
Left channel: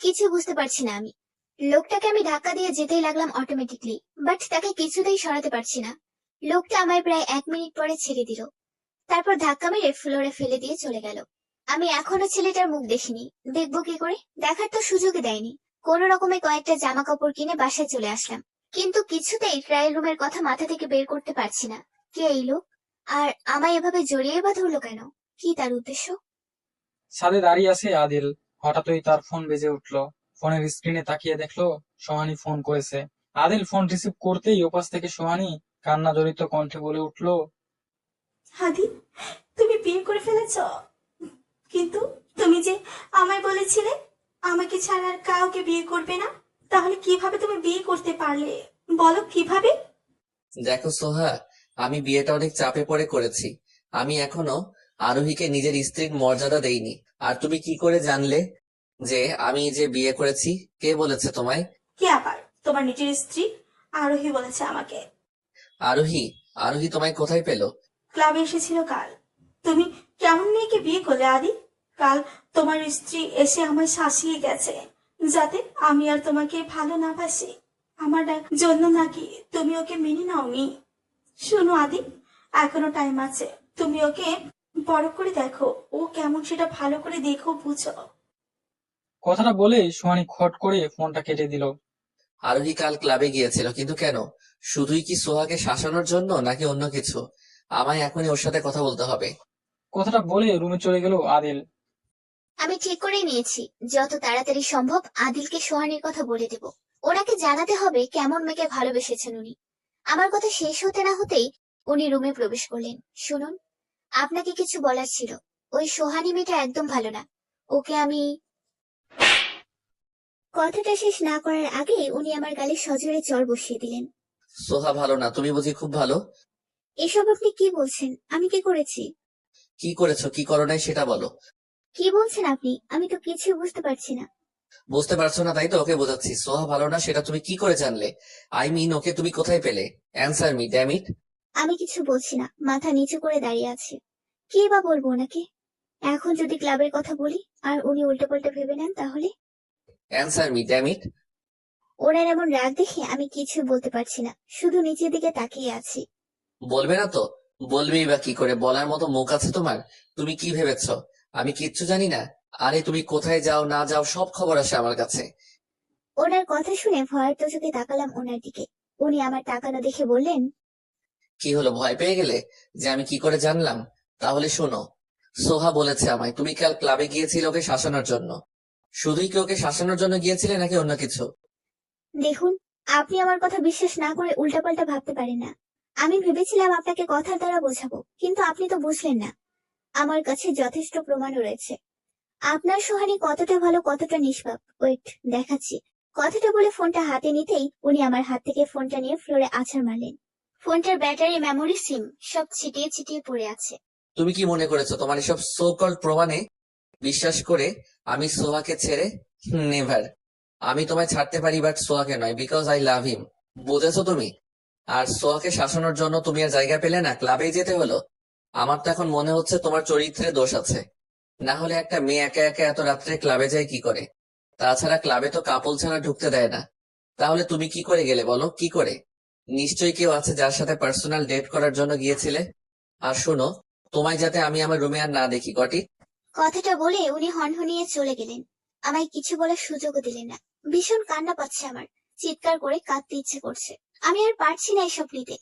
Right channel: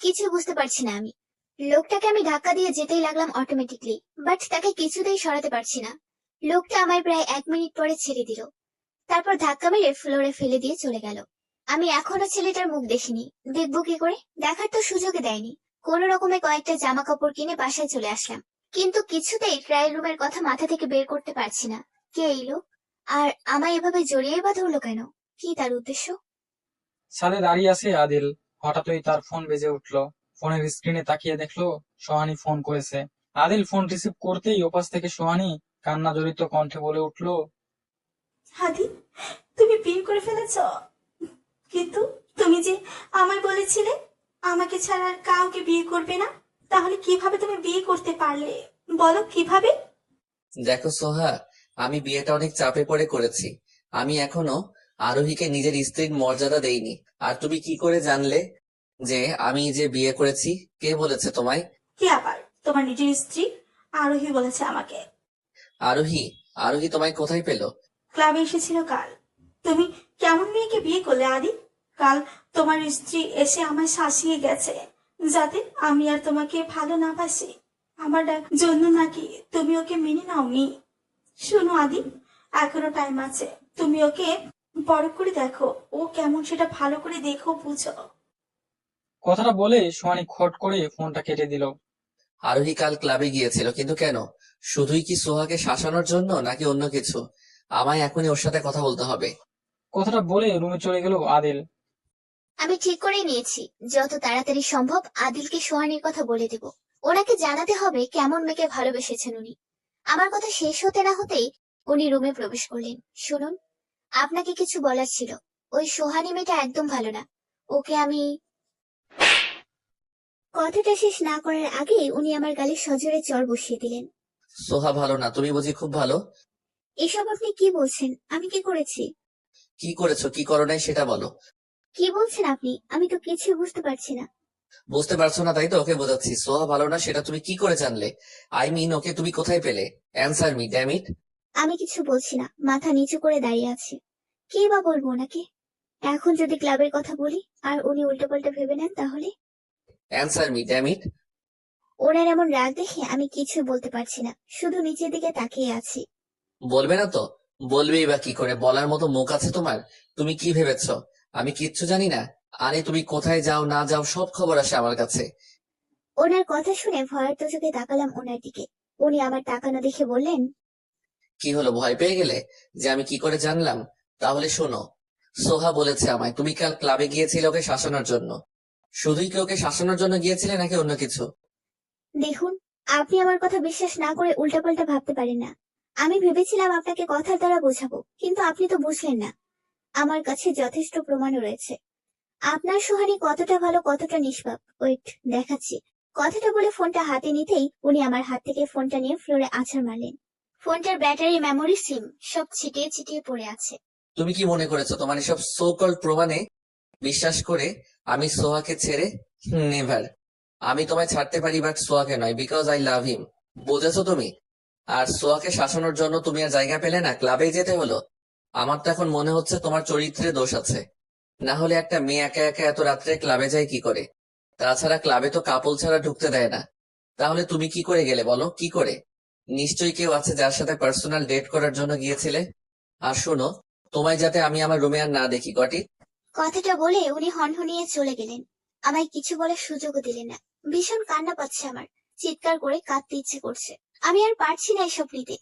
কিছু বুঝতে পারছি না আমি। লোকটাকে আমি ধাক্কা দিয়ে যেতেই লাগলাম অটোমেটিকলি, বাট তাকে কিছুতেই সরাতে পারছি না। লোকটা আমায় প্রায় 1 মিনিট পরে ছেড়ে দিল। তারপর ধাক্কা মেরে ফ্লোরে ফেলে দিয়ে চলে গেল। আমি এখনো ছেলেটার মুখ দেখিনি, দেখবো কি করে? দেখার তো সুযোগই দেয়নি। কোন রকমে কয়েকটা জামা কাপড় কিনে বাসায় চলে আসলাম, কিন্তু কিছুতেই ট্রায়াল রুমের কথা মাথা থেকে বের করতে পারছি না। কে এই লোক? আর আমায় এভাবে জড়িয়ে বা ধরলো কেন? কি তার উদ্দেশ্য? ছাদে দাঁড়িয়ে আছে আদিল। হঠাৎই তার ফোন বেজে উঠলো। ফোনের স্ক্রিনে তাকিয়ে দেখলো সোহানী ফোন করেছে। আদিল ফোন রিসিভ করতেই ওপাশ থেকে সোহানী কান্না জড়িত কণ্ঠে বলে উঠলো, হাদি, তুমি বিয়ে করে ফেলেছ? কিন্তু তুমি যে আমায় বলেছিলে আমাকে ছাড়া আর কাউকে বিয়ে করবে না, তাহলে কিভাবে তুমি বিয়ে করতে পারলে? বলো কিভাবে? দেখো সোহা, আমি বিয়েটা অনেক চাপে পড়ে করেছি। আমি এখনো আরোহীকে নিজের স্ত্রীর মর্যাদা দেইনি। আর তুমি কি করে জানলে যে আমি যে বিয়ে করেছি? কে বলেছে তোমায়? কে আবার? তোমার নিজের স্ত্রী আরোহী বলেছে আমাকে। আরোহী? আরোহী তোমায় কোথায় পেলো? ক্লাবে এসেছিল কাল। তুমি কেমন মেয়েকে বিয়ে করলে আদি? কাল তোমার স্ত্রী এসে আমায় শাসিয়ে গেছে যাতে আমি আর তোমাকে ভালো না বাসি। আমার জন্য নাকি তুমি ওকে মেনে নাওনি? শোনো আদি, এখনো টাইম আছে। তুমি ওকে বড় করে দেখো, ও কেমন সেটা ভালো করে দেখো, বুঝো। কথাটা বলে সোহানী খট করে ফোনটা কেটে দিল। আরোহী কাল ক্লাবে গিয়েছিল, কিন্তু কেন? শুধুই কি সোহাকে শাসানোর জন্য, নাকি অন্য কিছু? আমায় এখনই ওর সাথে কথা বলতে হবে। কথাটা বলে রুমে চলে গেল আদিল। আমি ঠিক করে নিয়েছি, যত তাড়াতাড়ি সম্ভব আদিলকে সোহানির কথা বলে দেব। ওনাকে জানাতে হবে কেমন মেয়েকে ভালোবেসেছেন উনি। আমার কথা শেষ হতে না হতেই উনি রুমে প্রবেশ করলেন। শুনুন, আপনাকে কিছু বলার ছিল। ওই সোহানি মেয়েটা একদম ভালো না। ওকে আমি... কথাটা শেষ না করার আগেই উনি আমার গালে সজোরে চড় বসিয়ে দিলেন। সোহা ভালো না? তুমি বুঝি খুব ভালো? এসব আপনি কি বলছেন? আমি কি করেছি? কি করেছো, কি করো নাই সেটা বলো। কি বলছেন আপনি? আমি তো কিছু বুঝতে পারছি না। বুঝতে পারছো না তাই তো ওকে বোঝাচ্ছি সোহা ভালো না সেটা তুমি কি করে জানলে? আই মিন ওকে তুমি কোথায় পেলে? অ্যান্সার মি ড্যাম ইট। আমি কিছু বলছি না, মাথা নিচু করে দাঁড়িয়ে আছি। কি বা বলবো ওনাকে? এখন যদি ক্লাবের কথা বলি আর উনি উল্টো পাল্টা ভেবে নেন তাহলে? Answer me damn it. ওনার এমন রাগ দেখে আমি কিছু বলতে পারছি না, শুধু নিচের দিকে তাকিয়ে আছি। বলবে না তো? বলবেই বা কি করে? বলার মতো মুখ আছে তোমার? তুমি কি ভেবেছো আমি কিচ্ছু জানি না? আরে তুমি কোথায় যাও না যাও সব খবর আসে আমার কাছে। ওনার কথা শুনে ভয়ার্ত চোখে তাকালাম ওনার দিকে। উনি আমার তাকানো দেখে বললেন, কি হলো, ভয় পেয়ে গেলে যে আমি কি করে জানলাম? তাহলে শোনো, সোহা বলেছে আমায় তুমি কাল ক্লাবে গিয়েছিলে ওকে শাসানোর জন্য। শুধুই কি ওকে শাসানোর জন্য গিয়েছিলে নাকি অন্য কিছু? দেখুন, আপনি আমার কথা বিশ্বাস না করে উল্টাপাল্টা ভাবতে পারেন না। আমি ভেবেছিলাম আপনাকে কথার দ্বারা বোঝাবো, কিন্তু আপনি তো বুঝলেন না। আমার কাছে যথেষ্ট প্রমাণও রয়েছে আপনার সোহানি কতটা ভালো, কতটা নিষ্পাপ। ওয়েট, দেখাচ্ছি। কথাটা বলে ফোনটা হাতে নিতেই উনি আমার হাত থেকে ফোনটা নিয়ে ফ্লোরে আছাড় মারলেন। ফোনটার ব্যাটারি, মেমোরি, সিম সব ছিটিয়ে ছিটিয়ে পড়ে আছে। তুমি কি মনে করেছো তোমার এসব সো কল্ড প্রমাণে বিশ্বাস করে আমি সোহাকে ছেড়ে? নেভার। আমি তোমায় ছাড়তে পারি বাট সোহাকে নয়, বিকজ আই লাভ হিম। বুঝেছো তুমি? আর সোহাকে শাসানোর জন্য তুমি আর জায়গা পেলে না, ক্লাবেই যেতে হলো। আমার তো এখন মনে হচ্ছে তোমার চরিত্রে দোষ আছে। না হলে একটা মেয়ে একা একা এত রাত্রে ক্লাবে যায় কি করে? তাছাড়া ক্লাবে তো কাপল ছাড়া ঢুকতে দেয় না। তাহলে তুমি কি করে গেলে বলো, কি করে? নিশ্চয়ই কেউ আছে যার সাথে পার্সোনাল ডেট করার জন্য গিয়েছিলে। আর শোনো, তোমায় যাতে আমি আমার রুমে আর না দেখি গটি। কথাটা বলে উনি হনহনিয়ে চলে গেলেন। আমায় কিছু বলার সুযোগও দিলেন না। ভীষণ কান্না পাচ্ছে আমার, চিৎকার করে কাঁদতে ইচ্ছে করছে। আমি আর পারছি না এসব নিতে।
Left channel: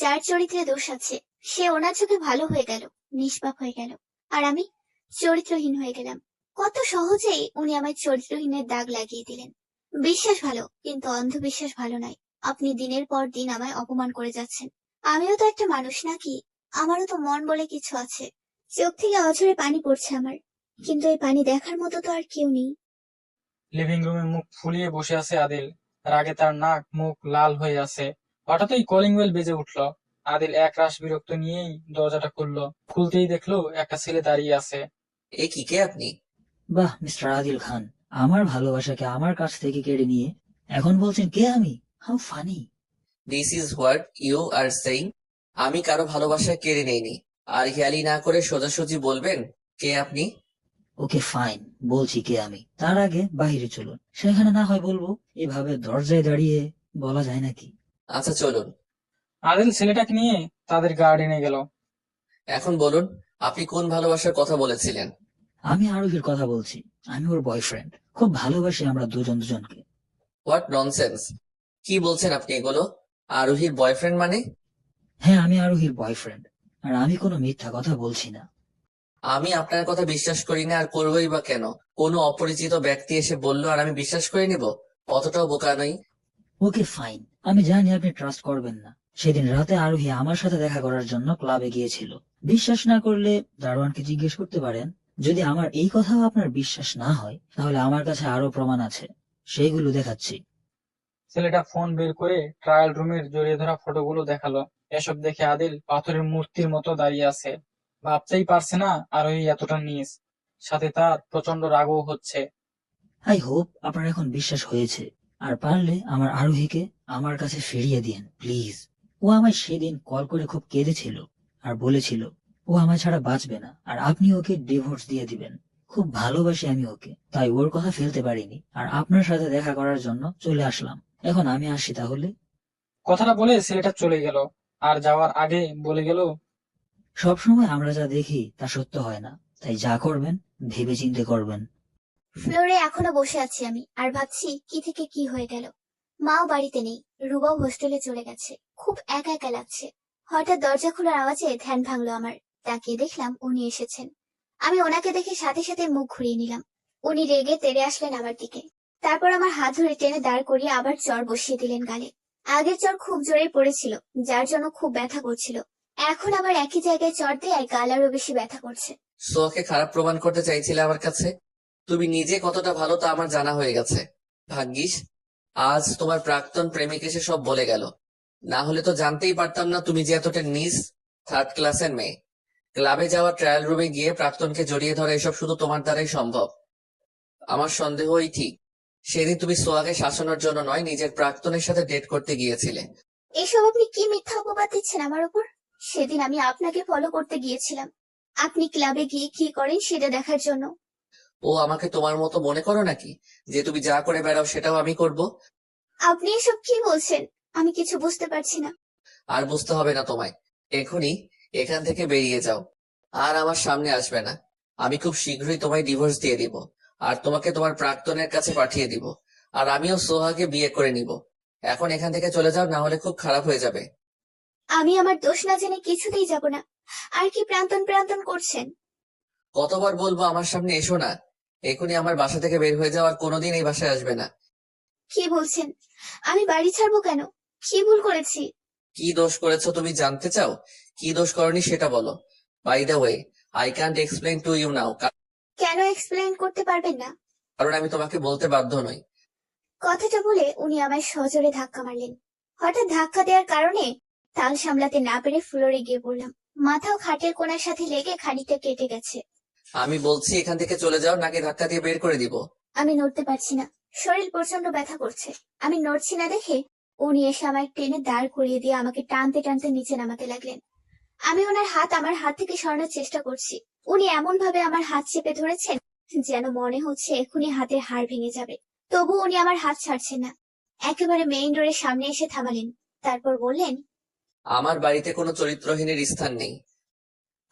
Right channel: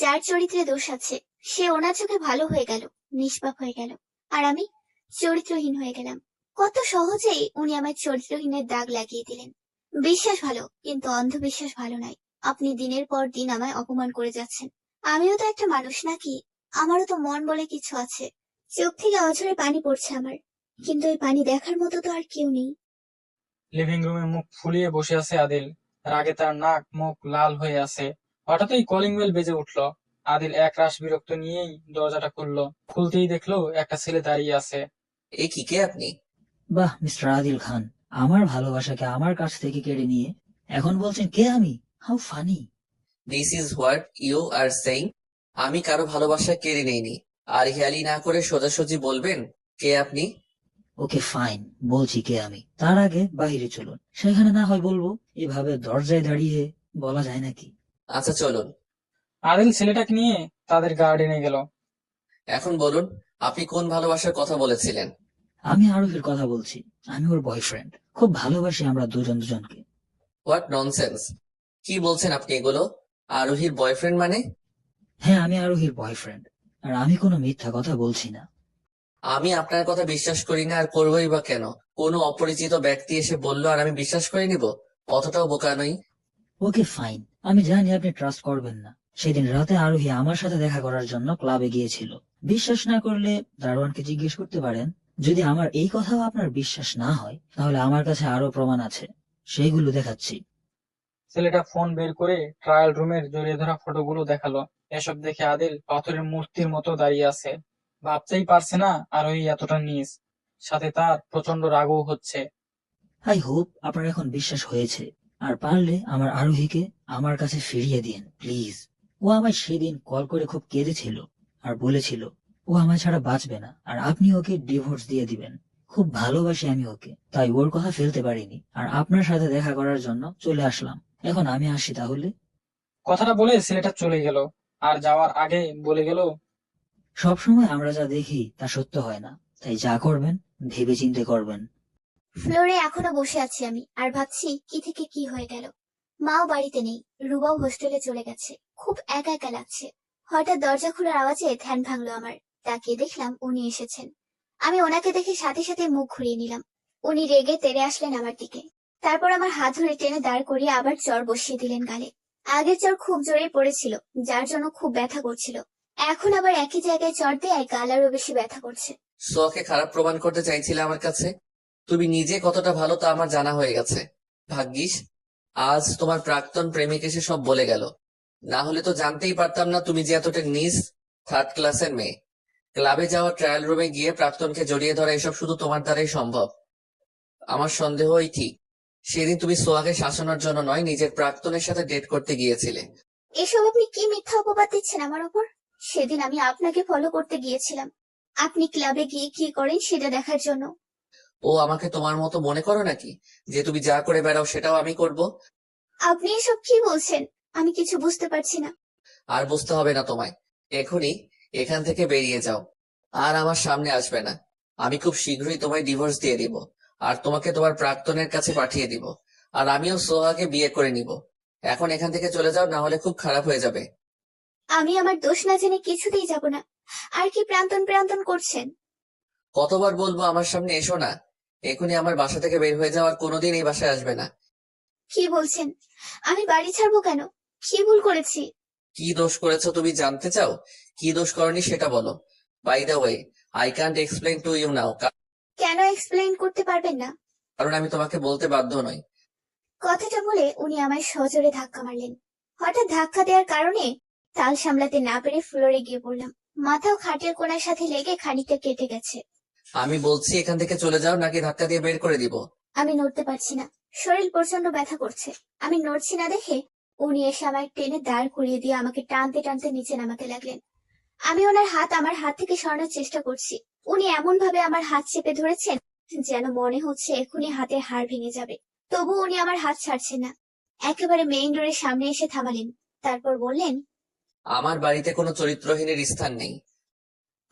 যার চরিত্রে দোষ আছে সে ওনার চোখে ভালো হয়ে গেল, নিষ্পাপ হয়ে গেল, আর আমি চরিত্রহীন হয়ে গেলাম। কত সহজেই উনি আমায় চরিত্রহীনের দাগ লাগিয়ে দিলেন। বিশ্বাস ভালো, কিন্তু অন্ধবিশ্বাস ভালো নয়। আপনি দিনের পর দিন আমায় অপমান করে যাচ্ছেন। আমিও তো একটা মানুষ নাকি? আমারও তো মন বলে কিছু আছে। চোখ থেকে অঝরে পানি পড়ছে আমার, কিন্তু এই পানি দেখার মতো তো আর কেউ নেই। লিভিং রুমে মুখ ফুলিয়ে বসে আছে আদিল। রাগে তার নাক মুখ লাল হয়ে আছে। হঠাৎই কলিং বেল বেজে উঠল। আদিল এক রাশ বিরক্ত নিয়েই দরজাটা খুললো। খুলতেই দেখলো একটা ছেলে দাঁড়িয়ে আছে। এ কি, কে আপনি? বাহ, মিস্টার আদিল খান, আমার ভালোবাসাকে আমার কাছ থেকে কেড়ে নিয়ে এখন বলছেন কে আমি? How funny. This is what you are saying? আমি কারো ভালোবাসা কেড়ে নেইনি। আর হেয়ালি না করে সোজাসুজি বলবেন কে আপনি। ওকে ফাইন, বলছি কে আমি। তার আগে বাইরে চলুন, সেখানে না হয় বলবো। এভাবে দরজায় দাঁড়িয়ে বলা যায় নাকি? আচ্ছা চলুন। আদিল ছেলেটাকে নিয়ে তাদের গার্ডেনে গেল। এখন বলুন, আপনি কোন ভালোবাসার কথা বলেছিলেন? আমি আরোহীর কথা বলছি। আমি ওর বয়ফ্রেন্ড, খুব ভালোবাসি আমরা দুজন দুজনকে। What nonsense! কি বলছেন আপনি এগুলো? আরোহীর বয়ফ্রেন্ড মানে? হ্যাঁ, আমি আরোহীর বয়ফ্রেন্ড, আর আমি কোনো মিথ্যা কথা বলছি না। আমি আপনার কথা বিশ্বাস করি না, আর করবোই বা কেন? কোনো অপরিচিত ব্যক্তি এসে বললো আর আমি বিশ্বাস করে নিব? অতটাও বোকা নই। ওকে ফাইন, আমি জানি আপনি ট্রাস্ট করবেন না। সেদিন রাতে আরোহী আমার সাথে দেখা করার জন্য ক্লাবে গিয়েছিল। বিশ্বাস না করলে দারোয়ানকে জিজ্ঞেস করতে পারেন। যদি আমার এই কথাও আপনার বিশ্বাস না হয়, তাহলে আমার কাছে আরো প্রমাণ আছে, সেগুলো দেখাচ্ছি। ছেলেটা ফোন বের করে ট্রায়াল রুমের জড়িয়ে ধরা ফটোগুলো দেখালো। এসব দেখে আদিল পাথরের মূর্তির মতো দাঁড়িয়ে আছে। ভাবতেই পারছে না আরোহী এতটা নিচ। সাথে তার প্রচন্ড রাগও হচ্ছে। আই হোপ আপনার এখন বিশ্বাস হয়েছে। আর পারলে আমার আরোহীকে আমার কাছে ফিরিয়ে দিন প্লিজ। ও আমায় সেদিন কল করে খুব কেঁদেছিল আর বলেছিল ও আমায় ছাড়া বাঁচবে না, আর আপনি ওকে ডিভোর্স দিয়ে দিবেন। খুব ভালোবাসি আমি ওকে, তাই ওর কথা ফেলতে পারিনি, আর আপনার সাথে দেখা করার জন্য চলে আসলাম। এখন আমি আসি তাহলে। কথাটা বলে ছেলেটা চলে গেল। আর যাওয়ার আগে বলে গেল, সবসময় আমরা যা দেখি তা সত্য হয় না, তাই যা করবেন ভেবে চিন্তে করবেন। ফ্লোরে এখনো বসে আছি আমি, আর ভাবছি কি থেকে কি হয়ে গেল। মাও বাড়িতে নেই, রুবাও হোস্টেলে চলে গেছে। খুব একা একা লাগছে। হঠাৎ দরজা খোলার আওয়াজে ধ্যান ভাঙলো আমার। তাকিয়ে দেখলাম উনি এসেছেন। আমি ওনাকে দেখে সাথে সাথে মুখ ঘুরিয়ে নিলাম। উনি রেগে তেড়ে আসলেন আমার দিকে। তারপর আমার হাত ধরে টেনে দাঁড় করিয়ে আবার চড় বসিয়ে দিলেন গালে। আগের চড় খুব জোরে পড়েছিল, যার জন্য খুব ব্যথা করছিল। এখন আবার একই জায়গায় চড় দিয়ে গাল আরো বেশি ব্যথা করছে। সোয়াকে খারাপ প্রমাণ করতে চাইছিলে আমার কাছে? তুমি নিজে কতটা ভালো তা আমার জানা হয়ে গেছে। ভাগ্যিস আজ তোমার প্রাক্তন প্রেমিক এসে সব বলে গেল। না হলে তো জানতেই পারতাম না তুমি যে এতটা নিজ থার্ড ক্লাসের মেয়ে। ক্লাবে যাওয়া, ট্রায়াল রুমে গিয়ে প্রাক্তনকে জড়িয়ে ধরা, এসব শুধু তোমার দ্বারাই সম্ভব। আমার সন্দেহই ঠিক সেদিন তুমি সোহাকে শাসানোর জন্য নয়, নিজের প্রাক্তনের সাথে ডেট করতে গিয়েছিলে। এসব আপনি কি মিথ্যা অপবাদ দিচ্ছেন আমার উপর? সেদিন আমি আপনাকে ফলো করতে গিয়েছিলাম, আপনি ক্লাবে গিয়ে কি করেন সেটা দেখার জন্য। ও আমাকে তোমার মতো মনে করো নাকি, যে তুমি যা করে বেড়াও সেটাও আমি করব? আপনি এসব কি বলছেন? আমি কিছু বুঝতে পারছি না। আর বুঝতে হবে না তোমায়। এখনই এখান থেকে বেরিয়ে যাও, আর আমার সামনে আসবে না। আমি খুব শীঘ্রই তোমায় ডিভোর্স দিয়ে দিব, আর তোমাকে তোমার প্রাক্তনের কাছে পাঠিয়ে দিব, আর আমিও সোহাকে বিয়ে করে নিব। এখন এখান থেকে চলে যাও, না হলে খুব খারাপ হয়ে যাবে। আমি আমার দোষ না জেনে কিছুতেই যাব না। আর কি প্রান্তন প্রান্তন করছেন? কতবার বলবো আমার সামনে এসো না? এখনই আমার বাসা থেকে বের হয়ে যাও, আর কোনোদিন এই বাসায় আসবে না। কি বলছেন? আমি বাড়ি ছাড়বো কেন? কি ভুল করেছি? কি দোষ করেছো তুমি জানতে চাও? কি দোষ করনি সেটা বলো। By the way, I can't explain to you now, কেন এক্সপ্লেইন করতে পারবেন না? কারণ আমি তোমাকে বলতে বাধ্য নই। কথাটা বলে উনি আমায় সজোরে ধাক্কা মারলেন। হঠাৎ ধাক্কা দেওয়ার কারণে তাল সামলাতে না পেরে ফ্লোরে গিয়ে পড়লাম। মাথাও খাটের কোণার সাথে লেগে খানিকটা কেটে গেছে। আমি বলছি এখান থেকে চলে যাও, নাকি ধাক্কা দিয়ে বের করে দিব। আমি নড়তে পারছি না, শরীর প্রচন্ড ব্যথা করছে। আমি নড়ছি না দেখে উনি এসে আমায় টেনে দাঁড় করিয়ে দিয়ে আমাকে টানতে টানতে নিচে নামাতে লাগলেন। আমি ওনার হাত আমার হাত থেকে সরানোর চেষ্টা করছি। উনি এমন ভাবে আমার হাত চেপে ধরেছেন যেন মনে হচ্ছে এখনই হাতের হাড় ভেঙে যাবে। তবু উনি আমার হাত ছাড়ছেন না। একেবারে মেইন ডোরের সামনে এসে থামালেন। তারপর বললেন, আমার বাড়িতে কোনো চরিত্রহীনের স্থান নেই।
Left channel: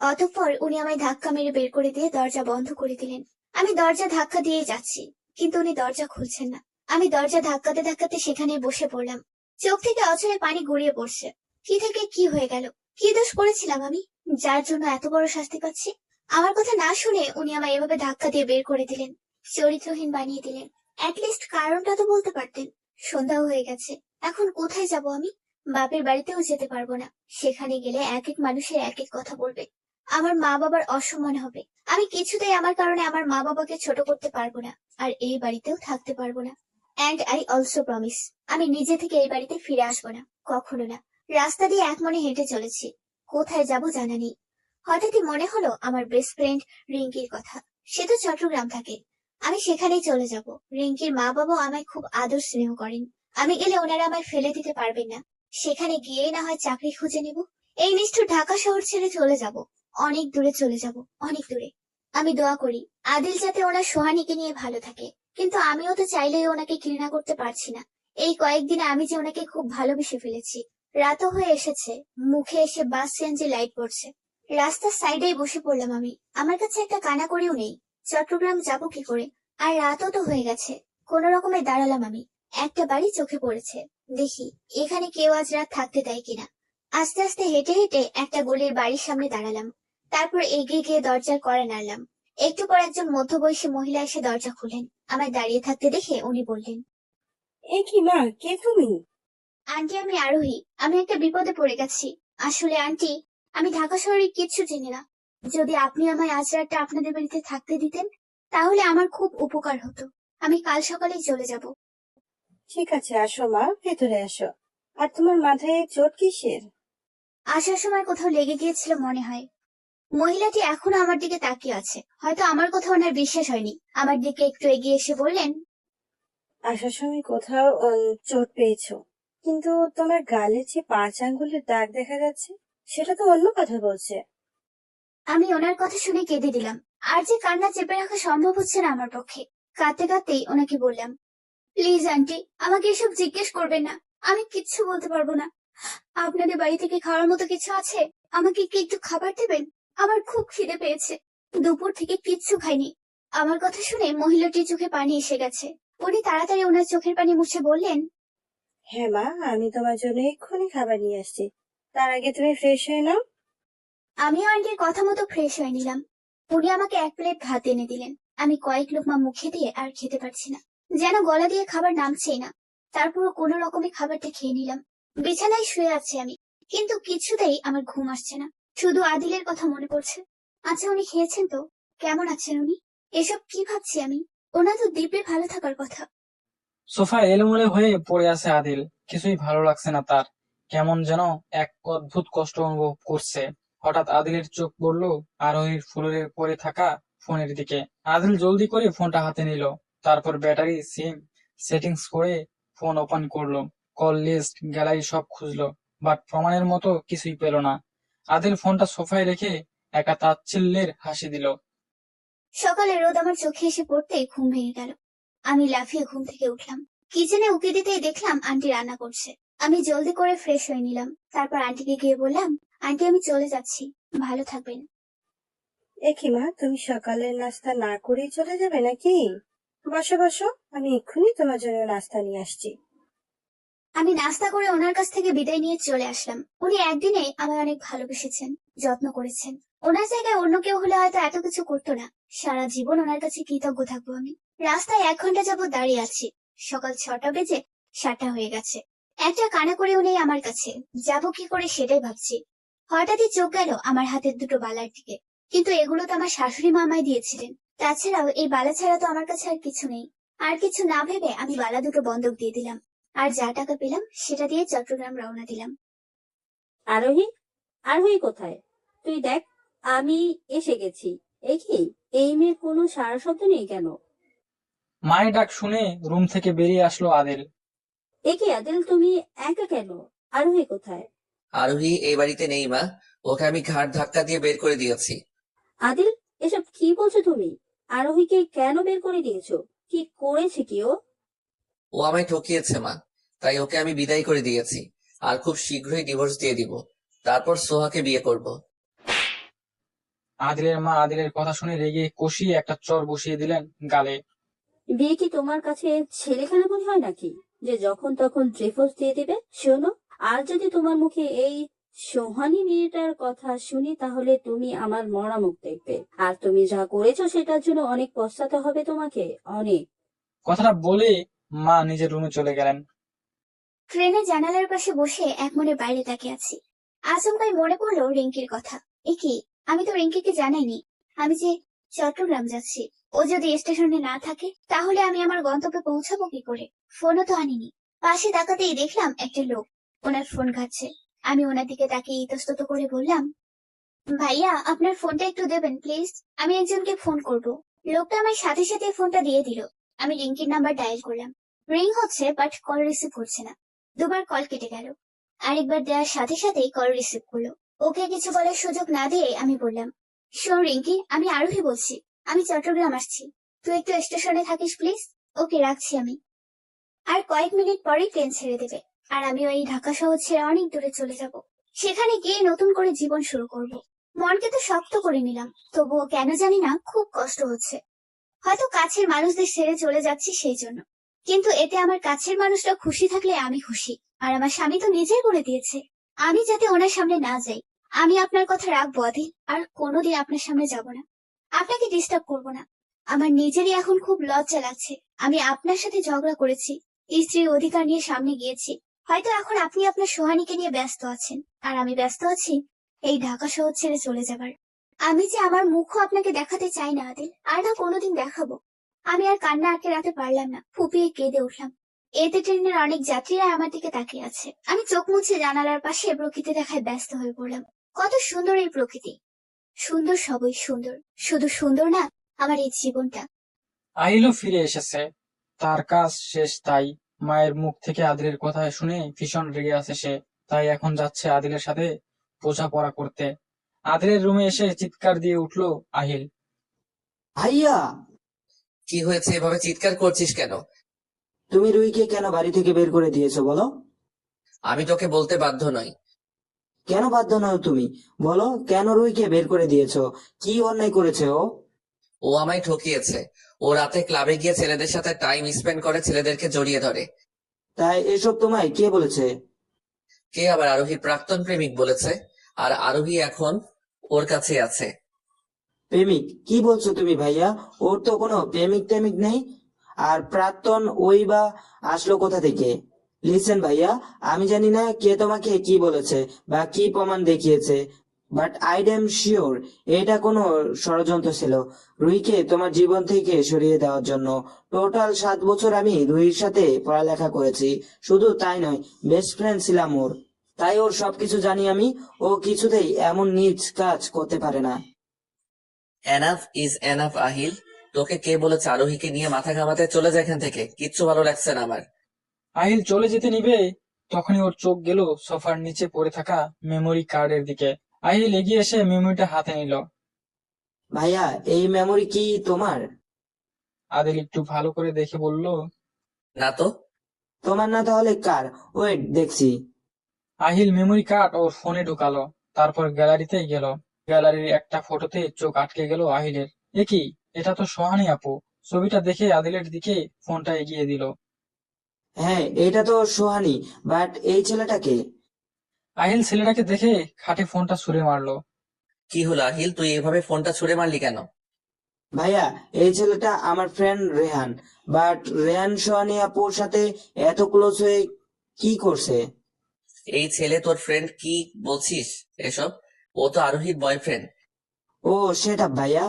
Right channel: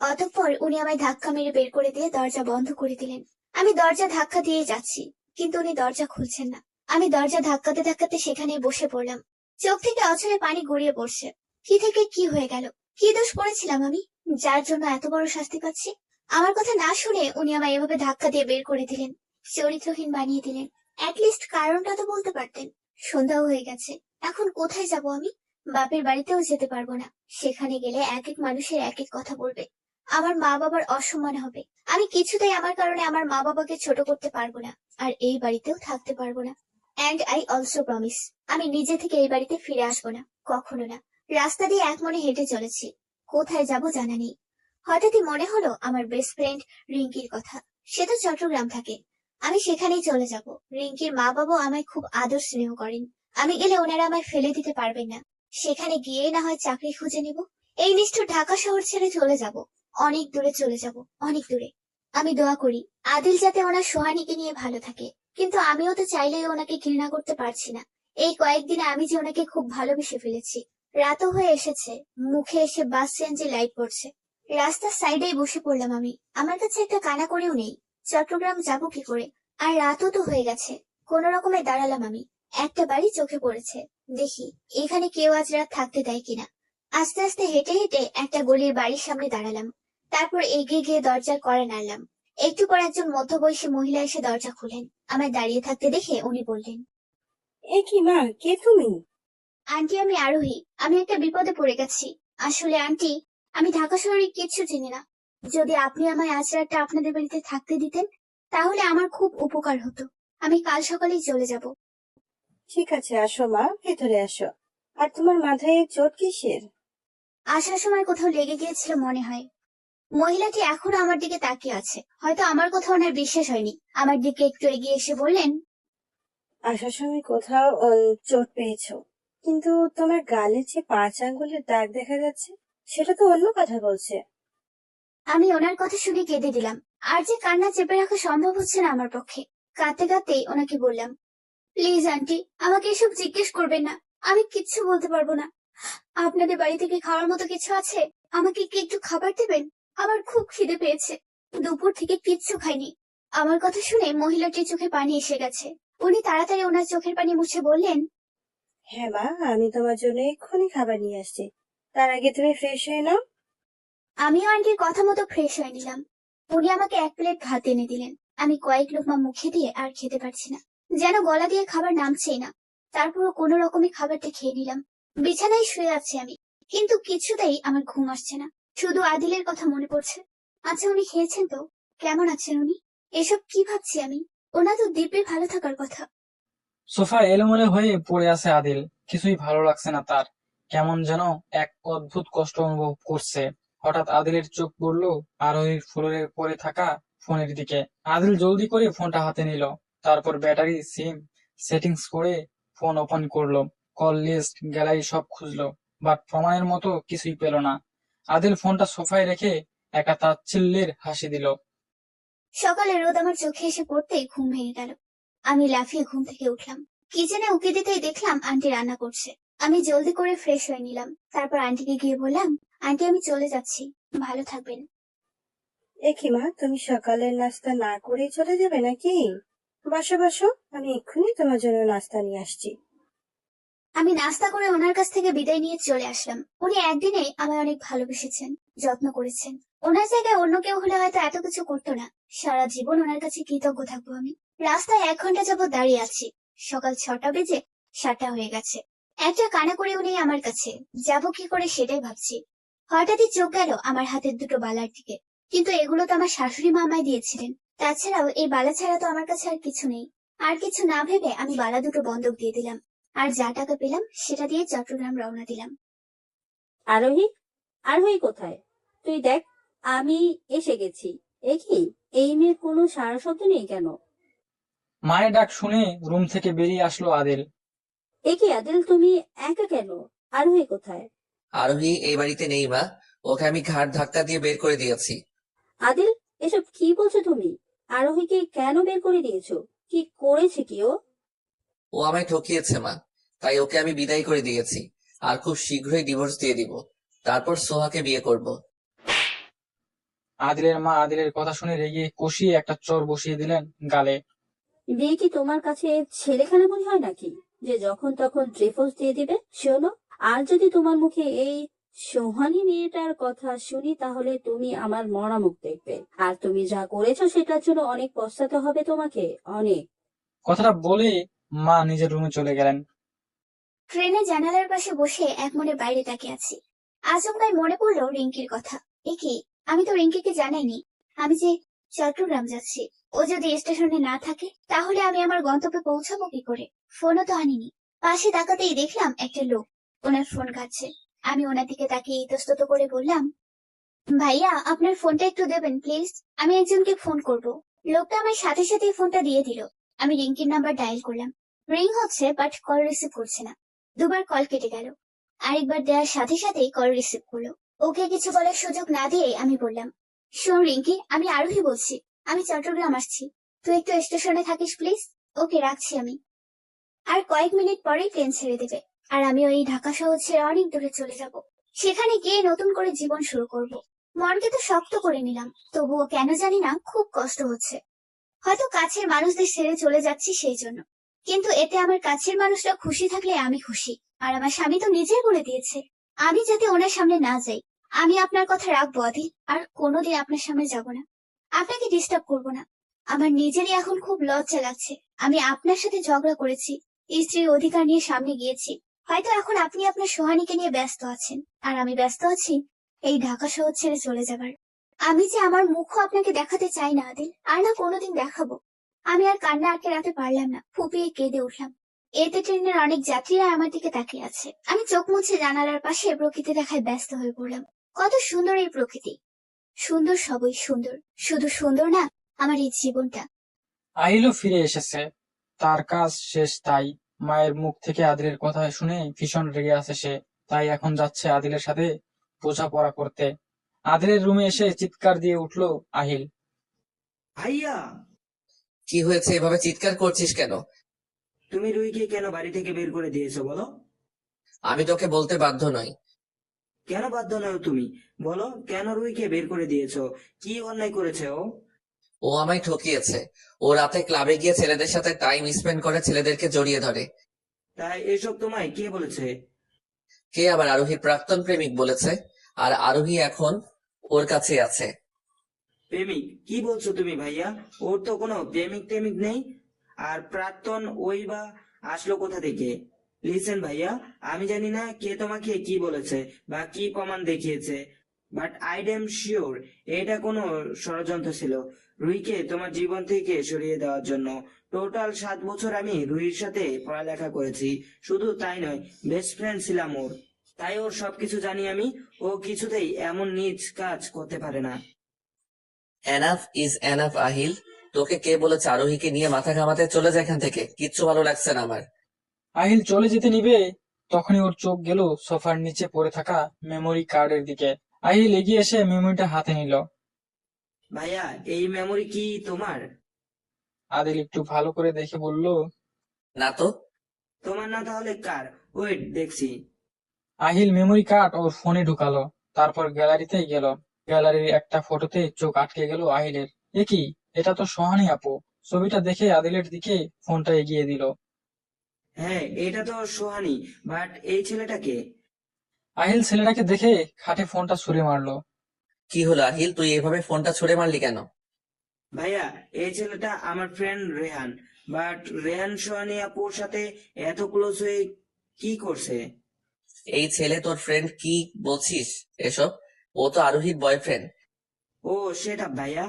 অতঃপর উনি আমায় ধাক্কা মেরে বের করে দিয়ে দরজা বন্ধ করে দিলেন। আমি দরজা ধাক্কা দিয়ে যাচ্ছি, কিন্তু উনি দরজা খুলছেন না। আমি দরজা ধাক্কাতে ধাক্কাতে সেখানেই বসে পড়লাম। চোখ থেকে অঝরে পানি গড়িয়ে পড়ছে। কি থেকে কি হয়ে গেল? কি দোষ করেছিলাম আমি, যার জন্য এত বড় শাস্তি পাচ্ছি? আমার কথা না শুনে উনি আমায় এভাবে ধাক্কা দিয়ে বের করে দিলেন, চরিত্রহীন বানিয়ে দিলেন। অ্যাটলিস্ট কারণটা তো বলতে পারতেন। সন্ধ্যাও হয়ে গেছে, এখন কোথায় যাব আমি? বাপের বাড়িতেও যেতে পারবো না। সেখানে গেলে এক এক মানুষের এক এক কথা বলবে। আমার মা বাবার অসম্মান হবে। আমি কিছুতেই আমার কারণে আমার মা বাবাকে ছোট করতে পারবো না, আর এই বাড়িতেও থাকতে পারবো না। অ্যান্ড আই অলসো প্রমিস, আমি নিজে থেকে এই বাড়িতে ফিরে আসবো না, কখনো না। রাস্তা দিয়ে এক মনে হেঁটে চলেছি, কোথায় যাব জানা নেই। হঠাৎই মনে হলো আমার বেস্ট ফ্রেন্ড রিঙ্কির কথা। সে তো চট্টগ্রাম থাকে, আমি সেখানেই চলে যাব। রিঙ্কির মা বাবা আমায় খুব আদর স্নেহ করেন। আমি গেলে ওনারা আমায় ফেলে দিতে পারবেন না। সেখানে গিয়ে না হয় চাকরি খুঁজে নিব। এই নিষ্ঠুর ঢাকা শহর ছেড়ে চলে যাব, অনেক দূরে চলে যাব, অনেক দূরে। আমি দোয়া করি আদিল যাতে ওনার সোহানীকে নিয়ে ভালো থাকে, কিন্তু আমিও তো চাইলেই ওনাকে ঘৃণা করতে পারছি না। এই কয়েকদিনে আমি যে ওনাকে খুব ভালোবেসে ফেলেছি। রাতও হয়ে এসেছে, মুখে এসে বাস চেঞ্জে লাইট পড়ছে। রাস্তার সাইডেই বসে পড়লাম আমি। আমার কাছে একটা কানা করেও নেই। চট্টগ্রাম যাব কি করে? আর রাতও তো হয়ে গেছে। কোন রকমে দাঁড়ালাম আমি। একটা বাড়ি চোখে পড়েছে, দেখি এখানে কেউ আজ রাত থাকতে দেয় কিনা। আস্তে আস্তে হেঁটে হেঁটে একটা গলির বাড়ির সামনে দাঁড়ালাম। তারপর এগিয়ে গিয়ে দরজার কড়া নাড়লাম। একটু পর একজন মধ্যবয়সী মহিলা এসে দরজা খুলেন। আমায় দাঁড়িয়ে থাকতে দেখে উনি বললেন, এ কি মা, কে তুমি? আন্টি আমি আরোহী। আমি একটা বিপদে পড়ে গেছি। আসলে আন্টি, আমি ঢাকা শহরে কিচ্ছু চিনি না। যদি আপনি আমায় আজ রাতটা আপনাদের বাড়িতে থাকতে দিতেন, তাহলে আমার খুব উপকার হতো। আমি কাল সকালেই চলে যাব। ঠিক আছে, আসো মা, ভেতরে আসো। আর তোমার মাথায় এই চোট কিসের? আসার সময় কোথাও লেগে গিয়েছিল মনে হয়। মহিলাটি এখনো আমার দিকে তাকিয়ে আছে। হয়তো আমার কথা ওনার বিশ্বাস হয়নি। আমার দিকে একটু এগিয়ে এসে বললেন, আসার সময় কোথাও চোট পেয়েছো, কিন্তু তোমার গালে যে 5 আঙ্গুলের দাগ দেখা যাচ্ছে, সেটা তো অন্য কথা বলছে। আমি ওনার কথা শুনে কেঁদে দিলাম। আর যে কান্না চেপে রাখা সম্ভব হচ্ছে না আমার পক্ষে। কাঁদতে কাঁদতেই ওনাকে বললাম, প্লিজ আন্টি, আমাকে এসব জিজ্ঞেস করবেন না। আমি কিচ্ছু বলতে পারবো না। আপনাদের বাড়ি থেকে খাওয়ার মতো কিছু আছে? আমাকে কি একটু খাবার দেবেন? আমার খুব খিদে পেয়েছে। দুপুর থেকে কিচ্ছু খাইনি। আমার কথা শুনে মহিলাটির চোখে পানি এসে গেছে। উনি তাড়াতাড়ি ওনার চোখের পানি মুছে বললেন, হ্যাঁ মা, আমি তোমার জন্য এক্ষুনি খাবার নিয়ে আসছি। তার আগে তুমি ফ্রেশ হয়ে নাও। আমিও আন্টির কথা মতো ফ্রেশ হয়ে নিলাম। উনি আমাকে এক প্লেট ভাত এনে দিলেন। আমি কয়েক লোকমা মুখে দিয়ে আর খেতে পারছি না, যেন গলা দিয়ে খাবার নামছেই না। তারপরও কোনো রকমে খাবারটা খেয়ে নিলাম। বিছানায় শুয়ে আছি আমি, কিন্তু কিছুতেই আমার ঘুম আসছে না। শুধু আদিলের কথা মনে পড়ছে। আচ্ছা, উনি খেয়েছেন তো? কেমন আছেন উনি? এসব কি ভাবছি আমি? ওনার তো দিব্যি ভালো থাকার কথা। সোফায় এলোমেলো হয়ে পড়ে আছে আদিল। কিছুই ভালো লাগছে না তার। কেমন যেন এক অদ্ভুত কষ্ট অনুভব করছে। হঠাৎ আদিলের চোখ পড়লো আরোহীর ফ্লোরে পড়ে থাকা ফোনের দিকে। আদিল জলদি করে ফোনটা হাতে নিল। তারপর ব্যাটারি, সিম সেটিংস করে ফোন ওপেন করলো, কল লিস্ট গ্যালারি সব খুঁজলো, বাট প্রমাণের মতো কিছুই পেল না। আদিল ফোনটা সোফায় রেখে একটা তাচ্ছিল্যের হাসি দিল। সকালে রোদ আমার চোখে এসে পড়তেই ঘুম ভেঙে গেল। আমি লাফিয়ে ঘুম থেকে উঠলাম। কিচেনে উকি দিতেই দেখলাম আন্টি রান্না করছে। আমি জলদি করে ফ্রেশ হয়ে নিলাম। তারপর আন্টিকে গিয়ে বললাম, আন্টি আমি চলে যাচ্ছি, ভালো থাকবেন। এ কি মা, তুমি সকালের নাস্তা না করেই চলে যাবে নাকি? বসো বসো, আমি এক্ষুনি তোমার জন্য নাস্তা নিয়ে আসছি। আমি নাস্তা করে ওনার কাছ থেকে বিদায় নিয়ে চলে আসলাম। উনি একদিনে আমায় অনেক ভালোবেসেছেন, যত্ন করেছেন। ওনার জায়গায় অন্য কেউ হলে হয়তো এত কিছু করতো না। সারা জীবন ওনার কাছে কৃতজ্ঞ থাকবো আমি। রাস্তায় 1 ঘন্টা যাবত দাঁড়িয়ে আছি। সকাল 6টা বেজে 7টা হয়ে গেছে। একটা কানাকড়িও নেই আমার কাছে, যাবো কি করে সেটাই ভাবছি। হঠাৎই চোখ গেল আমার হাতের দুটো বালার দিকে। কিন্তু এগুলো তো আমার শাশুড়ি মা আমায় দিয়েছিলেন। তাছাড়াও এই বালা ছাড়া তো আমার কাছে আর কিছু নেই। আর কিছু না ভেবে আমি বালা দুটো বন্ধক দিয়ে দিলাম। আর যা টাকা পেলাম সেটা দিয়ে চট্টগ্রাম রওনা দিলাম। আরোহী, আরোহী কোথায়? তুই দেখ, আমি এসে গেছি। এ কি, এই মেয়ের কোনো সারা শব্দ নেই কেন? মায়ের ডাক শুনে রুম থেকে বেরিয়ে আসলো আদিল। এ কি আদিল, তুমি একা কেন? আরোহী কোথায়? আরোহী এই বাড়িতে নেই মা, ওকে আমি ঘাড় ধাক্কা দিয়ে বের করে দিয়েছি। আদিল, এসব কি বলছো তুমি? আরোহীকে কেন বের করে দিয়েছো? কি করেছে কি ও? ও আমায় ঠকিয়েছে মা, তাই ওকে আমি বিদায় করে দিয়েছি। আর খুব শীঘ্রই ডিভোর্স দিয়ে দিব, তারপর সোহাকে বিয়ে করব। আদিলের মা আদিলের কথা শুনে রেগে কষিয়ে একটা চর বসিয়ে দিলেন গালে। বিয়ে কি তোমার কাছে ছেলেখানা মনে হয় নাকি, যে যখন তখন ডিভোর্স দিয়ে দিবে? শোনো, আর যদি তোমার মুখে এই সোহানী মেয়েটার কথা শুনি তাহলে তুমি আমার মরা মুখ দেখবে। আর তুমি যা করেছো সেটার জন্য অনেক পস্তাতে হবে তোমাকে, অনেক। কথাটা বলে মা নিজের রুমে চলে গেলেন। ট্রেনে জানালার পাশে বসে এক মনে বাইরে তাকিয়ে আছি। আচমকাই মনে পড়লো রিঙ্কির কথা। এ কি, আমি তো রিঙ্কিকে জানাইনি আমি যে চট্টগ্রাম যাচ্ছি। ও যদি স্টেশনে না থাকে তাহলে আমি আমার গন্তব্যে পৌঁছাবো কি করে? ফোনও তো আনিনি। পাশে তাকাতেই দেখলাম একটা লোক ওনার ফোন ঘাটছে। আমি ওনার দিকে তাকিয়ে ইতস্তত করে বললাম, ভাইয়া আপনার ফোনটা একটু দেবেন প্লিজ, আমি একজনকে ফোন করব। লোকটা আমার সাথে সাথে ফোনটা দিয়ে দিল। আমি রিঙ্কির নাম্বার ডায়াল করলাম। রিং হচ্ছে বাট কল রিসিভ করছে না। 2বার কল কেটে গেল। আরেকবার দেওয়ার সাথে সাথেই কল রিসিভ করলো। ওকে কিছু বলার সুযোগ না দিয়ে আমি বললাম, শোন রিঙ্কি, আমি আরোহী বলছি, আমি চট্টগ্রাম আসছি, তুই একটু স্টেশনে থাকিস প্লিজ। ওকে রাখছি আমি। আর কয়েক মিনিট পরেই ট্রেন ছেড়ে দেবে। আর আমি ওই ঢাকা শহর ছেড়ে অনেক দূরে চলে যাব। সেখানে গিয়ে নতুন করে জীবন শুরু করব। মনকে তো শক্ত করে নিলাম, তবুও কেন জানি না খুব কষ্ট হচ্ছে। হয়তো কাছের মানুষদের ছেড়ে চলে যাচ্ছি সেই জন্য। কিন্তু এতে আমার কাছের মানুষরা খুশি থাকলে আমি খুশি। আর আমার স্বামী তো নিজেই বলে দিয়েছে আমি যাতে ওনার সামনে না যাই। আমি আপনার কথা রাখবো আদিল, আর কোনোদিন আপনার সামনে যাব না, আপনাকে ডিস্টার্ব করব না। আমার নিজেরই এখন খুব লজ্জা লাগছে। আমি আপনার সাথে ঝগড়া করেছি, স্ত্রীর অধিকার নিয়ে সামনে গিয়েছি। হয়তো এখন আপনি আপনার সোহানীকে নিয়ে ব্যস্ত আছেন, আর আমি ব্যস্ত আছি এই ঢাকা শহর ছেড়ে চলে যাবার। আমি যে আমার মুখও আপনাকে দেখাতে চাই না আদিল, আর না কোনোদিন দেখাবো। আমি আর কান্না আটকে রাখতে পারলাম না, ফুপিয়ে কেঁদে উঠলাম। এতে ট্রেনের অনেক যাত্রীরা আমার দিকে তাকিয়ে আছে। আমি চোখ মুছে জানালার পাশে প্রকৃতি দেখায় ব্যস্ত হয়ে পড়লাম। কত সুন্দর এই প্রকৃতি, সুন্দর সবই সুন্দর। শুধু সুন্দর না, আমার এই জীবনটা। আহিলও ফিরে এসেছে, তার কাজ শেষ। তাই মায়ের মুখ থেকে আদিলের কথা শুনে ভীষণ রেগে আছে সে। তাই এখন যাচ্ছে আদিলের সাথে বোঝাপড়া করতে। আদিলের রুমে এসে চিৎকার দিয়ে উঠলো আহিল। ভাইয়া, কি হয়েছে, এভাবে চিৎকার করছিস কেন? তুমি রুহিকে কেন বাড়ি থেকে বের করে দিয়েছো বলো? আমি তোকে বলতে বাধ্য নই। কেন বাধ্য নও তুমি? বলো, কেন রুহিকে বের করে দিয়েছো? কি অন্যায় করেছে ও? ও আমায় ঠকিয়েছে। ও রাতে ক্লাবে গিয়ে ছেলেদের সাথে টাইম স্পেন্ড করে, ছেলেদেরকে জড়িয়ে ধরে। তাই এসব তোমায় কে বলেছে? কে আবার? আরোহীর প্রাক্তন প্রেমিক বলেছে। আর আরোহী এখন ওর কাছে আছে। প্রেমিক? কি বলছো তুমি ভাইয়া? ওর তো কোনো প্রেমিক টেমিক নেই। আর প্রাক্তন ওই বা আসলো কোথা থেকে? লিসেন ভাইয়া, আমি জানি না কে তোমাকে কি বলেছে বা কি প্রমাণ দেখিয়েছে, বাট আই এম শিওর এটা কোনো ষড়যন্ত্র ছিল রুহিকে তোমার জীবন থেকে সরিয়ে দেওয়ার জন্য। টোটাল 7 বছর আমি রুহির সাথে পড়ালেখা করেছি, শুধু তাই নয়, বেস্ট ফ্রেন্ড ছিলাম ওর। তাই ওর সবকিছু জানি আমি। ও কিছুতেই এমন নীচ কাজ করতে পারে না। এনাফ ইজ এনাফ আহিল, তোকে কে বলেছে আরোহীকে নিয়ে মাথা ঘামাতে? চলে যায় এখান থেকে, কিচ্ছু ভালো লাগছে না আমার। আহিল চলে যেতে নিবে, তখনই ওর চোখ গেল সোফার নিচে পড়ে থাকা মেমোরি কার্ডের দিকে। আহিল এগিয়ে এসে মেমোরিটা হাতে নিল। ভাইয়া, এই মেমোরি কি তোমার? আদিল একটু ভালো করে দেখে বলল, না তো। তোমার না তাহলে কার? ওয়েট, দেখছি। আহিল মেমোরি কার্ড ওর ফোনে ঢুকালো, তারপর গ্যালারিতে গেল। গ্যালারির একটা ফটোতে চোখ আটকে গেল আহিলের। এ কি, এটা তো সোহানী আপু। ছবিটা দেখে আদিলের দিকে ফোনটা এগিয়ে দিল। হ্যাঁ, এটা তো সোহানী, বাট এই ছেলেটাকে? আহিল ছেলেটাকে দেখে খাটে ফোনটা ছুঁড়ে মারলো। কি হলো আহিল, তুই এভাবে ফোনটা ছুঁড়ে মারলি কেন? ভাইয়া, এই ছেলেটা আমার ফ্রেন্ড রেহান, বাট রেহান সোহানী আপুর সাথে এত ক্লোজ হয়ে কি করছে? এই ছেলে তোর ফ্রেন্ড? কি বলছিস এসব? ও তো আরোহীর বয়ফ্রেন্ড। ও সেটা ভাইয়া,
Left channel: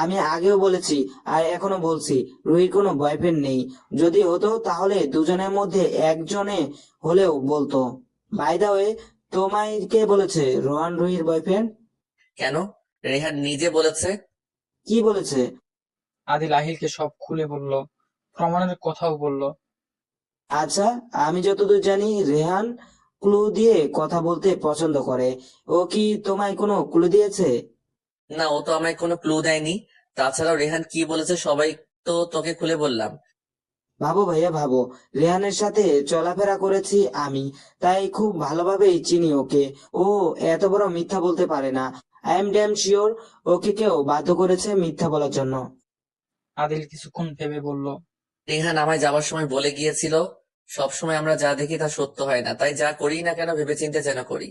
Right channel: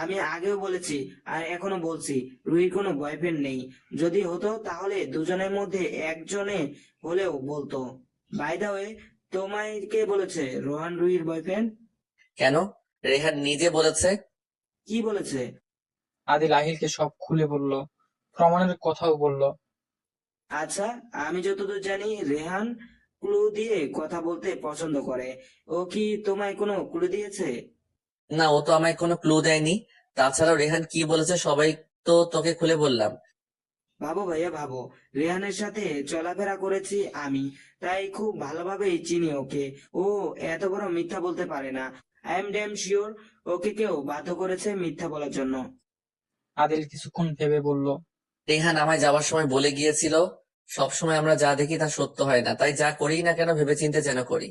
আমি আগেও বলেছি আর এখনো বলছি, রুহির কোনো বয়ফ্রেন্ড নেই। যদি হতো তাহলে দুজনের মধ্যে একজনে হলেও বলতো। বাই দা ওয়ে, তোমায় কে বলেছে রোহান রুহির বয়ফ্রেন্ড? কেন? রেহান নিজে বলেছে। কি বলেছে? আদিল আহিলকে সব খুলে বলল, প্রমাণের কথাও বলল। আচ্ছা, আমি যতদূর জানি রেহান ক্লু দিয়ে কথা বলতে পছন্দ করে। ও কি তোমায় কোনো ক্লু দিয়েছে? না, ও তো আমায় কোনো ক্লু দেয়নি। তাছাড়াও রেহান কি বলেছে সবাই তো তোকে খুলে বললাম। ভাবো ভাইয়া, ভাবো, রেহানের সাথে চলাফেরা করেছি আমি, তাই খুব ভালোভাবেই চিনি ওকে। ও এত বড় মিথ্যা বলতে পারে না। I am damn sure okay কেউ বাধ্য করেছে মিথ্যা বলার জন্য। আদিল কিছুক্ষণ ভেবে বলল, রেহান আমায় যাওয়ার সময় বলে গিয়েছিল, সবসময় আমরা যা দেখি তা সত্য হয় না, তাই যা করি না কেন ভেবেচিন্তে যেন করি।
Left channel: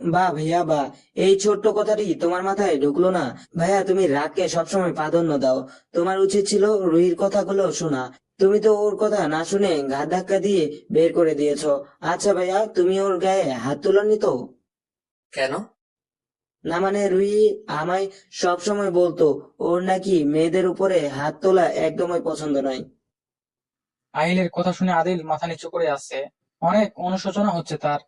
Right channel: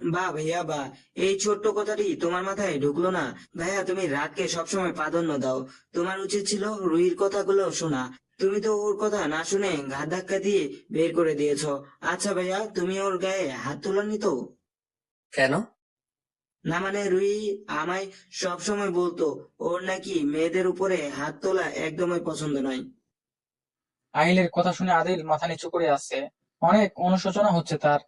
বাহ ভাইয়া বাহ, এই ছোট্ট কথাটি তোমার মাথায় ঢুকলো না? ভাইয়া, তুমি রাগকে সবসময় প্রাধান্য দাও। তোমার উচিত ছিল রুহির কথাগুলো শোনা। তুমি তো ওর কথা না শুনে ঘাট ধাক্কা দিয়ে বের করে দিয়েছো। আচ্ছা ভাইয়া, তুমি ওর গায়ে হাত তুলনি তো? কেন? না মানে, রুহি আমায় সবসময় বলতো ওর নাকি মেয়েদের উপরে হাত তোলা একদমই পছন্দ নয়। আহিলের কথা শুনে আদিল মাথা নিচু করে আসছে। অনেক অনুশোচনা হচ্ছে তার।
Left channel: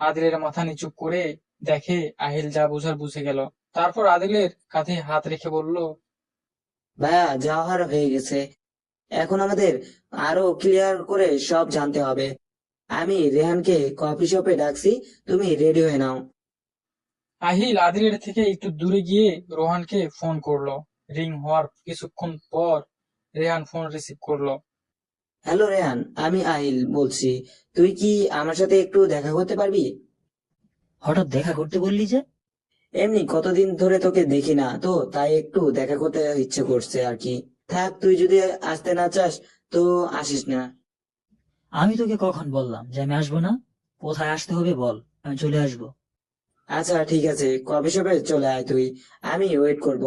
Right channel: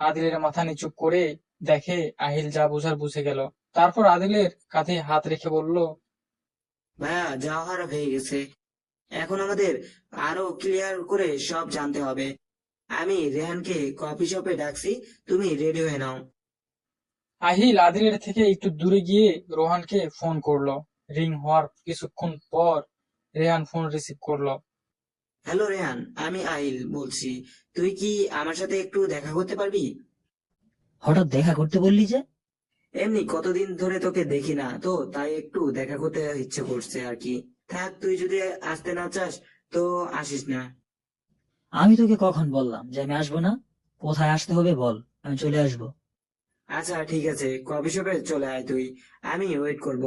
আদিলের মাথা নিচু করে দেখে আহিল যা বুঝার বুঝে গেল। তারপর আদিলের কাঁধে হাত রেখে বলল, ভাইয়া, যাওয়ার হয়ে গেছে, এখন আমাদের আরো ক্লিয়ার করে সব জানতে হবে। আমি রেহানকে কফি শপে ডাকছি, তুমি রেডি হয়ে নাও। আহিল আদিলের থেকে একটু দূরে গিয়ে রোহানকে ফোন করলো। রিং হওয়ার কিছুক্ষণ পর রেহান ফোন রিসিভ করলো। হ্যালো রেহান, আমি আহিল বলছি। তুই কি আমার সাথে একটু দেখা করতে পারবি? হঠাৎ দেখা করতে বললি যে? এমনি কতদিন ধরে তোকে দেখি না তো, তাই একটু দেখা করতে ইচ্ছে করছে আর কি। থাক, তুই যদি আসতে না চাস তো আসিস না। আমি তোকে কখন বললাম যে আমি আসবো না? কোথায় আসতে হবে বল, আমি চলে আসবো। আচ্ছা ঠিক আছে, কফি শপে চলে আয় তুই, আমি ওয়েট করব।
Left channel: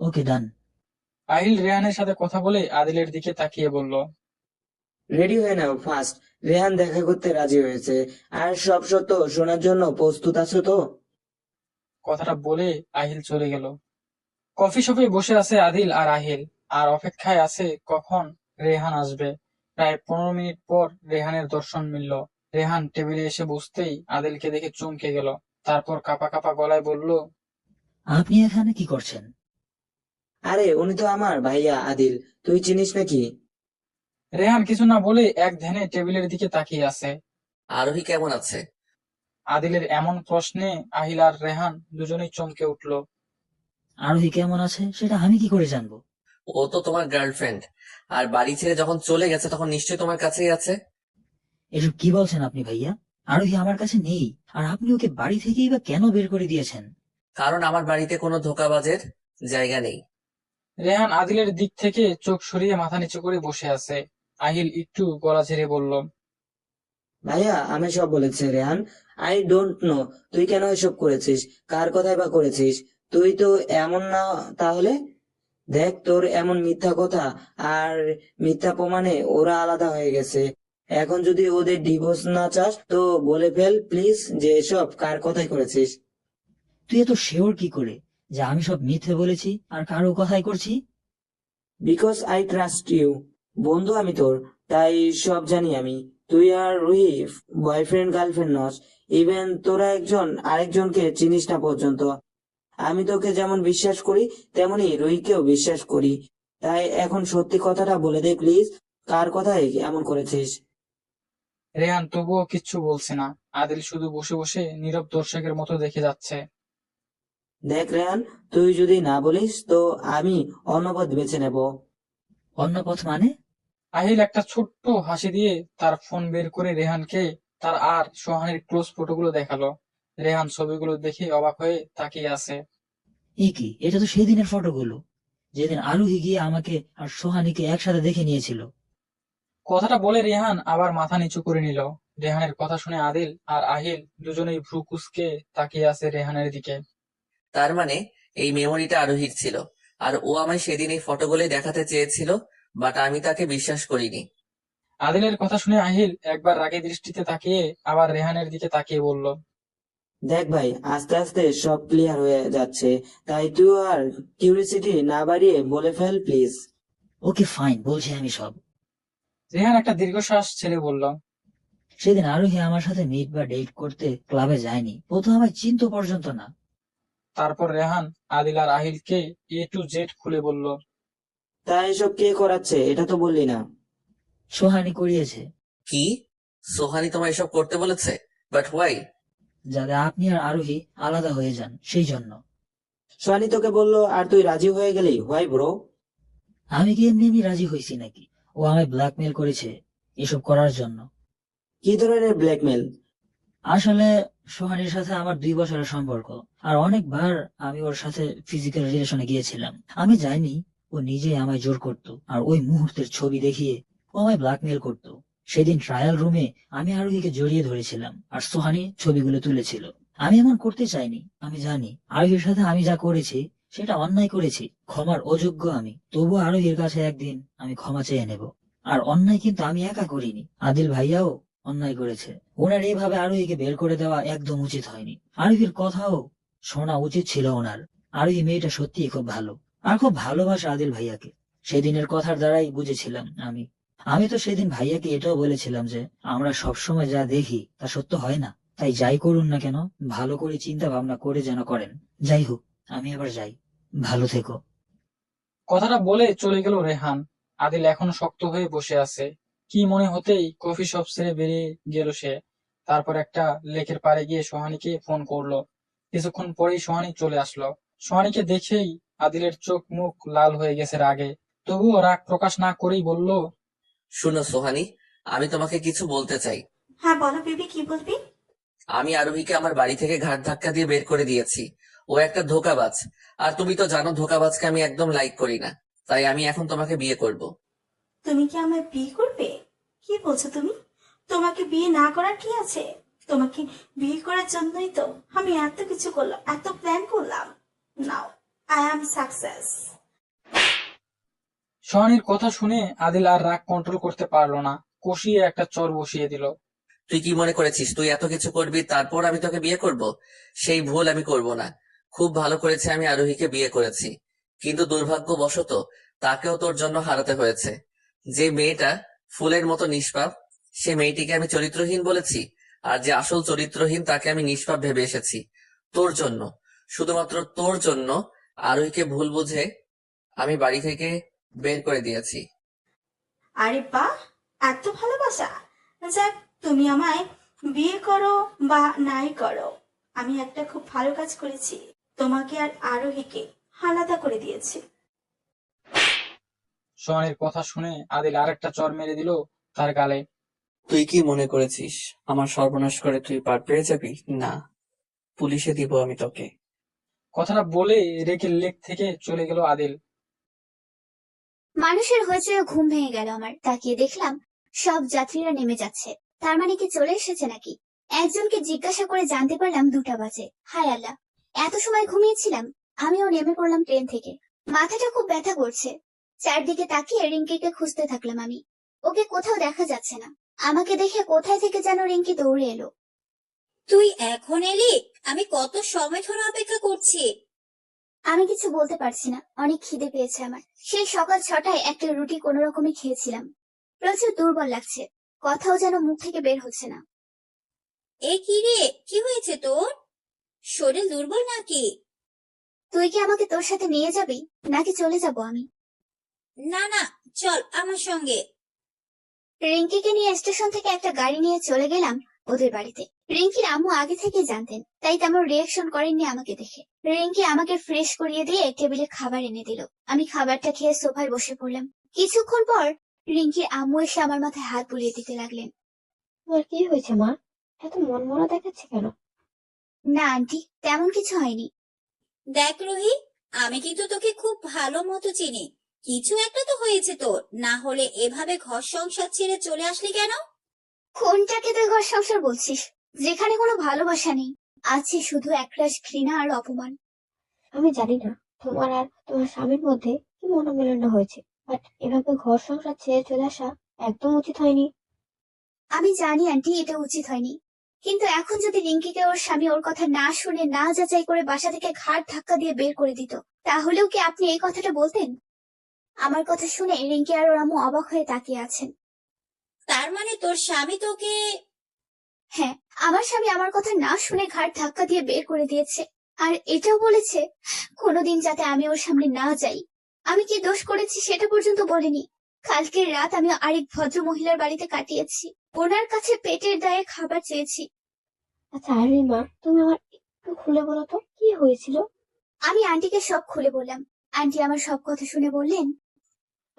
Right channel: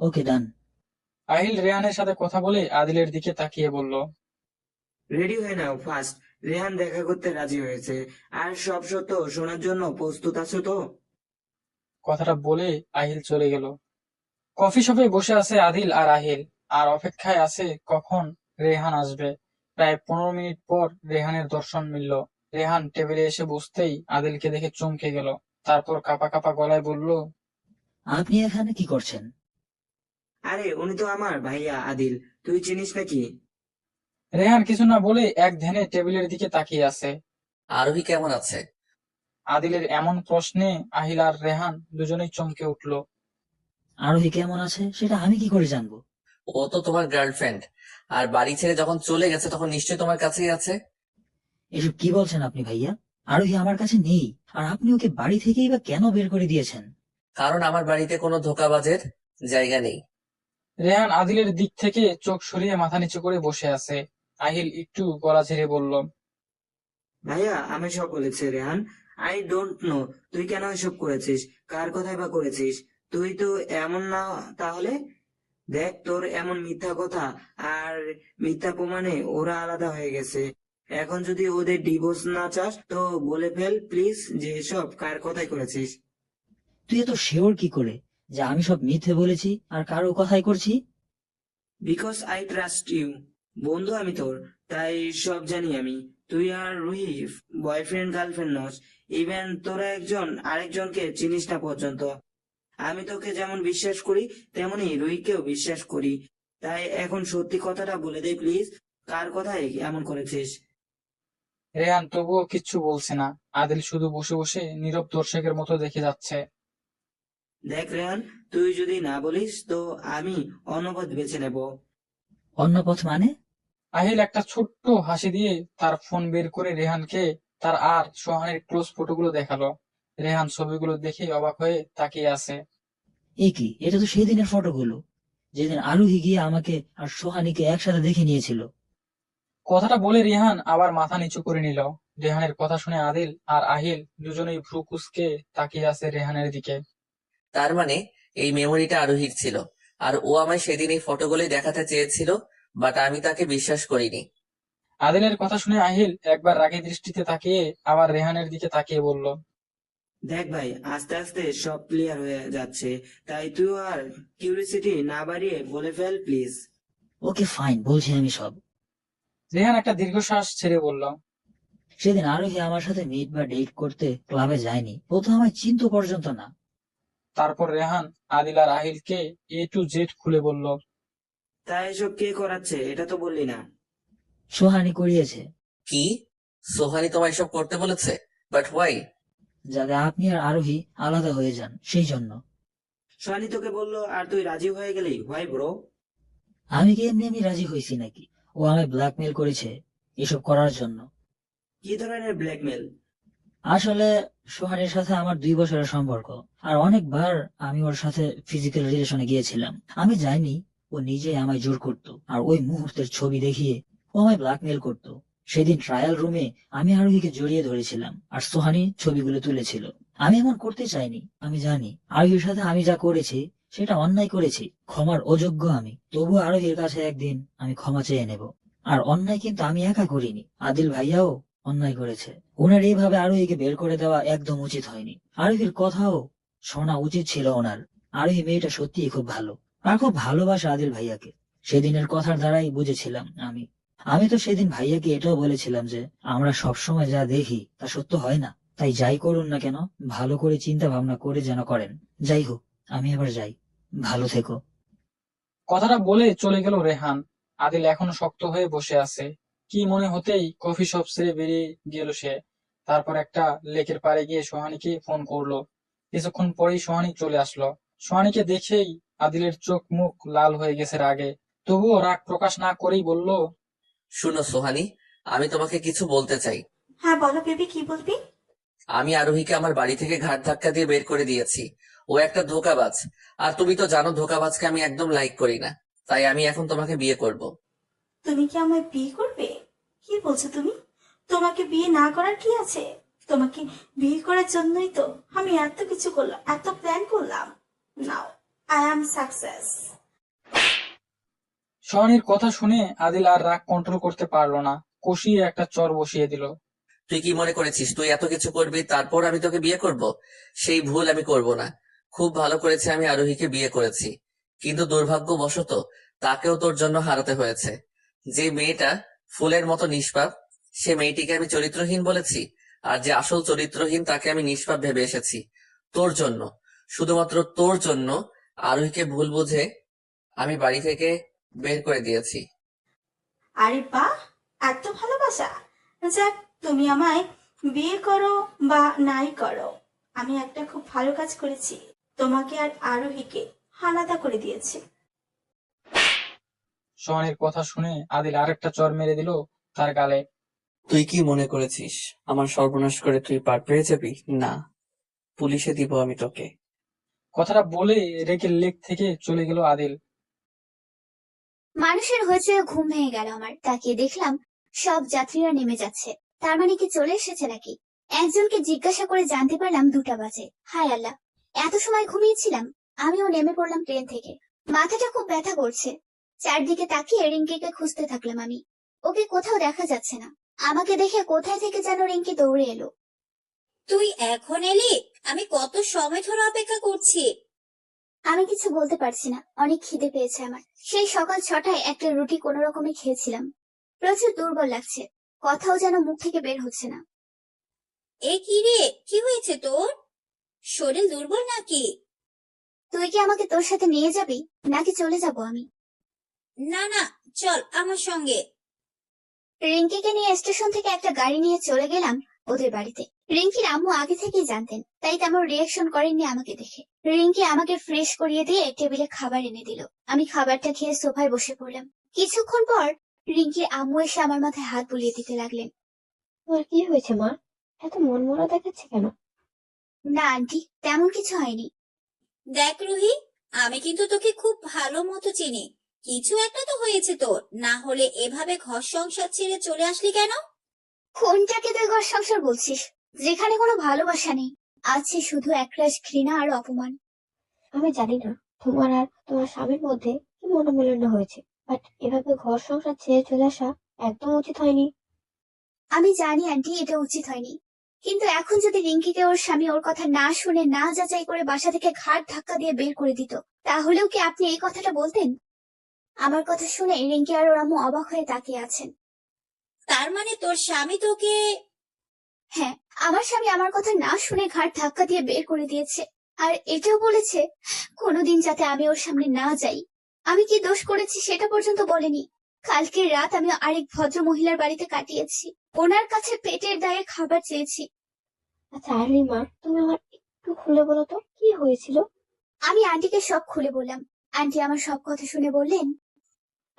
ওকে, ডান। আহিল রেহানের সাথে কথা বলে আদিলের দিকে তাকিয়ে বলল, রেডি হয়ে নাও ফার্স্ট। রেহান দেখা করতে রাজি হয়েছে, আর সব সত্য শোনার জন্য প্রস্তুত আছো তো? কথাটা বলে আহিল চলে গেল। কফি শপে বসে আছে আদিল আর আহিল, আর অপেক্ষায় আছে কখন রেহান আসবে। প্রায় 15 মিনিট পর রেহানের দর্শন মিলল। রেহান টেবিলে এসে বসতেই আদিলকে দেখে চমকে গেল। তারপর কাঁপা কাঁপা গলায় বলল, আপনি এখানে কি করছেন? আরে উনি তো আমার ভাইয়া আদিল, তুই চিনিস নাকি? রেহান কিছু না বলে এক ধ্যানে টেবিলের দিকে তাকিয়ে আছে। আরোহী কেমন আছে? আদিলের এমন প্রশ্নে আহিল আর রেহান দুজনেই চমকে উঠল। আরোহী কেমন আছে সেটা আমি কি করে জানবো? ও তো তোমার গার্লফ্রেন্ড, আর বাড়ি ছেড়ে যখন চলে গেছে তখন নিশ্চয়ই তোমার কাছেই আছে। এসব কি বলছেন আপনি ভাইয়া? আরোহী আমার কাছে নেই, আর আপনি ওকে বাড়ি থেকেই বা কেন বের করে দিয়েছেন? কারণ আমার বাড়িতে কোনো ধোঁকাবাজের জায়গা নেই। রেহান আদিলের দিক থেকে চোখ সরিয়ে মাথা নিচু করে বসে আছে। আহিল একটু গলা ছেড়ে বলল, ভাইয়া, আমি সব বলেছে রেহান। আই ডোন্ট নো তুই কেন এসব করেছিস, কার কথাই বা করেছিস। তুই তো এমন না তাহলে। দেখ, তোর এমন মিথ্যা কথা আর মিথ্যা প্রমাণে ওরা আলাদা হয়ে গেছে। এখন যদি ওদের ডিভোর্স না চাস তো বলে ফেল প্লিজ, যে এসব কার কথাই করেছিস। তুই এত শিওর কি করে যে আমি সব মিথ্যে বলেছি আর কারো কথাই করছি? Because I trust you. বন্ধু আমি তোর, তাই সব জানি আমি। তুই আর রুহি বয়ফ্রেন্ড গার্লফ্রেন্ড নস, ইভেন তোরা একজন আরেকজনকে চিনিস না পর্যন্ত। আমি তোকে যেমন বিশ্বাস করি তেমনি রুহিকেও বিশ্বাস করি। তাই এখন সত্যি কথাটা বলে দে প্লিজ, কার কথায় এমন করেছিস? রেহান তবুও কিচ্ছু বলছে না। আদিল শুধু বসে বসে নীরব দর্শকের মতো দেখে যাচ্ছে। দেখ রেহান, তুই যদি না বলিস তো আমি অন্য পথ বেছে নেব। অন্য পথ মানে? আহিল একটা ছোট্ট হাসি দিয়ে তার ফোন বের করে রেহানকে তার আর সোহানের ক্লোজ ফটোগুলো দেখালো। রেহান ছবিগুলো দেখে অবাক হয়ে তাকিয়ে আছে। এ কি, এটা তো সেই দিনের ফটোগুলো, যেদিন আরোহী গিয়ে আমাকে আর সোহানীকে একসাথে দেখে নিয়েছিল। কথাটা বলে রেহান আবার মাথা নিচু করে নিল। রেহানের কথা শুনে আদিল আর আহিল দুজনেই ভ্রু কুঁচকে তাকিয়ে আছে রেহানের দিকে। তার মানে এই মেমোরিটা আরোহীর ছিল, আর ও আমায় সেদিন এই ফটোগুলোই দেখাতে চেয়েছিল, বাট আমি তাকে বিশ্বাস করিনি। আদিলের কথা শুনে আহিল একবার রাগী দৃষ্টিতে তাকিয়ে আবার রেহানের দিকে তাকিয়ে বলল, দেখ ভাই, আস্তে আস্তে সব ক্লিয়ার হয়ে যাচ্ছে, তাই তুই আর কিউরিসিটি না বাড়িয়ে বলে ফেল প্লিজ। ওকে ফাইন, বলছি আমি সব। রেহান একটা দীর্ঘশ্বাস ছেড়ে বলল, সেদিন আরোহী আমার সাথে মিট বা ডেট করতে ক্লাবে যায়নি, ও তো আমায় চিনতো পর্যন্ত না। তারপর রেহান আদিল আর আহিলকে A to Z খুলে বলল, তাই এসব কে করাচ্ছে এটা তো বললি না। সোহানী করিয়েছে। কি? সোহানি তোমায় এসব করতে বলেছে? But why? যাতে আপনি আর আরোহী আলাদা হয়ে যান, সেই জন্য। সোহানি তোকে বললো আর তুই রাজি হয়ে গেলি? Why bro? আমি কি এমনি রাজি হয়েছি নাকি? ও আমায় ব্ল্যাকমেল করেছে এসব করার জন্য। কি ধরনের ব্ল্যাকমেল? আসলে সোহানীর সাথে আমার 2 বছরের সম্পর্ক, আর অনেকবার আমি ওর সাথে ফিজিক্যাল রিলেশনে গিয়েছিলাম। আমি যাইনি, ও নিজেই আমায় জোর করত, আর ওই মুহূর্তের ছবি দেখিয়ে ও আমায় ব্ল্যাকমেল করত। সেদিন ট্রায়াল রুমে আমি আরোহীকে জড়িয়ে ধরেছিলাম, আর সোহানী ছবিগুলো তুলেছিল। আমি এমন করতে চাইনি, আমি জানি আরোহীর সাথে আমি যা করেছি সেটা অন্যায় করেছি, ক্ষমার অযোগ্য আমি। তবু আরোহীর কাছে একদিন আমি ক্ষমা চেয়ে নেব। আর অন্যায় কিন্তু আমি একা করিনি, আদিল ভাইয়াও অন্যায় করেছে। ওনার এইভাবে আরোহীকে বের করে দেওয়া একদম উচিত হয়নি। আরোহীর কথাও শোনা উচিত ছিল ওনার। আরোহী মেয়েটা সত্যিই খুব ভালো, আর খুব ভালোবাসে আদিল ভাইয়াকে। সেদিনের কথার দ্বারাই বুঝেছিলাম আমি। আমি তো সেদিন ভাইয়াকে এটাও বলেছিলাম যে আমরা সবসময় যা দেখি তা সত্য হয় না, তাই যাই করুন না কেন ভালো করে চিন্তা ভাবনা করে যেন করেন। যাই হোক, আমি এবার যাই, ভালো থেকো। কথাটা বলে চলে গেল রেহান। আদিল এখনো শক্ত হয়ে বসে আছে। কি মনে হতেই কফি শপ ছেড়ে বেরিয়ে গেল সে। তারপর একটা লেকের পাড়ে গিয়ে সোহানীকে ফোন করলো। কিছুক্ষণ পরেই সোহানী চলে আসলো। সোহানীকে দেখেই আদিলের চোখ মুখ লাল হয়ে গেছে রাগে। তবুও রাগ প্রকাশ না করেই বলল, শুনো সোহানি, আমি তোমাকে কিছু বলতে চাই। হ্যাঁ বলো বেবি, কি বলবি? আমি আরোহীকে আমার বাড়ি থেকে ঘাট ধাক্কা দিয়ে বের করে দিয়েছি। ও একটা ধোঁকাবাজ, আর তুমি তো জানো ধোঁকাবাজকে আমি একদম লাইক করি না। তাই আমি এখন তোমাকে বিয়ে করব। তুমি কি আমায় বিয়ে করবে? কি বলছো তুমি? তোমাকে বিয়ে না করার কি আছে? তোমাকে বিয়ে করার জন্যই তো আমি এত কিছু করলাম, এত প্ল্যান করলাম। Now I am success. সোহানীর কথা শুনে আদিল আর রাগ কন্ট্রোল করতে পারলো না। কষিয়ে একটা চর বসিয়ে দিল। তুই কি মনে করেছিস তুই এত কিছু করবি তারপর আমি তোকে বিয়ে করব? সেই ভুল আমি করব না। খুব ভালো করেছে আমি আরোহীকে বিয়ে করেছি, কিন্তু দুর্ভাগ্যবশত তাকেও তোর জন্য হারাতে হয়েছে। যে মেয়েটা ফুলের মতো নিষ্পাপ, সে মেয়েটিকে আমি চরিত্রহীন বলেছি, আর যে আসল চরিত্রহীন তাকে আমি নিষ্পাপ ভেবে এসেছি। তোর জন্য, শুধুমাত্র তোর জন্য আরোহীকে ভুল বুঝে আমি বাড়ি থেকে বের করে দিয়েছি। আরে বাহ, এত ভালোবাসা! যাক, তুমি আমায় বিয়ে করো বা নাই করো, আমি একটা খুব ভালো কাজ করেছি, তোমাকে আর আরোহীকে আলাদা করে দিয়েছি। সোহানীর কথা শুনে আদিল আরেকটা চর মেরে দিল তার গালে। তুই কি মনে করেছিস আমার সর্বনাশ করে তুই পার পেয়ে যাবি? না, পুলিশে দিব আমি তোকে। কথাটা বলে রেগে লেক থেকে চলে গেল আদিল। মানুষের হয়েছে ঘুম ভেঙে গেল আমার। তাকিয়ে দেখলাম সব যাত্রীরা নেমে যাচ্ছে। তার মানে কি চলে এসেছে নাকি? একজনকে জিজ্ঞাসা করে জানতে পারলাম 2টা বাজে। হায় আল্লাহ, এত সময় ঘুমিয়েছিলাম। আমিও নেমে পড়লাম ট্রেন থেকে। মাথাটা খুব ব্যথা করছে। চারদিকে তাকিয়ে রিঙ্কিকে খুঁজতে থাকলাম আমি। ওকে কোথাও দেখা যাচ্ছে না। আমাকে দেখে কোথায় থেকে যেন রিঙ্কি দৌড়ে এলো। তুই এখন এলি? আমি কত সময় ধরে অপেক্ষা করছি। আমি কিছু বলতে পারছি না, অনেক খিদে পেয়েছে আমার। সেই সকাল 6টায় একটা রুটি কোনো রকমে খেয়েছিলাম। প্রচুর দুর্বল লাগছে, কথাও যেন মুখ থেকে বের হচ্ছে না। এ কি রে, কি হয়েছে তোর? শরীর দুর্বল নাকি? তুই কি আমাকে তোর সাথে নিয়ে যাবি নাকি চলে যাব আমি? না না, চল আমার সঙ্গে। রিঙ্কিকে নিয়ে স্টেশন থেকে একটা গাড়ি নিয়ে চলে গেলাম ওদের বাড়িতে। রিঙ্কির আম্মু আগে থেকেই জানতেন, তাই তেমন রিয়াকশন করেননি আমাকে দেখে। রিঙ্কি আমাকে ফ্রেশ করিয়ে দিয়ে টেবিলে খাবার এনে দিল। আমি খাবারটা খেয়ে সোফায় বসে পড়লাম। কিছুক্ষণ পর রিঙ্কির আম্মু এসে আমার মাথায় হাত বুলিয়ে দিতে লাগলেন। তোমার কি হয়েছে মা? এত মনমরা দেখাচ্ছে কেন? না আন্টি, তেমন কিছু হয়নি। দেখ রুহি, আমি কিন্তু তোকে খুব ভালো মতো চিনি। কিছু একটা তো হয়েছে তোর, না হলে এভাবে ঘর সংসার ছেড়ে চলে আসলি কেন? কোনটাকে তুই ঘর সংসার বলছিস, যেখানে কোনো ভালোবাসা নেই, আছে শুধু একরাশ ঘৃণা আর অপমান। আমি জানি না তোমার আর তোমার স্বামীর মধ্যে কি মনোমালিন্য হয়েছে, বাট এভাবে ঘর সংসার ছেড়ে চলে আসা একদম উচিত হয়নি। আমি জানি আন্টি, এটা উচিত হয়নি, কিন্তু এখন যদি রিঙ্কিকে ওর স্বামী ওর কথা না শুনে না যাচাই করে বাসা থেকে ঘাট ধাক্কা দিয়ে বের করে দিত, তাহলেও কি আপনি এই কথাটা বলতেন? আমার কথা শুনে রিঙ্কি আর ওর আম্মু অবাক হয়ে তাকিয়ে আছেন। তার মানে তোর স্বামী তোকে? হ্যাঁ, আমার স্বামী আমার কথা না শুনে ঘাট ধাক্কা দিয়ে বের করে দিয়েছে, আর এটাও বলেছে কোনোদিন যাতে আমি ওর সামনে না যাই। আমি কি দোষ করেছি সেটা পর্যন্ত বলেনি। কালকের রাত আমি আরেক ভদ্র মহিলার বাড়িতে কাটিয়েছি, ওনার কাছে পেটের দায়ে খাবার চেয়েছি। আচ্ছা আরুই মা, তুমি আমার একটু খুলে বলো তো কি হয়েছিল? আমি আন্টিকে সব খুলে বললাম। আন্টি আমার সব কথা শুনে বললেন,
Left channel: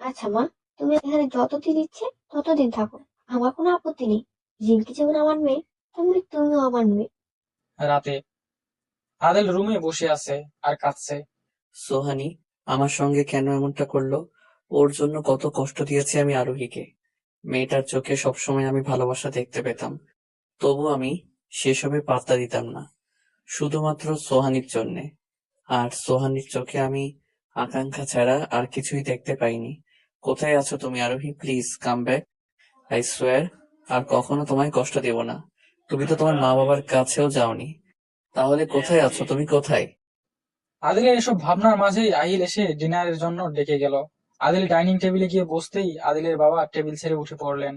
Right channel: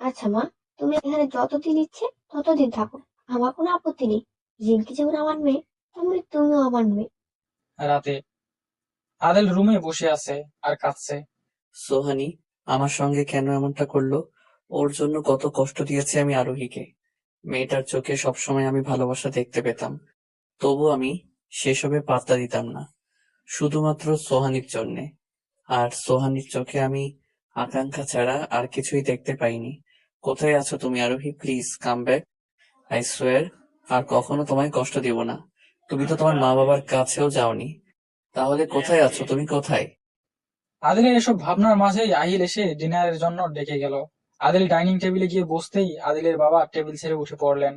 আচ্ছা মা, তুমি এখানে যতদিন ইচ্ছে ততদিন থাকো, আমার কোনো আপত্তি নেই। রিঙ্কি যেমন আমার মেয়ে, তেমনি তুমিও আমার মেয়ে। রাতে আদেল রুমে বসে আছে আর কাঁদছে। সোহানি আমার সঙ্গে কেন এমনটা করলো? ওর জন্য কত কষ্ট দিয়েছি আমি আরোহীকে। মেয়েটার চোখে সবসময় আমি ভালোবাসা দেখতে পেতাম, তবু আমি সেসবে পাত্তা দিতাম না, শুধুমাত্র সোহানির জন্যে। আর সোহানির চোখে আমি আকাঙ্ক্ষা ছাড়া আর কিছুই দেখতে পাইনি। কোথায় আছো তুমি আরোহী? Please come back, I swear. আর কখনো তোমায় কষ্ট দেব না। তুমি তো তোমার মা বাবার কাছেও যাওনি, তাহলে কোথায় আছো তুমি? কোথায়? আদিলের এসব ভাবনার মাঝেই আহিল এসে ডিনারের জন্য ডেকে গেল। আদিল ডাইনিং টেবিলে গিয়ে বসতেই আদিলের বাবা টেবিল ছেড়ে উঠে পড়লেন।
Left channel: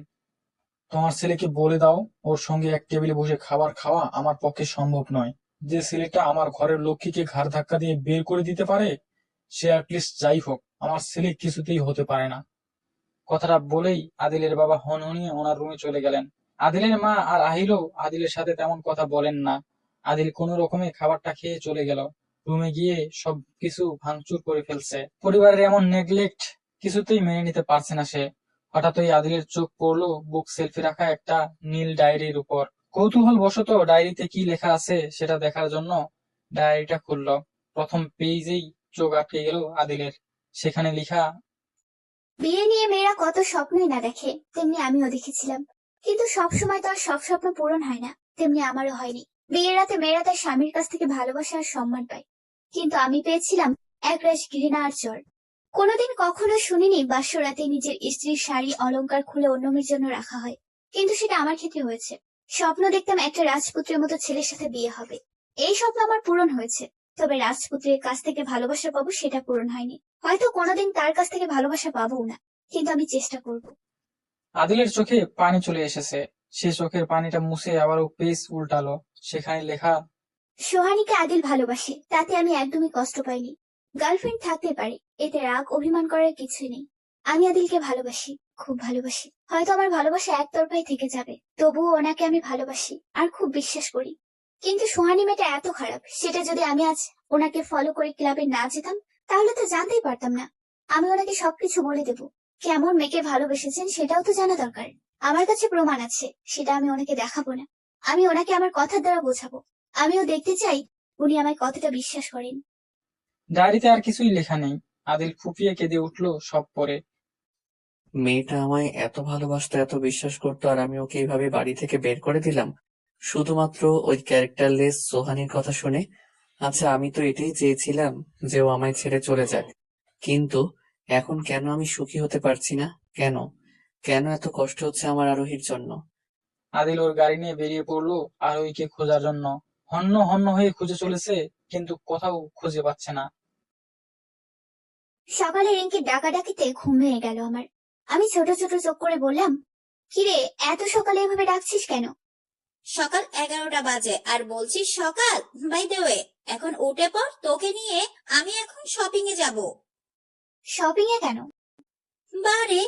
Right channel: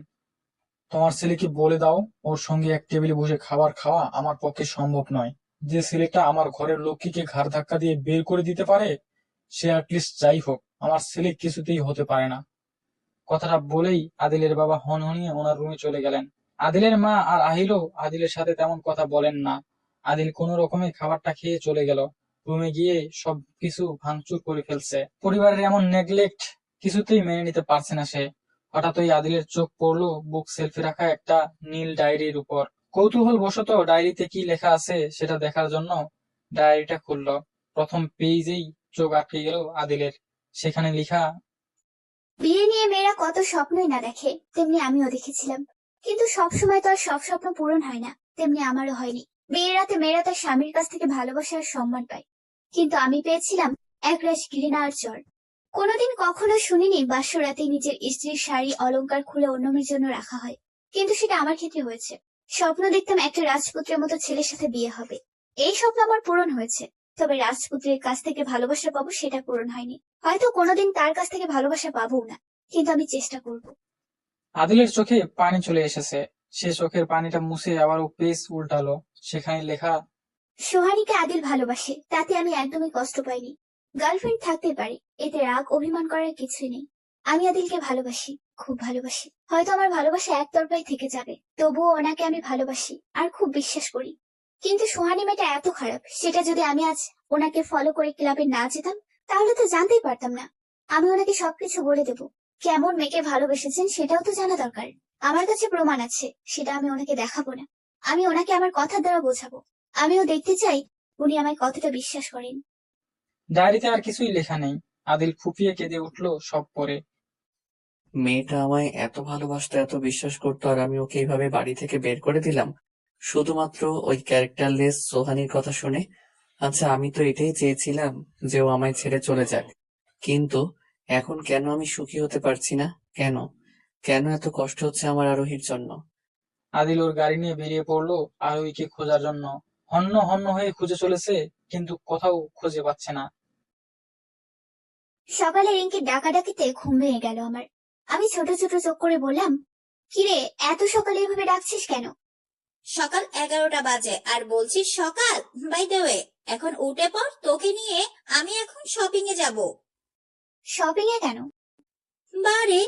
তোমার ছেলেকে বলে দাও, ওর সঙ্গে এক টেবিলে বসে খাবার খাওয়া আমার পক্ষে সম্ভব নয়। যে ছেলেটা আমার ঘরের লক্ষ্মীকে ঘাড় ধাক্কা দিয়ে বের করে দিতে পারে, সে অ্যাটলিস্ট যাই হোক আমার ছেলে কিছুতেই হতে পারে না। কথাটা বলেই আদিলের বাবা হনহনিয়ে ওনার রুমে চলে গেলেন। আদিলের মা আর আহিলও আদিলের সাথে তেমন কথা বলেন না। আদিল কোনো রকমে খাবারটা খেয়ে চলে গেল। রুমে গিয়ে সবকিছু ভাঙচুর করে ফেলছে। পরিবারের এমন নেগলেক্ট কিছুতেই মেনে নিতে পারছে না সে। হঠাৎই আদিলের চোখ পড়লো বুক সেলফি রাখা একটা নীল ডায়েরির উপর। কৌতূহল বশত ডায়েরিতে কি লেখা আছে সেটা দেখার জন্য ডায়েরিটা খুললো। প্রথম পেজেই চোখ আটকে গেল আদিলের। সেখানে লেখা, বিয়ে নিয়ে মেয়েরা কত স্বপ্নই না দেখে, তেমনি আমিও দেখেছিলাম, কিন্তু সবসময় তো আর সব স্বপ্ন পূরণ হয় না, তেমনি আমারও হয়নি। বিয়ের রাতে মেয়েরা তার স্বামীর কাছ থেকে ভালোবাসা আর সম্মান পায়, কিন্তু আমি পেয়েছিলাম একরাশ ঘৃণা আর চর। কোনোদিন কখনো শুনিনি বাস্য রাতে নিজের স্ত্রীর শাড়ি অলংকার খুলে অন্য মেয়ের জন্য রাখা হয়, কিন্তু সেটা আমার ক্ষেত্রে হয়েছে। স্বপ্ন দেখতাম একটা রাজপুত্রের মতো ছেলের সাথে বিয়ে হবে, এই স্বপ্ন আমার পূরণ হয়েছে। তবে রাজপুত্রের কাছ থেকে ভালোবাসা পাবো সেটা পূরণ হয়নি, হয়তো কোনোদিন তার কাছ থেকে ভালোবাসা পাবো না, কিন্তু আমি চেষ্টা করব। আদিলের চোখে পানি চলে এসেছে। সে চোখের পানিটা মুছে আবারও পেজ উল্টালো। সেখানে লেখা, সোহানীকে আদিল ভালোবাসে, তাতে আমি একদমই কষ্ট পাইনি। গার্লফ্রেন্ড থাকতে পারে, এতে রাগ অভিমান করার কিছুই নেই। আমি আদিলকে ভালোবাসি, খুব ভালোবাসি। হয়তো আমার ভালোবাসা একতরফাই থেকে যাবে, তবুও ওনাকে আমি ভালোবাসি আর খুব বিশ্বাস করি। কিন্তু সোহানী মেয়েটা এত খারাপ, সেটা যদি আমি আজ ওনাকে ফলো করে ক্লাবে না যেতাম, তাহলে তো জানতেই পারতাম না। আমি ওনাকে সবকিছু বলে দেব, কেমন মেয়েকে ভালোবেসেছেন সেটাও তো জানা দরকার। আমার কাছে প্রমাণ আছে, সেটা আমি ওনাকে দেখাবো না, আমি ওনাকে আমার কথার দ্বারা বোঝাবো। আমিও দেখতে চাই উনি আমায় কতটা বিশ্বাস করেন। ডায়েরিতে আর কিছুই লেখা নেই। আদিল ফুপিয়ে কেঁদে উঠলো সব পড়ে। মেয়েটা আমায় এত ভালোবাসতো, এত বিশ্বাস করতো, আর আমি ওকে এইভাবে বাড়ি থেকে বের করে দিলাম শুধুমাত্র ওই ক্যারেক্টারলেস সোহানির কথা শুনে। আচ্ছা, আমি তো এটাই চেয়েছিলাম যে ও আমায় ছেড়ে চলে যাক, কিন্তু এখন কেন আমি সুখী হতে পারছি না? কেন কেন এত কষ্ট হচ্ছে আমার আরোহীর জন্য? আদিল ওর গাড়ি নিয়ে বেরিয়ে পড়লো আরোহীকে খোঁজার জন্য। হন্য হন্য হয়ে খুঁজে চলেছে, কিন্তু কোথাও খুঁজে পাচ্ছে না। সকালে রিঙ্কি ডাকাডাকিতে ঘুম ভেঙে গেল আমার। আমি ছোট ছোট চোখ করে বললাম, কিরে এত সকালে এভাবে ডাকছিস কেন? সকাল 11টা বাজে আর বলছিস সকাল? বাই দ্য ওয়ে, এখন উঠে পড়, তোকে নিয়ে আমি এখন শপিং এ যাব। শপিং এ কেন? বারে,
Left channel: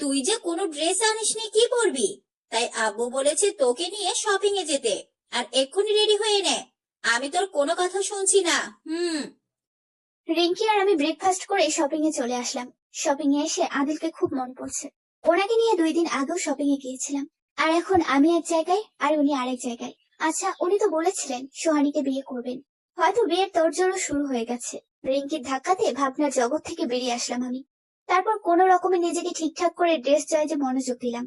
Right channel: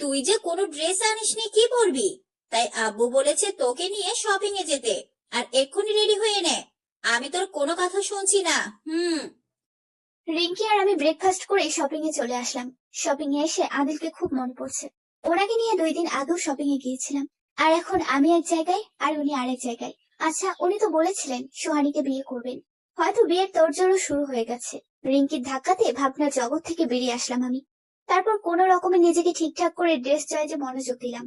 তুই যে কোনো ড্রেস আনিসনি, কি পরবি? তাই আব্বু বলেছে তোকে নিয়ে শপিং এ যেতে। আর এক্ষুনি রেডি হয়ে নে, আমি তোর কোনো কথা শুনছি না। রিঙ্কি আর আমি ব্রেকফাস্ট করে শপিং এ চলে আসলাম। শপিং এ এসে আদিলকে খুব মনে পড়ছে। ওনাকে নিয়ে 2 দিন আগেও শপিং এ গিয়েছিলাম, আর এখন আমি এক জায়গায় আর উনি আরেক জায়গায়। আচ্ছা, উনি তো বলেছিলেন সোহানীকে বিয়ে করবেন, হয়তো বিয়ের তোড়জোড়ও শুরু হয়ে গেছে। রিঙ্কির ধাক্কাতে ভাবনার জগৎ থেকে বেরিয়ে আসলাম আমি। তারপর কোনো রকমে নিজেকে ঠিকঠাক করে ড্রেস চয়েজে মনোযোগ দিলাম।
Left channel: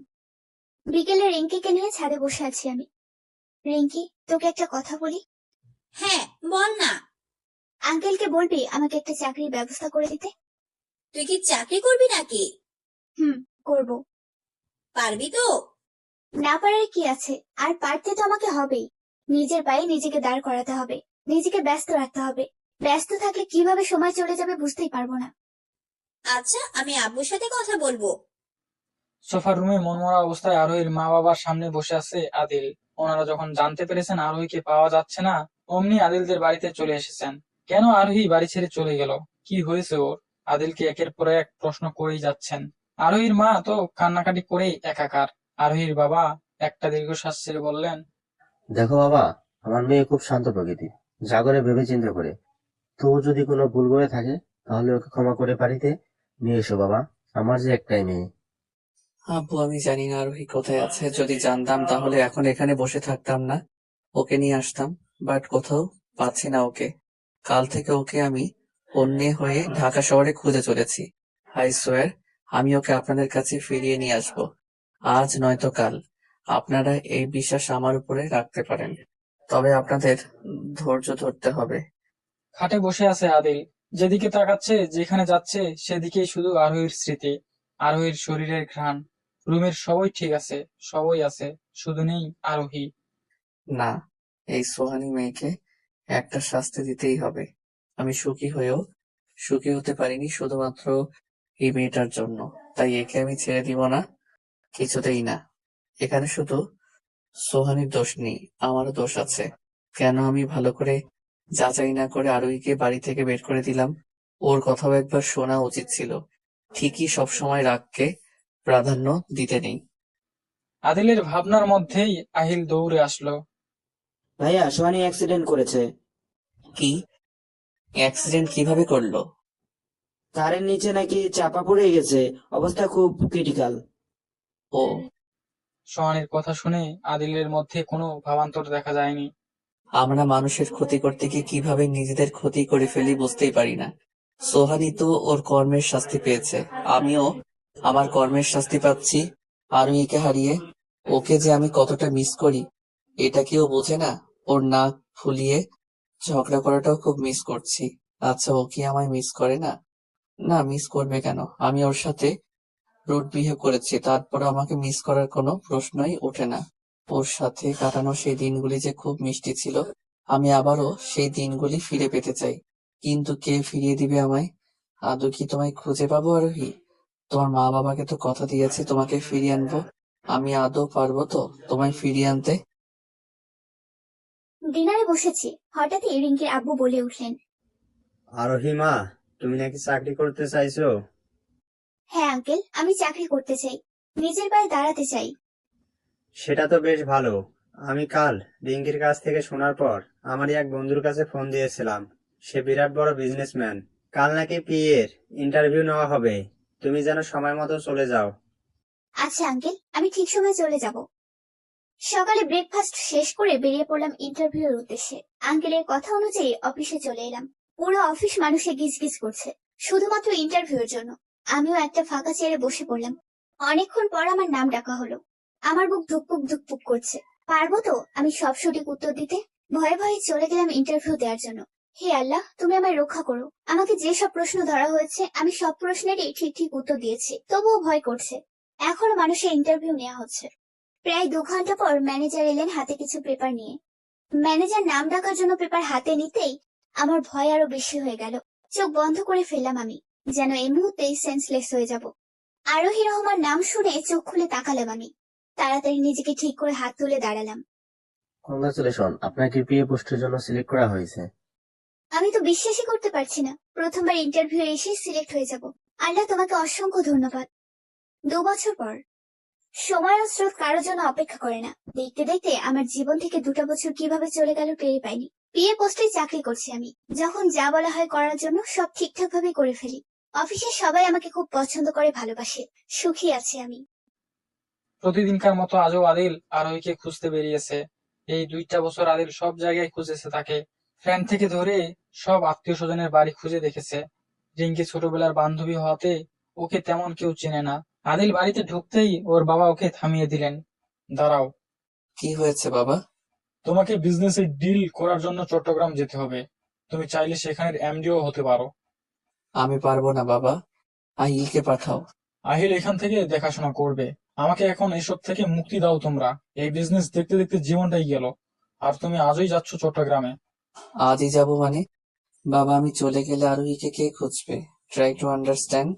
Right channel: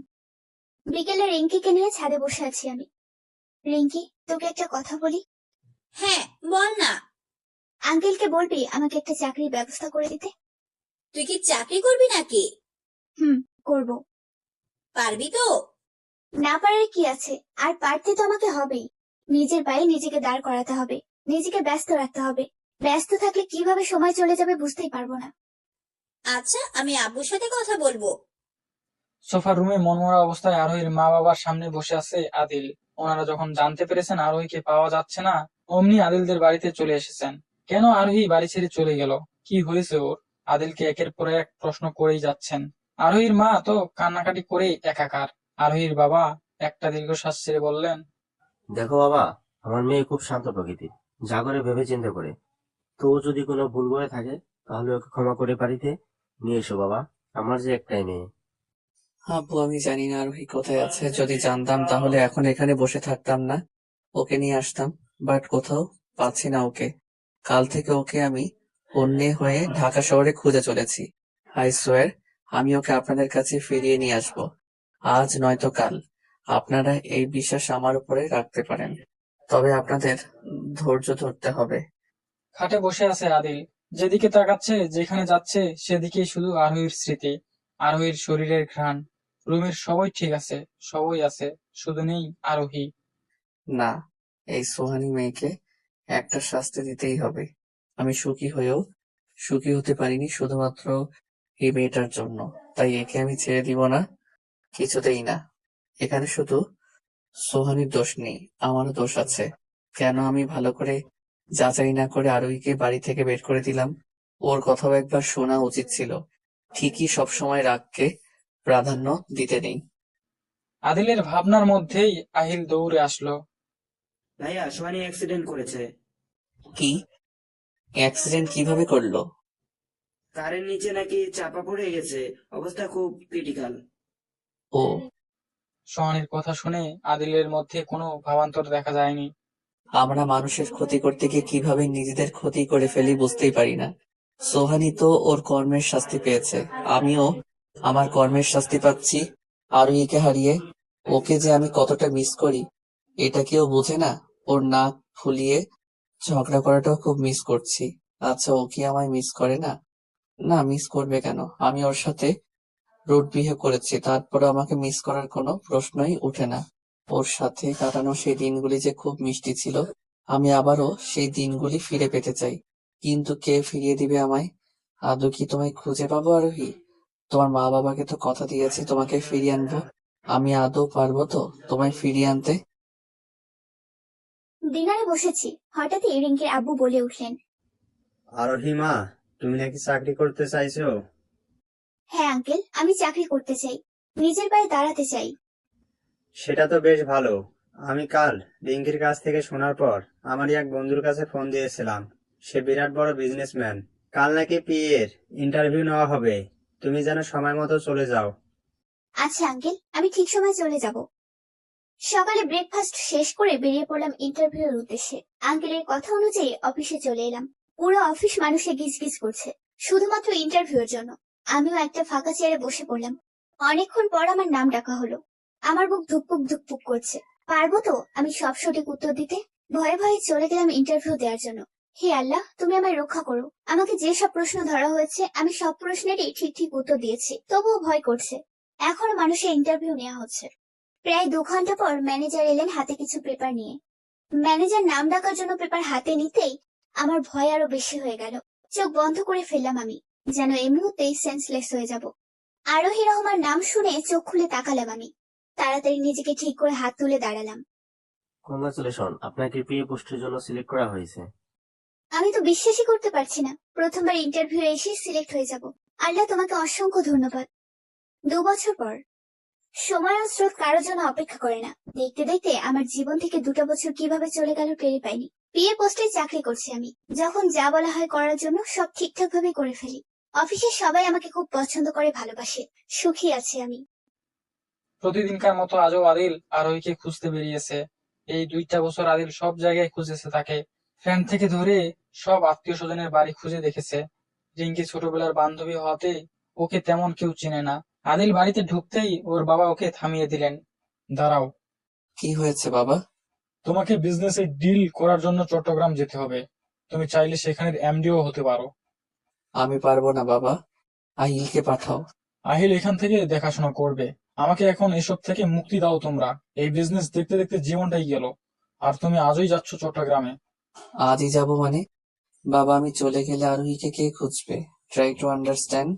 বিকেলে রিঙ্কিকে নিয়ে ছাদে বসে আছি আমি। রিঙ্কি, তোকে একটা কথা বলি। হ্যাঁ, বল না। আঙ্কেলকে বলবি আমাকে একটা চাকরির ব্যবস্থা করে দিতে? তুই কি চাকরি করবি নাকি? করব। পারবি তো? না পারার কি আছে, আর পারতে তো আমাকে হবেই। নিজের পায়ে নিজেকে দাঁড় করাতে হবে, নিজেকে ব্যস্ত রাখতে হবে। ব্যস্ত থাকলে কিভাবে সময় চলে যাবে বুঝতেই পারবো না। আচ্ছা, আমি আব্বুর সাথে কথা বলবো। সোফার রুমে মনমরা অবস্থায় আরোহীর মা বাবার সামনে বসে আছে আদিল। ওনারা যখন জানতে পেরেছেন আরোহীকে পাওয়া যাচ্ছে না, অমনি আদিলদের বাড়িতে চলে এসেছেন। কেন আরোহী বাড়ি ছেড়ে চলে গেল, কি হয়েছে ওর? আদিলকে একের পর এক প্রশ্ন করেই যাচ্ছেন। আরোহীর মা তো কান্নাকাটি করে একাকার। আরোহীর বাবা একটা দীর্ঘশ্বাস ছেড়ে বললেন, দেখো বাবা, আমার মেয়ে খুব শান্ত প্রকৃতির, যা করে ভেবে চিন্তা করে। তো ও যদি কোনো ভুল করে থাকে তাহলে ওকে ক্ষমা করে বাড়িতে নিয়ে এসো বাবা, আমার যে একটাই মেয়ে। আব্বু, আমি জানি না আরোহী কোথায় আছে। যদি জানতাম তাহলে এখন এখানে বসে থাকতাম না, ওকে নিয়ে আসতাম। বাট কোথাও পাচ্ছি না ওকে। কাল থেকে ওকে আমি অন্যে হয়ে ঢাকা শহরে খুঁজে চলেছি। আই সোয়ার, আমি ওকে আপনাদের কাছে ফিরিয়ে নিয়ে আসবো, আজ নয়তো কাল। আপনারা এই বিশ্বাস আমার উপরে রাখতে পারেন, তবে আপনাদের ধৈর্য ধরতে হবে। খাটে বসে আছে আদিল। যেদিকে তাকাচ্ছে, যেখানে যাচ্ছে সেদিকেই শুধু আরোহীর স্মৃতি, আরোহীর শরীরের ঘ্রাণ। রুমের সবই ঠিক আছে, সবই আছে, শুধু নেই আরোহী। না, এই সোহানী মেয়েকে একটা শাস্তি দিতেই হবে। আমি সুখী হয়েও সুখী হতে পারিনি শুধুমাত্র এই মেয়েটার জন্য, তাই একে আমি ছেড়ে দিব না, কিছুতেই না। এখানে শুধু সোহানীর দোষ নেই, আমারও দোষ আছে। কেন আমি ভালো করে যাচাই না করে আরোহীকে বাড়ি থেকে বের করে দিলাম? ওর কথাও একবার শোনা উচিত ছিল। ঠিকই সবসময় রাগকে প্রাধান্য দিতে নেই। আদিলের ভাবনার মধ্যেই আহিল দৌড়ে আসলো। ভাইয়া, সোহানী অ্যাক্সিডেন্ট করেছে। কি? অ্যাক্সিডেন্ট কিভাবে করলো? কারের নিচে নাকি চাপা পড়ে গেছে, অবস্থা খুব ক্রিটিক্যাল। ও, সোহানীর কথা শুনে আদিলের মধ্যে কোনো ভাবান্তর দেখা যায়নি। আমরা মানুষের ক্ষতি করতে গিয়ে কিভাবে নিজেদের ক্ষতি করে ফেলি বুঝতেই পারি না। সোহানী তো ওর কর্মের শাস্তি পেয়েছে, আমিও আমার কর্মের শাস্তি পাচ্ছি আরোহীকে হারিয়ে। ওকে যে আমি কতটা মিস করি এটা কেউ বোঝে না। ওর নাক ফুলিয়ে ঝগড়া করাটাও খুব মিস করছি। আচ্ছা, ও কি আমায় মিস করে না? না, মিস করবে কেন? আমি ওর সাথে রুড বিহেভ করেছি, তারপর আমাকে মিস করার কোনো প্রশ্নই ওঠে না। ওর সাথে কাটানো সেই দিনগুলি যে খুব মিষ্টি ছিল, আমি আবারও সেই দিনগুলি ফিরে পেতে চাই। কিন্তু কে ফিরিয়ে দিবে আমায়? আদৌ কি তোমায় খুঁজে পাবো আরোহী? তোমার মা বাবাকে তো কথা দিয়েছি তোমাকে ফিরিয়ে আনবো, আমি আদৌ পারবো তো তোমায় ফিরিয়ে আনতে? ডিনারে বসেছি, হঠাৎই রিঙ্কির আব্বু বলে উঠলেন, আরোহী মা, তুমি নাকি চাকরি করতে চাইছো? হ্যাঁ আঙ্কেল, আমি চাকরি করতে চাই, নিজের পায়ে দাঁড়াতে চাই। সেটা তো বেশ ভালো। আমি কাল রিঙ্কির কাছ থেকে শোনার পর আমারই এক বন্ধুর কাছে ফোন দিয়েছিলাম। সে বিরাট বড় বিজনেসম্যান। কাল নাকি পিএর ইন্টারভিউ নেওয়া হবে। তুমি যেন সময় মতো চলে যাও। আচ্ছা আঙ্কেল, আমি ঠিক সময় চলে যাব। সকালে ব্রেকফাস্ট শেষ করে বেরিয়ে পড়লাম ইন্টারভিউ এর উদ্দেশ্যে। আঙ্কেলের কথা অনুযায়ী অফিসে চলে এলাম। পুরো অফিস মানুষে গিজগিজ করছে শুধুমাত্র ইন্টারভিউ এর জন্য। আমিও একটা ফাঁকা চেয়ারে বসে পড়লাম। অনেকক্ষণ পর আমার নাম ডাকা হলো। আমার বুক ধুকপুক ধুকপুক করছে। পারবো তো আমি সব সঠিক উত্তর দিতে? ভয়ে ভয়ে চলে গেলাম ইন্টারভিউ দেওয়ার জন্য। হে আল্লাহ, তুমি আমায় রক্ষা করো। আমাকে যে সব প্রশ্ন ধরা হয়েছে আমি সব প্রশ্নেরই ঠিক ঠিক উত্তর দিয়েছি, তবুও ভয় করছে। এখনো মানুষের ইন্টারভিউ নেওয়া হচ্ছে। প্রায় 2 ঘন্টা পর ম্যানেজার এলেন হাতে কিছু পেপার নিয়ে। ম্যানেজার নাম ডাকার জন্য পেপার হাতে নিতেই আমার ভয় আরো বেশি হয়ে গেল। চোখ বন্ধ করে ফেললাম আমি, যেন এই মুহূর্তেই সেন্সলেস হয়ে যাব। আরোহী রহমান নাম শুনে চোখ খুলে তাকালাম আমি। তাড়াতাড়ি নিজেকে ঠিক করে হাত তুলে দাঁড়ালাম। কংগ্রাচুলেশন, আপনাকে পিএ পোস্টের জন্য সিলেক্ট করা হয়েছে। আমি তো বিশ্বাসই করতে পারছি না, প্রথমবার ইন্টারভিউ এসে সিলেক্ট হয়ে যাব। আল্লাহ, তোমাকে অসংখ্য ধন্যবাদ। 2 বছর পর। সময় ও স্রোত কারোর জন্য অপেক্ষা করে না। দেখতে দেখতে আমার জীবন থেকে 2টা বছর কিভাবে চলে গেল টেরই পাইনি। বিয়ে পোস্টে চাকরি করছি আমি। যখন যা বলা হয় করার জন্য সব ঠিকঠাক ভাবে করে ফেলি। অফিসের সবাই আমাকে খুব পছন্দ করে, ভালোবাসে। সুখী আছি আমি। প্রতিদিনকার মতো আজও আদিল আরোহীকে খুঁজতে বেরিয়েছে। এই 2টা বছর আদিল সব জায়গায় খুঁজেছে তাকে। ফ্রেন্ড থেকে ধরে সব আত্মীয় স্বজনের বাড়ি খুঁজে দেখেছে। রিঙ্কি ছোটবেলার বান্ধবী হওয়াতে ওকে তেমন কেউ চেনে না। আদিল বাড়িতে ঢুকতেই ওর বাবা ওকে থামিয়ে দিলেন। দাঁড়াও, কি হয়েছে বাবা? তোমাকে বিজনেসে ডিল করার জন্য চট্টগ্রাম যেতে হবে। তুমি চাইলে সেখানের এমডিও হতে পারো। আমি পারবো না বাবা, আহিলকে পাঠাও। আহিল এখান থেকে দেখাশোনা করবে। আমাকে এখন এসব থেকে মুক্তি দাও তোমরা। এই বিজনেস দেখতে দেখতে জীবনটাই গেল, আর তুমি আজই যাচ্ছ চট্টগ্রামে। আজই যাব মানে? বাবা, আমি চলে গেলে আরোহীকে কে খুঁজবে? Try to understand.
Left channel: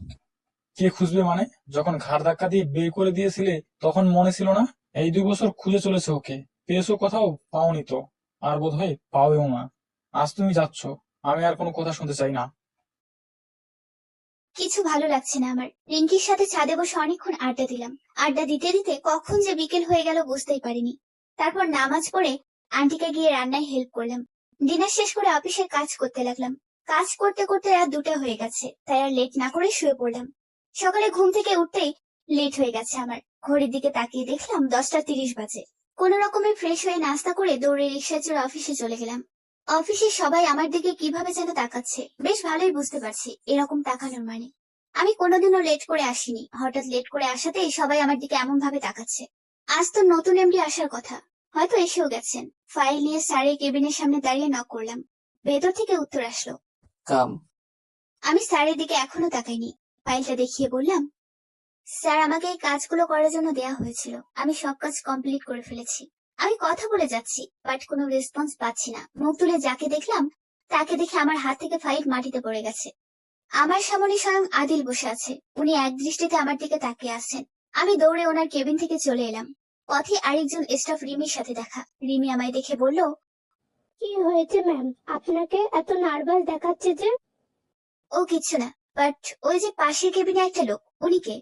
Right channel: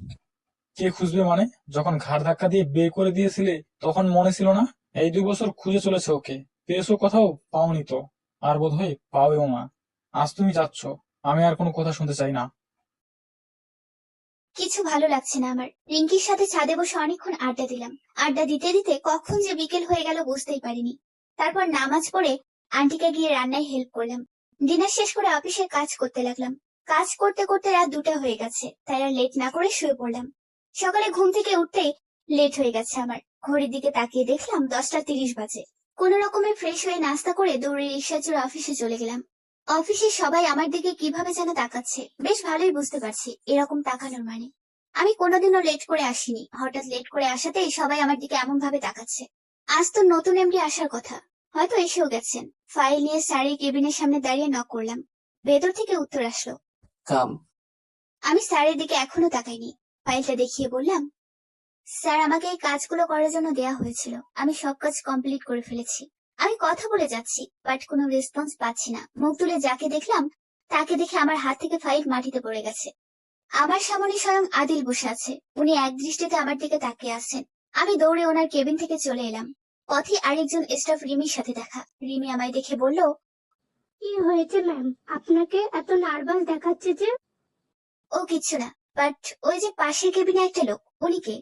কে খুঁজবে মানে? যখন ঘাড় ধাক্কা দিয়ে বের করে দিয়েছিলে তখন মনে ছিল না? এই 2 বছর খুঁজে চলেছে ওকে। পেয়েছো কোথাও? পাওনি তো, আর বোধহয় পাওয়েও না। আজ তুমি যাচ্ছ, আমি আর কোনো কথা শুনতে চাই না। কিছু ভালো লাগছে না আমার। রিঙ্কির সাথে ছাদে বসে অনেকক্ষণ আড্ডা দিলাম। আড্ডা দিতে দিতে কখন যে বিকেল হয়ে গেল বুঝতেই পারিনি। তারপর নামাজ পড়ে আন্টিকে গিয়ে রান্নায় হেল্প করলাম। ডিনার শেষ করে অফিসের কাজ করতে লাগলাম। কাজ করতে করতে রাত 2টা হয়ে গেছে, তাই আর লেট না করে শুয়ে পড়লাম। সকালে ঘুম থেকে উঠতেই লেট হয়ে গেছে আমার। ঘড়ির দিকে তাকিয়ে দেখলাম 10টা 30 বাজে। কোন রকমে ফ্রেশ হয়ে নাস্তা করে দৌড়ে রিক্সা চড়ে অফিসে চলে গেলাম। অফিসে সবাই আমার দিকে কিভাবে যেন তাকাচ্ছে, বেশ ভালোই বুঝতে পারছি এরকম তাকানোর মানে। আমি কোনোদিনও লেট করে আসিনি, হঠাৎ লেট করে আসাতেই সবাই আমার দিকে এমন ভাবে তাকাচ্ছে। আজ তো নতুন এমডি আসার কথা, হয়তো এসেও গেছেন। ফাইল নিয়ে স্যারের কেবিনের সামনে দাঁড়িয়ে নক করলাম। ভেতর থেকে উত্তর আসলো। কাম। আমি স্যারের দিকে এখনো তাকাইনি। ফাইলটা দেখিয়ে বললাম, স্যার, আমাকে এই কাজগুলো করার জন্য দেয়া হয়েছিল। আমি সব কাজ কমপ্লিট করে ফেলেছি। আমি কথা বলে যাচ্ছি, বাট কোনো রেসপন্স পাচ্ছি না। মুখ তুলে যাকে দেখলাম তাকে দেখে আমার হাত থেকে ফাইল মাটিতে পড়ে গেছে। আমার সামনে স্বয়ং আদিল বসে আছে। উনি এক দৃষ্টিতে আমার দিকে তাকিয়ে আছেন। আমি দৌড়ে ওনার কেবিন থেকে চলে এলাম। পথে আরেকজন স্টাফ রিমির সাথে দেখা। রিমি আমায় দেখে বলল, কি হয়েছে ম্যাম, আপনাকে এত নার্ভাস দেখাচ্ছে যে? ও কিছু না, বাট ওই যে পাশের কেবিনে একটা লোক, উনি কে?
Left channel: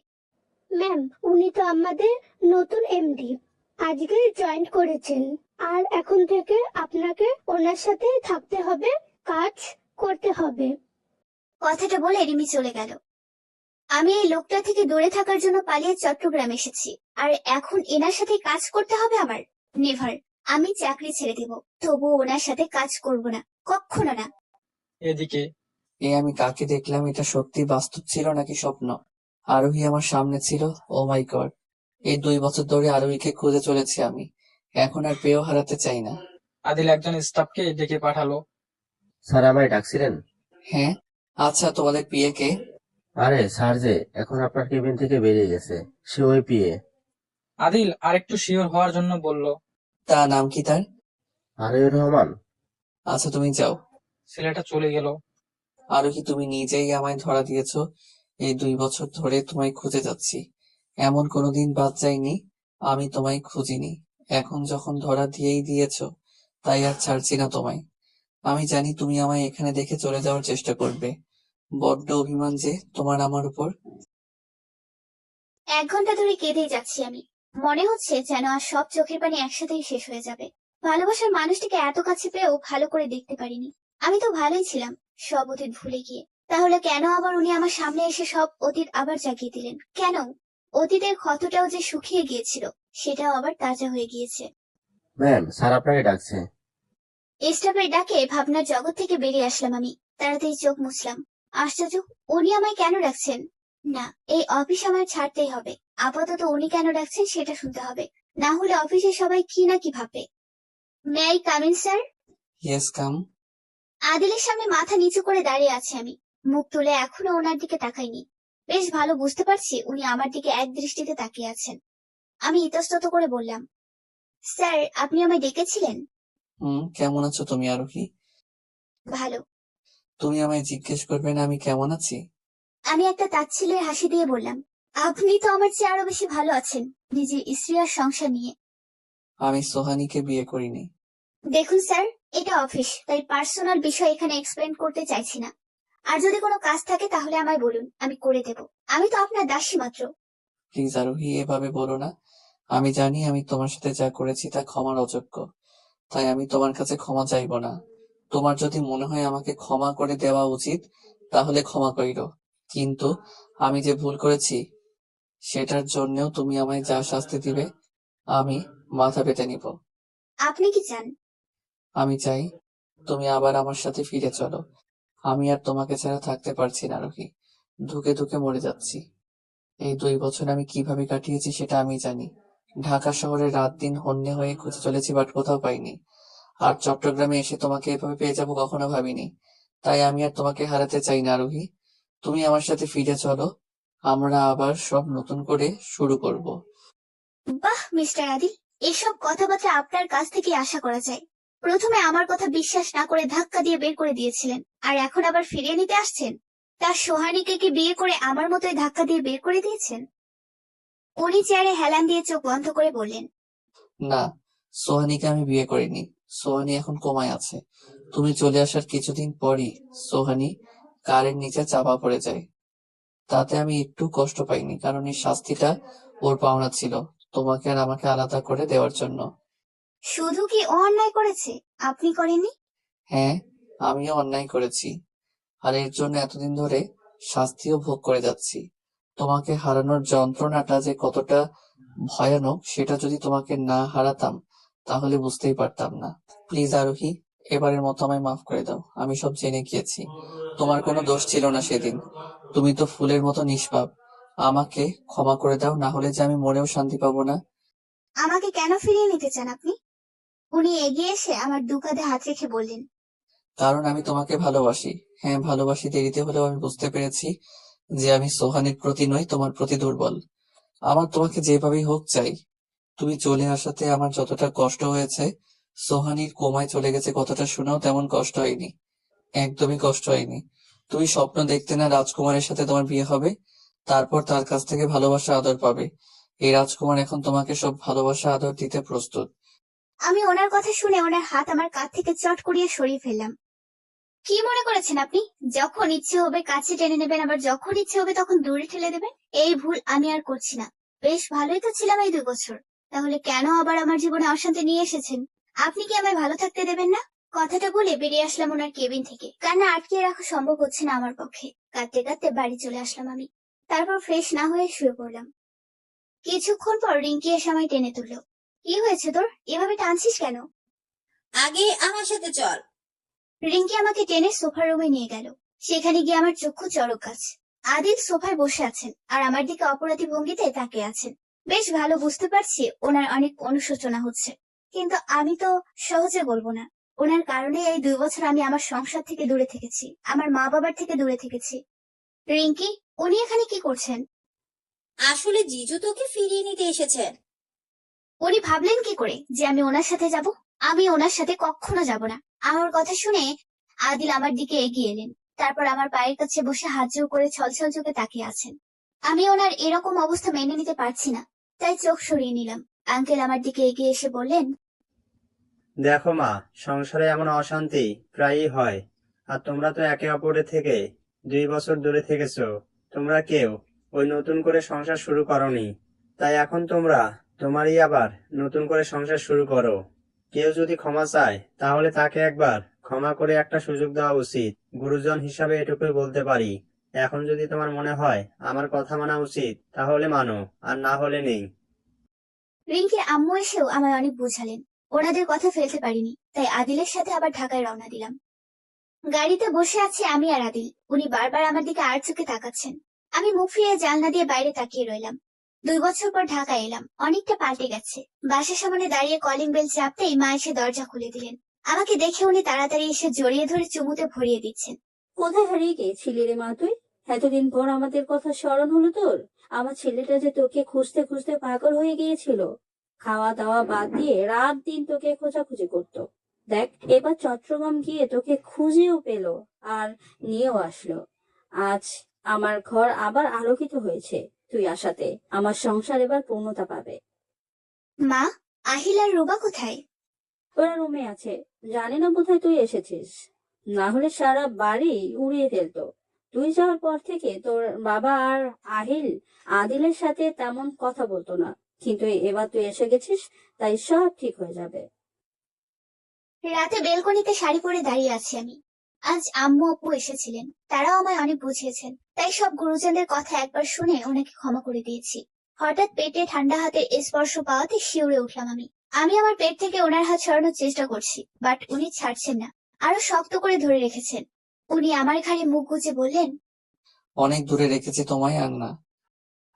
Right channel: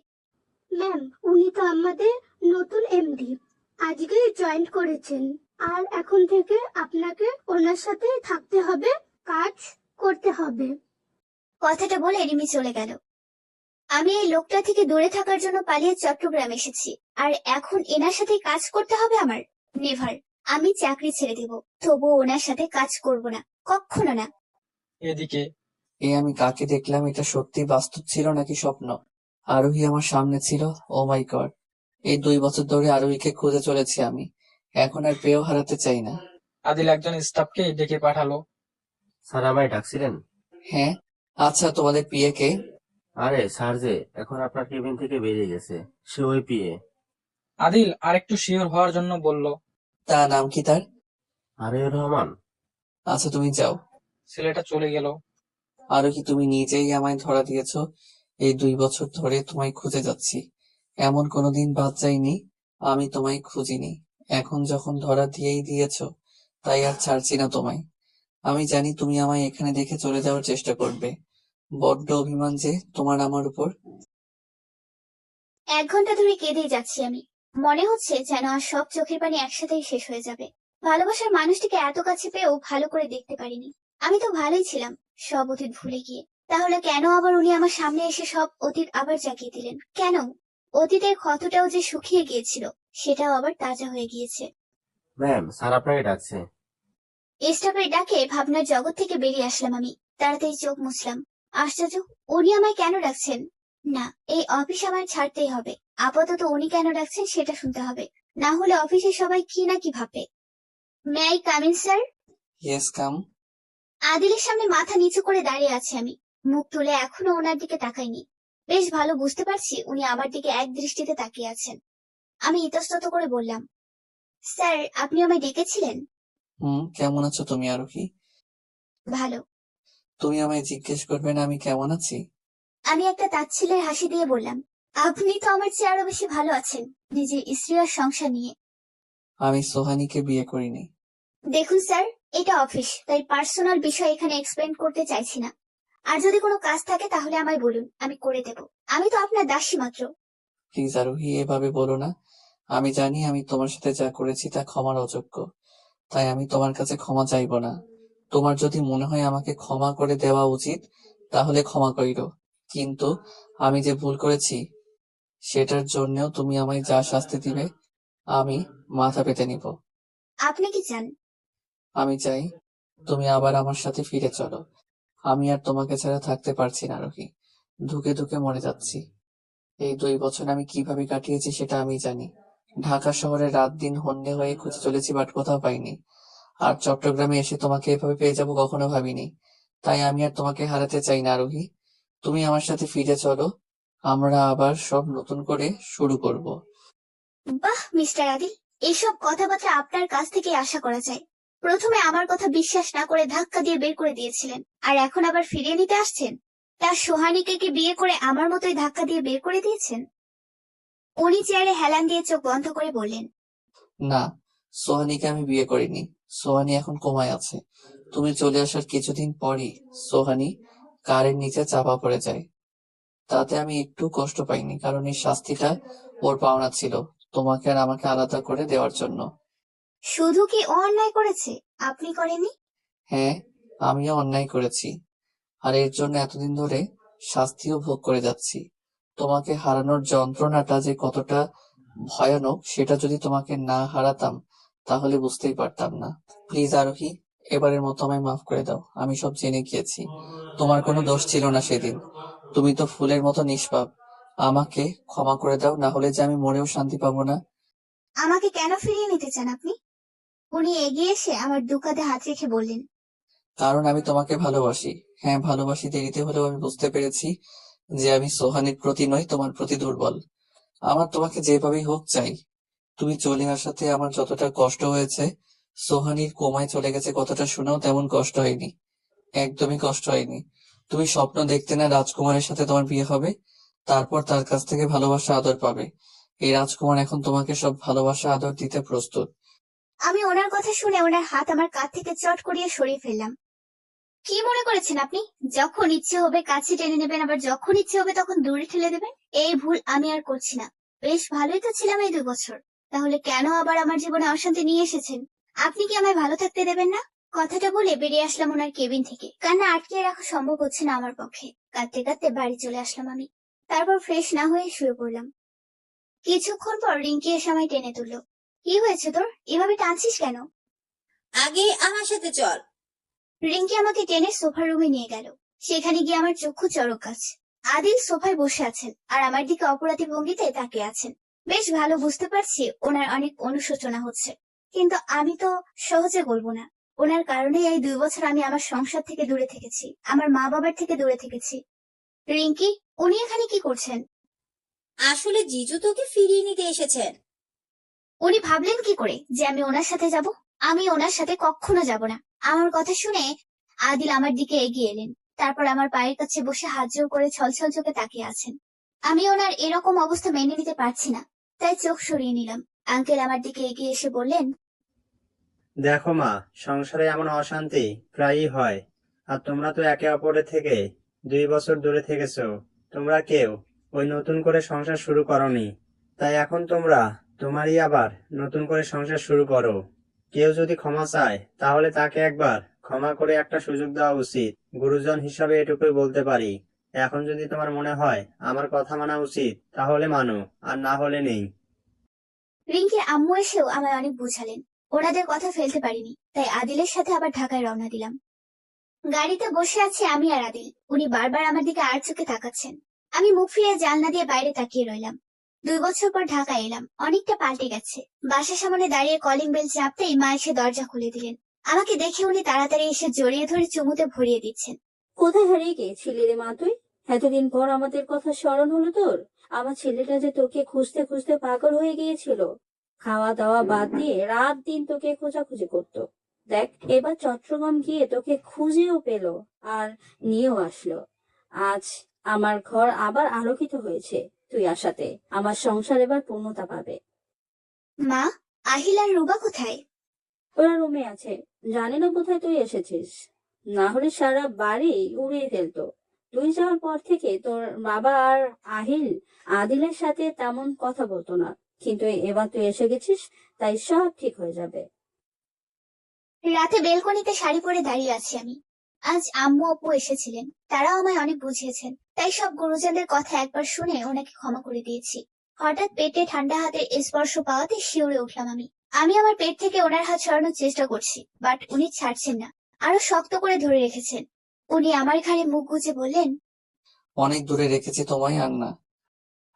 ম্যাম, উনি তো আমাদের নতুন এমডি, আজকে জয়েন করেছেন। আর এখন থেকে আপনাকে ওনার সাথে থাকতে হবে, কাজ করতে হবে। কথাটা বলে রিমি চলে গেল। আমি এই লোকটা থেকে দূরে থাকার জন্য পালিয়ে চট্টগ্রাম এসেছি, আর এখন এনার সাথে কাজ করতে হবে আমার? নেভার। আমি চাকরি ছেড়ে দিব, তবুও ওনার সাথে কাজ করব না, কখনো না। এদিকে আমি কাকে দেখলাম? এটা সত্যি বাস্তব ছিল নাকি স্বপ্ন? আরোহী আমার সামনে ছিল। ও মাই গড! এই 2 বছর ধরে আরোহীকে খুঁজে চলেছি আমি, এখন আর পেয়েও হারাতে চাই না। আদিল একজন স্টাফকে ডেকে পাঠালো। স্যার আমায় ডাকছিলেন? হ্যাঁ। আচ্ছা, তোমাদের পিএ কে? আরে স্যার যে এখন আপনার কেবিন থেকে বেরিয়ে গেছে, সে ওই পিএ। আদিল আরেকটু শিওর হওয়ার জন্য বলল। তা নাম কি তার? আরিউর রহমান। আচ্ছা, তুমি যাও। ছেলেটা চলে গেল। আরোহী, তুমি নিজেই আমায় ধরা দিয়েছো। এই 2 বছর ধরে তোমায় খুঁজে যাচ্ছি, এমন কোনোদিন বাদ যায়নি আমি তোমায় খুঁজিনি। এখন যখন ধরা দিয়েই দিয়েছো, তাই আর ছাড়ছি না তোমায়। আমি জানি তুমি আমায় এখানে দেখে চলে যাওয়ার চেষ্টা করবে। বড্ড অভিমান যে তোমার আমার উপর। 1 ঘন্টা ধরে কেঁদেই যাচ্ছি আমি। মনে হচ্ছে যেন আর সব চোখের পানি একসাথেই শেষ হয়ে যাবে। ভালোবাসার মানুষটিকে এত কাছে পেয়েও ভালো করে দেখতে পারিনি। আমি তো ভালোই ছিলাম, সব অতীত ভুলে গিয়ে। তাহলে কেন আবার উনি আমার সামনে এসে সব অতীত আবার জাগিয়ে দিলেন? কেন? অতীতের ক্ষতটাও যে শুকিয়ে গিয়েছিল, সেটাও আবার তাজা হয়ে গিয়েছে। ম্যাম, স্যার আপনাকে ডাকছে। স্টাফের ডাকে ভাবনার জগৎ থেকে বেরিয়ে আসলাম আমি। তাড়াতাড়ি চোখ মুছলাম। আশ্চর্য, উনি আমায় কেন ডাকছেন? না, এই অফিস আমার ছাড়তেই হবে। আপাতত উনি কেন ডাকছেন সেটা শুনতে হবে, না হলে অফিসের সবাই কি না কি ভাববে। May I come in, sir? Yes, come. আদিলের সামনে মাথা নিচু করে দাঁড়িয়ে আছি আমি। মুখ তুলে এখনো ওনার দিকে তাকাইনি। বেশ ভালো বুঝতে পারছি উনি আমার দিকে এক দৃষ্টিতে তাকিয়ে আছেন। আমি ইতস্তত করে বললাম, স্যার, আপনি আমায় ডেকেছিলেন? কেমন আছো তুমি আরোহী? ভালো। তুমি আমায় জিজ্ঞেস করবে না আমি কেমন আছি? আমি একটা তাচ্ছিল্যের হাসি দিয়ে বললাম, আপনি তো আমার চেয়ে আরো বেশি ভালো আছেন, নিজের স্ত্রী আর সংসার নিয়ে। আমি সোহানীকে বিয়ে করিনি। দেখুন স্যার, এটা অফিস, তাই পার্সোনাল বিষয় এখানে এক্সপ্লেন করতে চাইছি না। আর যদি কোনো কাজ থাকে তাহলে আমায় বলুন, আমি করে দেব। আমি তো আপনার দাসী মাত্র। প্লিজ আরোহী, এভাবে বলো না। আমি জানি আমি তোমার সাথে যা করেছি তা ক্ষমার অযোগ্য, তাই আমি তোমার কাছে ক্ষমা চাইবো না। তোমার যদি মনে হয় আমাকে ক্ষমা করে দেওয়া উচিত, তাহলে ক্ষমা করিরো। কিন্তু আমি যে ভুল করেছি সেটার জন্যও তুমি আমায় যা শাস্তি দিবে আমি মাথা পেতে নিব। আপনি কি চান? আমি চাই তুমি আবার আমার সাথে ফিরে চলো। আমি আর তোমাকে ছাড়া থাকতে পারছি না রোহি, ধুকে ধুকে মরে যাচ্ছি। এই 2 বছর আমি কিভাবে কাটিয়েছি সেটা আমি জানি। ঢাকা শহরে রাত দিন হন্যে হয়ে খুঁজে চলেছি, বাট কোথাও পাইনি। আর চট্টগ্রামে এসে তোমাকে এভাবে পেয়ে যাবো কখনো ভাবিনি। তাই আমি আর তোমাকে হারাতে চাই না রোহি। তুমি আমার সাথে ফিরে চলো, আমরা আবার সব নতুন করে শুরু করব। বাহ মিস্টার আদিল, এসব কথাবার্তা আপনার কাছ থেকে আশা করা যায়। প্রথমে আমার কথা বিশ্বাস না করে ধাক্কা দিয়ে বের করে দিয়েছিলেন, আর এখন আবার ফিরিয়ে নিতে আসছেন। তার সোহানীকে কি বিয়ে করে আমার মতোই ধাক্কা দিয়ে বের করে দিয়েছেন? উনি চেয়ারে হেলান দিয়ে চোখ বন্ধ করে বললেন, না, সোহানীকে আমি বিয়ে করিনি। সোহানী এখন কোমায় আছে। তুমি চলে আসার কিছুদিন পরই সোহানী কারের নিচে চাপা পড়ে যায়। তাতে আমি একটু কষ্ট পাইনি, কারণ এই শাস্তিটা ওর পাওনা ছিল তোমাকে আর আমাকে আলাদা করে দেওয়ার জন্য। শুধু কি ও অন্যায় করেছে, আপনি করেননি? হ্যাঁ, আমিও অন্যায় করেছি, আর এর জন্য এতদিন ধরে শাস্তিও ভোগ করে যাচ্ছি। তোমাকে হারানোর যন্ত্রণাটা যে কতটা ভয়ানক সেটা যদি তোমাকে না হারাতাম তাহলে বুঝতেই পারতাম না। প্লিজ আরোহী, এবারের মতো আমায় মাফ করে দাও। আমি সব জেনে গিয়েছি, তোমার কোনো দোষ ছিল না সেদিন। তুমি তো ফুলের মতো নিষ্পাপ। আমাকে ক্ষমা করে দাও, না হলে যে আমি মরেও শান্তি পাবো না। আমাকে কেন ফিরিয়ে নিতে চান আপনি? উনি এগিয়ে এসে আমার দু কাঁধে হাত রেখে বললেন, কারণ আমি তোমাকে ভালোবাসি। হ্যাঁ, ভালোবাসি। দেরিতে হলেও আমি বুঝতে পেরেছি যে আমি সোহানীর প্রতি নই, তোমার প্রতি দুর্বল। আমার তোমাকে যেভাবেই হোক চাই। তুমি চলে আসাতে আমার যতটা কষ্ট হয়েছে, সোহানীর কোমায় চলে গেছে কথাটা শুনেও তেমন কষ্ট হয়নি। একদমই কষ্ট হয়নি। তুমি স্বপ্ন দেখতে না রাজকুমারের সাথে তোমার বিয়ে হবে, তারপর তার কাছ থেকে ভালোবাসা আদর পাবে। এই রাজকুমার এখন তোমাকে সব ভালোবাসা আদর দিতে প্রস্তুত। আমি ওনার কথা শুনে ওনার হাত আমার কাঁধ থেকে চট করিয়ে সরিয়ে ফেললাম। কি মনে করেছেন আপনি, যখন ইচ্ছে হবে কাছে টেনে নেবেন, আবার যখন ইচ্ছে হবে তখন দূরে ঠেলে দেবেন? এই ভুল আমি আর করছি না। বেশ ভালোই তো ছিলাম এই 2 বছর, তাহলে কেন আবার আমার জীবনে অশান্তি নিয়ে এসেছেন? আপনি কি আমায় ভালো থাকতে দেবেন না? কথাটা বলে বেরিয়ে আসলাম ওনার কেবিন থেকে। কান্না আটকে রাখা সম্ভব হচ্ছে না আমার পক্ষে। কাঁদতে কাঁদতে বাড়ি চলে আসলাম আমি। তারপর ফ্রেশ না হয়ে শুয়ে পড়লাম। কিছুক্ষণ পর রিঙ্কি এসে আমায় টেনে তুললো। কি হয়েছে তোর, এভাবে টানছিস কেন? আগে আমার সাথে চল। রিঙ্কি আমাকে টেনে সোফার রুমে নিয়ে গেল। সেখানে গিয়ে আমার চক্ষু চড়ক গাছ। আদিল সোফায় বসে আছেন আর আমার দিকে অপরাধী ভঙ্গিতে তাকিয়ে আছেন। বেশ ভালো বুঝতে পারছি ওনার অনেক অনুশোচনা হচ্ছে, কিন্তু আমি তো সহজে বলবো না। ওনার কারণে এই 2 বছর আমি আমার সংসার থেকে দূরে থেকেছি, আমার মা বাবার থেকে দূরে থেকেছি। রিঙ্কি, উনি এখানে কি করছেন? আসলে জিজু তোকে ফিরিয়ে নিতে এসেছেন। উনি ভাবলেন কি করে যে আমি ওনার সাথে যাব? আমি ওনার সাথে কখনো যাব না। আমার কথা শুনে আদিল আমার দিকে এগিয়ে এলেন। তারপর আমার পায়ের কাছে বসে হাত জোড় করে ছলছল চোখে তাকিয়ে আছেন। আমি ওনার এরকম অবস্থা মেনে নিতে পারছি না, তাই চোখ সরিয়ে নিলাম। আঙ্কেল আমার দিকে এগিয়ে এসে বললেন, দেখো মা, সংসারে এমন অশান্তি প্রায়ই হয়। আর তোমরা তো একে অপরের থেকে 2 বছর দূরে থেকেছো। তোমরা কেউ ওই নতুন করে সংসার শুরু করোনি, তাই এখন তোমরা তোমারই আবার নতুন করে সংসার শুরু করো। কেউ যদি ক্ষমা চায় তাহলে তাকে একবার ক্ষমা করে একটা সুযোগ দেওয়া উচিত। গুরুজন হিসাবে এটুকুই বলতে পারি। এখন যদি তোমার মনে হয় আমার কথা মানা উচিত তাহলে মানো, আর না হলে নেই। রিঙ্কির আম্মু এসেও আমায় অনেক বোঝালেন। ওনাদের কথা ফেলতে পারিনি, তাই আদিলের সাথে আবার ঢাকায় রওনা দিলাম। গাড়িতে বসে আছি আমি আর আদিল। উনি বারবার আমার দিকে আর চোখে তাকাচ্ছেন। আমি মুখ ফিরিয়ে জানলা দিয়ে বাইরে তাকিয়ে রইলাম। 2 বছর পর ঢাকায় এলাম, অনেকটা পাল্টে গেছে। বাসার সামনে দাঁড়িয়ে কলিং বেল চাপতেই মা এসে দরজা খুলে দিলেন। আমাকে দেখে উনি তাড়াতাড়ি এসে জড়িয়ে ধরে চুমুতে ভরিয়ে দিচ্ছেন। কোথায় হারিয়ে গিয়েছিলি রে মা তুই? এতদিন পর আমাদের কথা স্মরণ হলো তোর? আমার ছেলেটা যে তোকে খুঁজতে খুঁজতে পাগল হয়ে গিয়েছিল। খাওয়া দাওয়া বাদ দিয়ে রাত দিন তোকে খোঁজাখুঁজি করতো। দেখ, এবার চট্টগ্রাম গিয়ে তোকে খুঁজেও পেলো আর নিয়েও আসলো। আজ আমার ঘর আবার আলোকিত হয়েছে তুই আসাতে। আমার সংসার এবার পূর্ণতা পাবে। মা, আহিল আর রুবা কোথায়? ওরা রুমে আছে। জানি না কোথায় তুই এসেছিস, না হলে সারা বাড়ি উড়িয়ে ফেলতো। তুই যাওয়ার পর থেকে তোর বাবা আর আহিল আদিলের সাথে তেমন কথা বলতো না, কিন্তু এবার তুই এসে গেছিস, তাই সব ঠিক হয়ে যাবে। রাতে বেলকনিতে শাড়ি পরে দাঁড়িয়ে আছি আমি। আজ আম্মু আপু এসেছিলেন, তারাও আমায় অনেক বুঝিয়েছেন, তাই সব গুরুজনদের কথা একবার শুনে ওনাকে ক্ষমা করে দিয়েছি। হঠাৎ পেটে ঠান্ডা হাতের স্পর্শ পাওয়াতে শিউরে উঠলাম আমি আমার পেট থেকে ওনার হাত সরানোর চেষ্টা করছি, বাট উনি ছাড়ছেন না, আরো শক্ত করে ধরে রেখেছেন। উনি আমার ঘাড়ে মুখ গুজে বললেন, অনেক দূরে রেখেছে তোমায় আর না।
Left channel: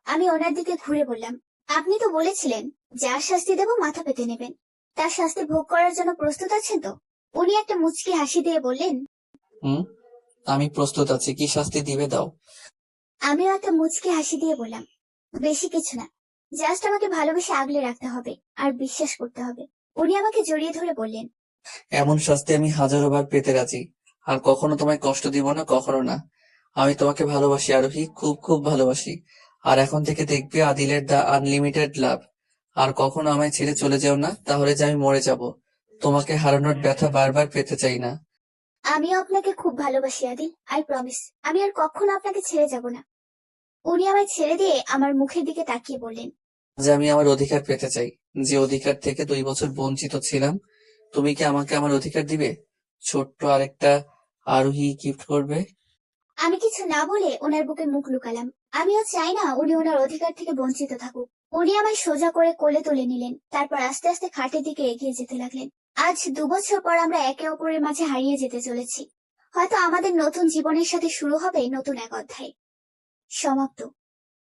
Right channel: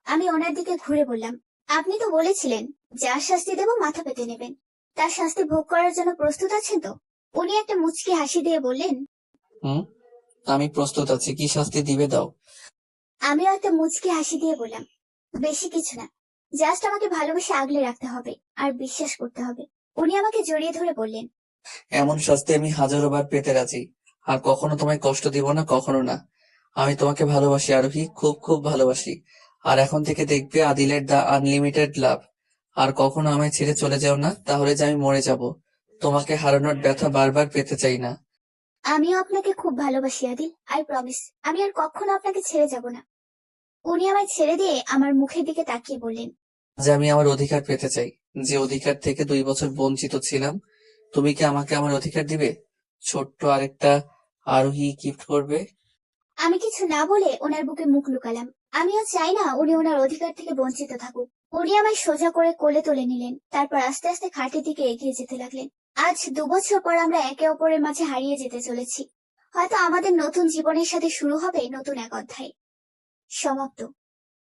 আমি ওনার দিকে ঘুরে বললাম, আপনি তো বলেছিলেন যা শাস্তি দেব মাথা পেতে নেবেন, তার শাস্তি ভোগ করার জন্য প্রস্তুত আছেন তো? উনি একটা মুচকি হাসি দিয়ে বললেন, হুম, আমি প্রস্তুত আছি, কি শাস্তি দিবে দাও। আমিও একটা মুচকি হাসি দিয়ে বললাম, বেশি কিছু না, জাস্ট আমাকে ভালোবেসে আগলে রাখতে হবে আর বিশ্বাস করতে হবে। উনি আমাকে জড়িয়ে ধরে বললেন, এমন শাস্তি আমি হাজারো বার পেতে রাজি, আর কখনো তোমায় কষ্ট দিব না, কখনো না। আমি তোমাকে ভালোবাসি আরোহী, খুব খুব ভালোবাসি। আর এখন থেকে দেখবে আদিলের দা আনলিমিটেড লাভ। আর কখনো আমায় ছেড়ে চলে যাও না, তাহলে যে আমি মরে যাব। তোমাকে হারানোর ব্যথা বারবার পেতে চাই না। আমিও আপনাকে খুব ভালোবাসি আদিল, আই প্রমিস আমি আর কখনো আপনাকে ছেড়ে যাব না। উনি আমায় ছেড়ে দিয়ে আমার মুখের দিকে তাকিয়ে বললেন, যে আমি আমার অধিকার পেতে চাই, যে অধিকার থেকে 2 বছর বঞ্চিত ছিলাম। তুমি কি আমাকে আমার অধিকার দিবে? ছোট্ট আরেকটা আরোহী গিফট করবে। আমি কিছু না বলে ওনার বুকে মুখ লুকালাম। আমিও চাই না উনি ওনার অধিকার থেকে বঞ্চিত থাকুক। উনি আমায় সোজা করে কোলে তুলে নিলেন, তারপর আস্তে আস্তে খাটের দিকে এগিয়ে যেতে লাগলেন। আজ 2 বছর পর আমরা একে অপরের মাঝে হারিয়ে যেতে চলেছি। হয়তো আমাদের নতুন জীবনের সাথে শুরু হবে নতুন এক অধ্যায়। সমাপ্ত।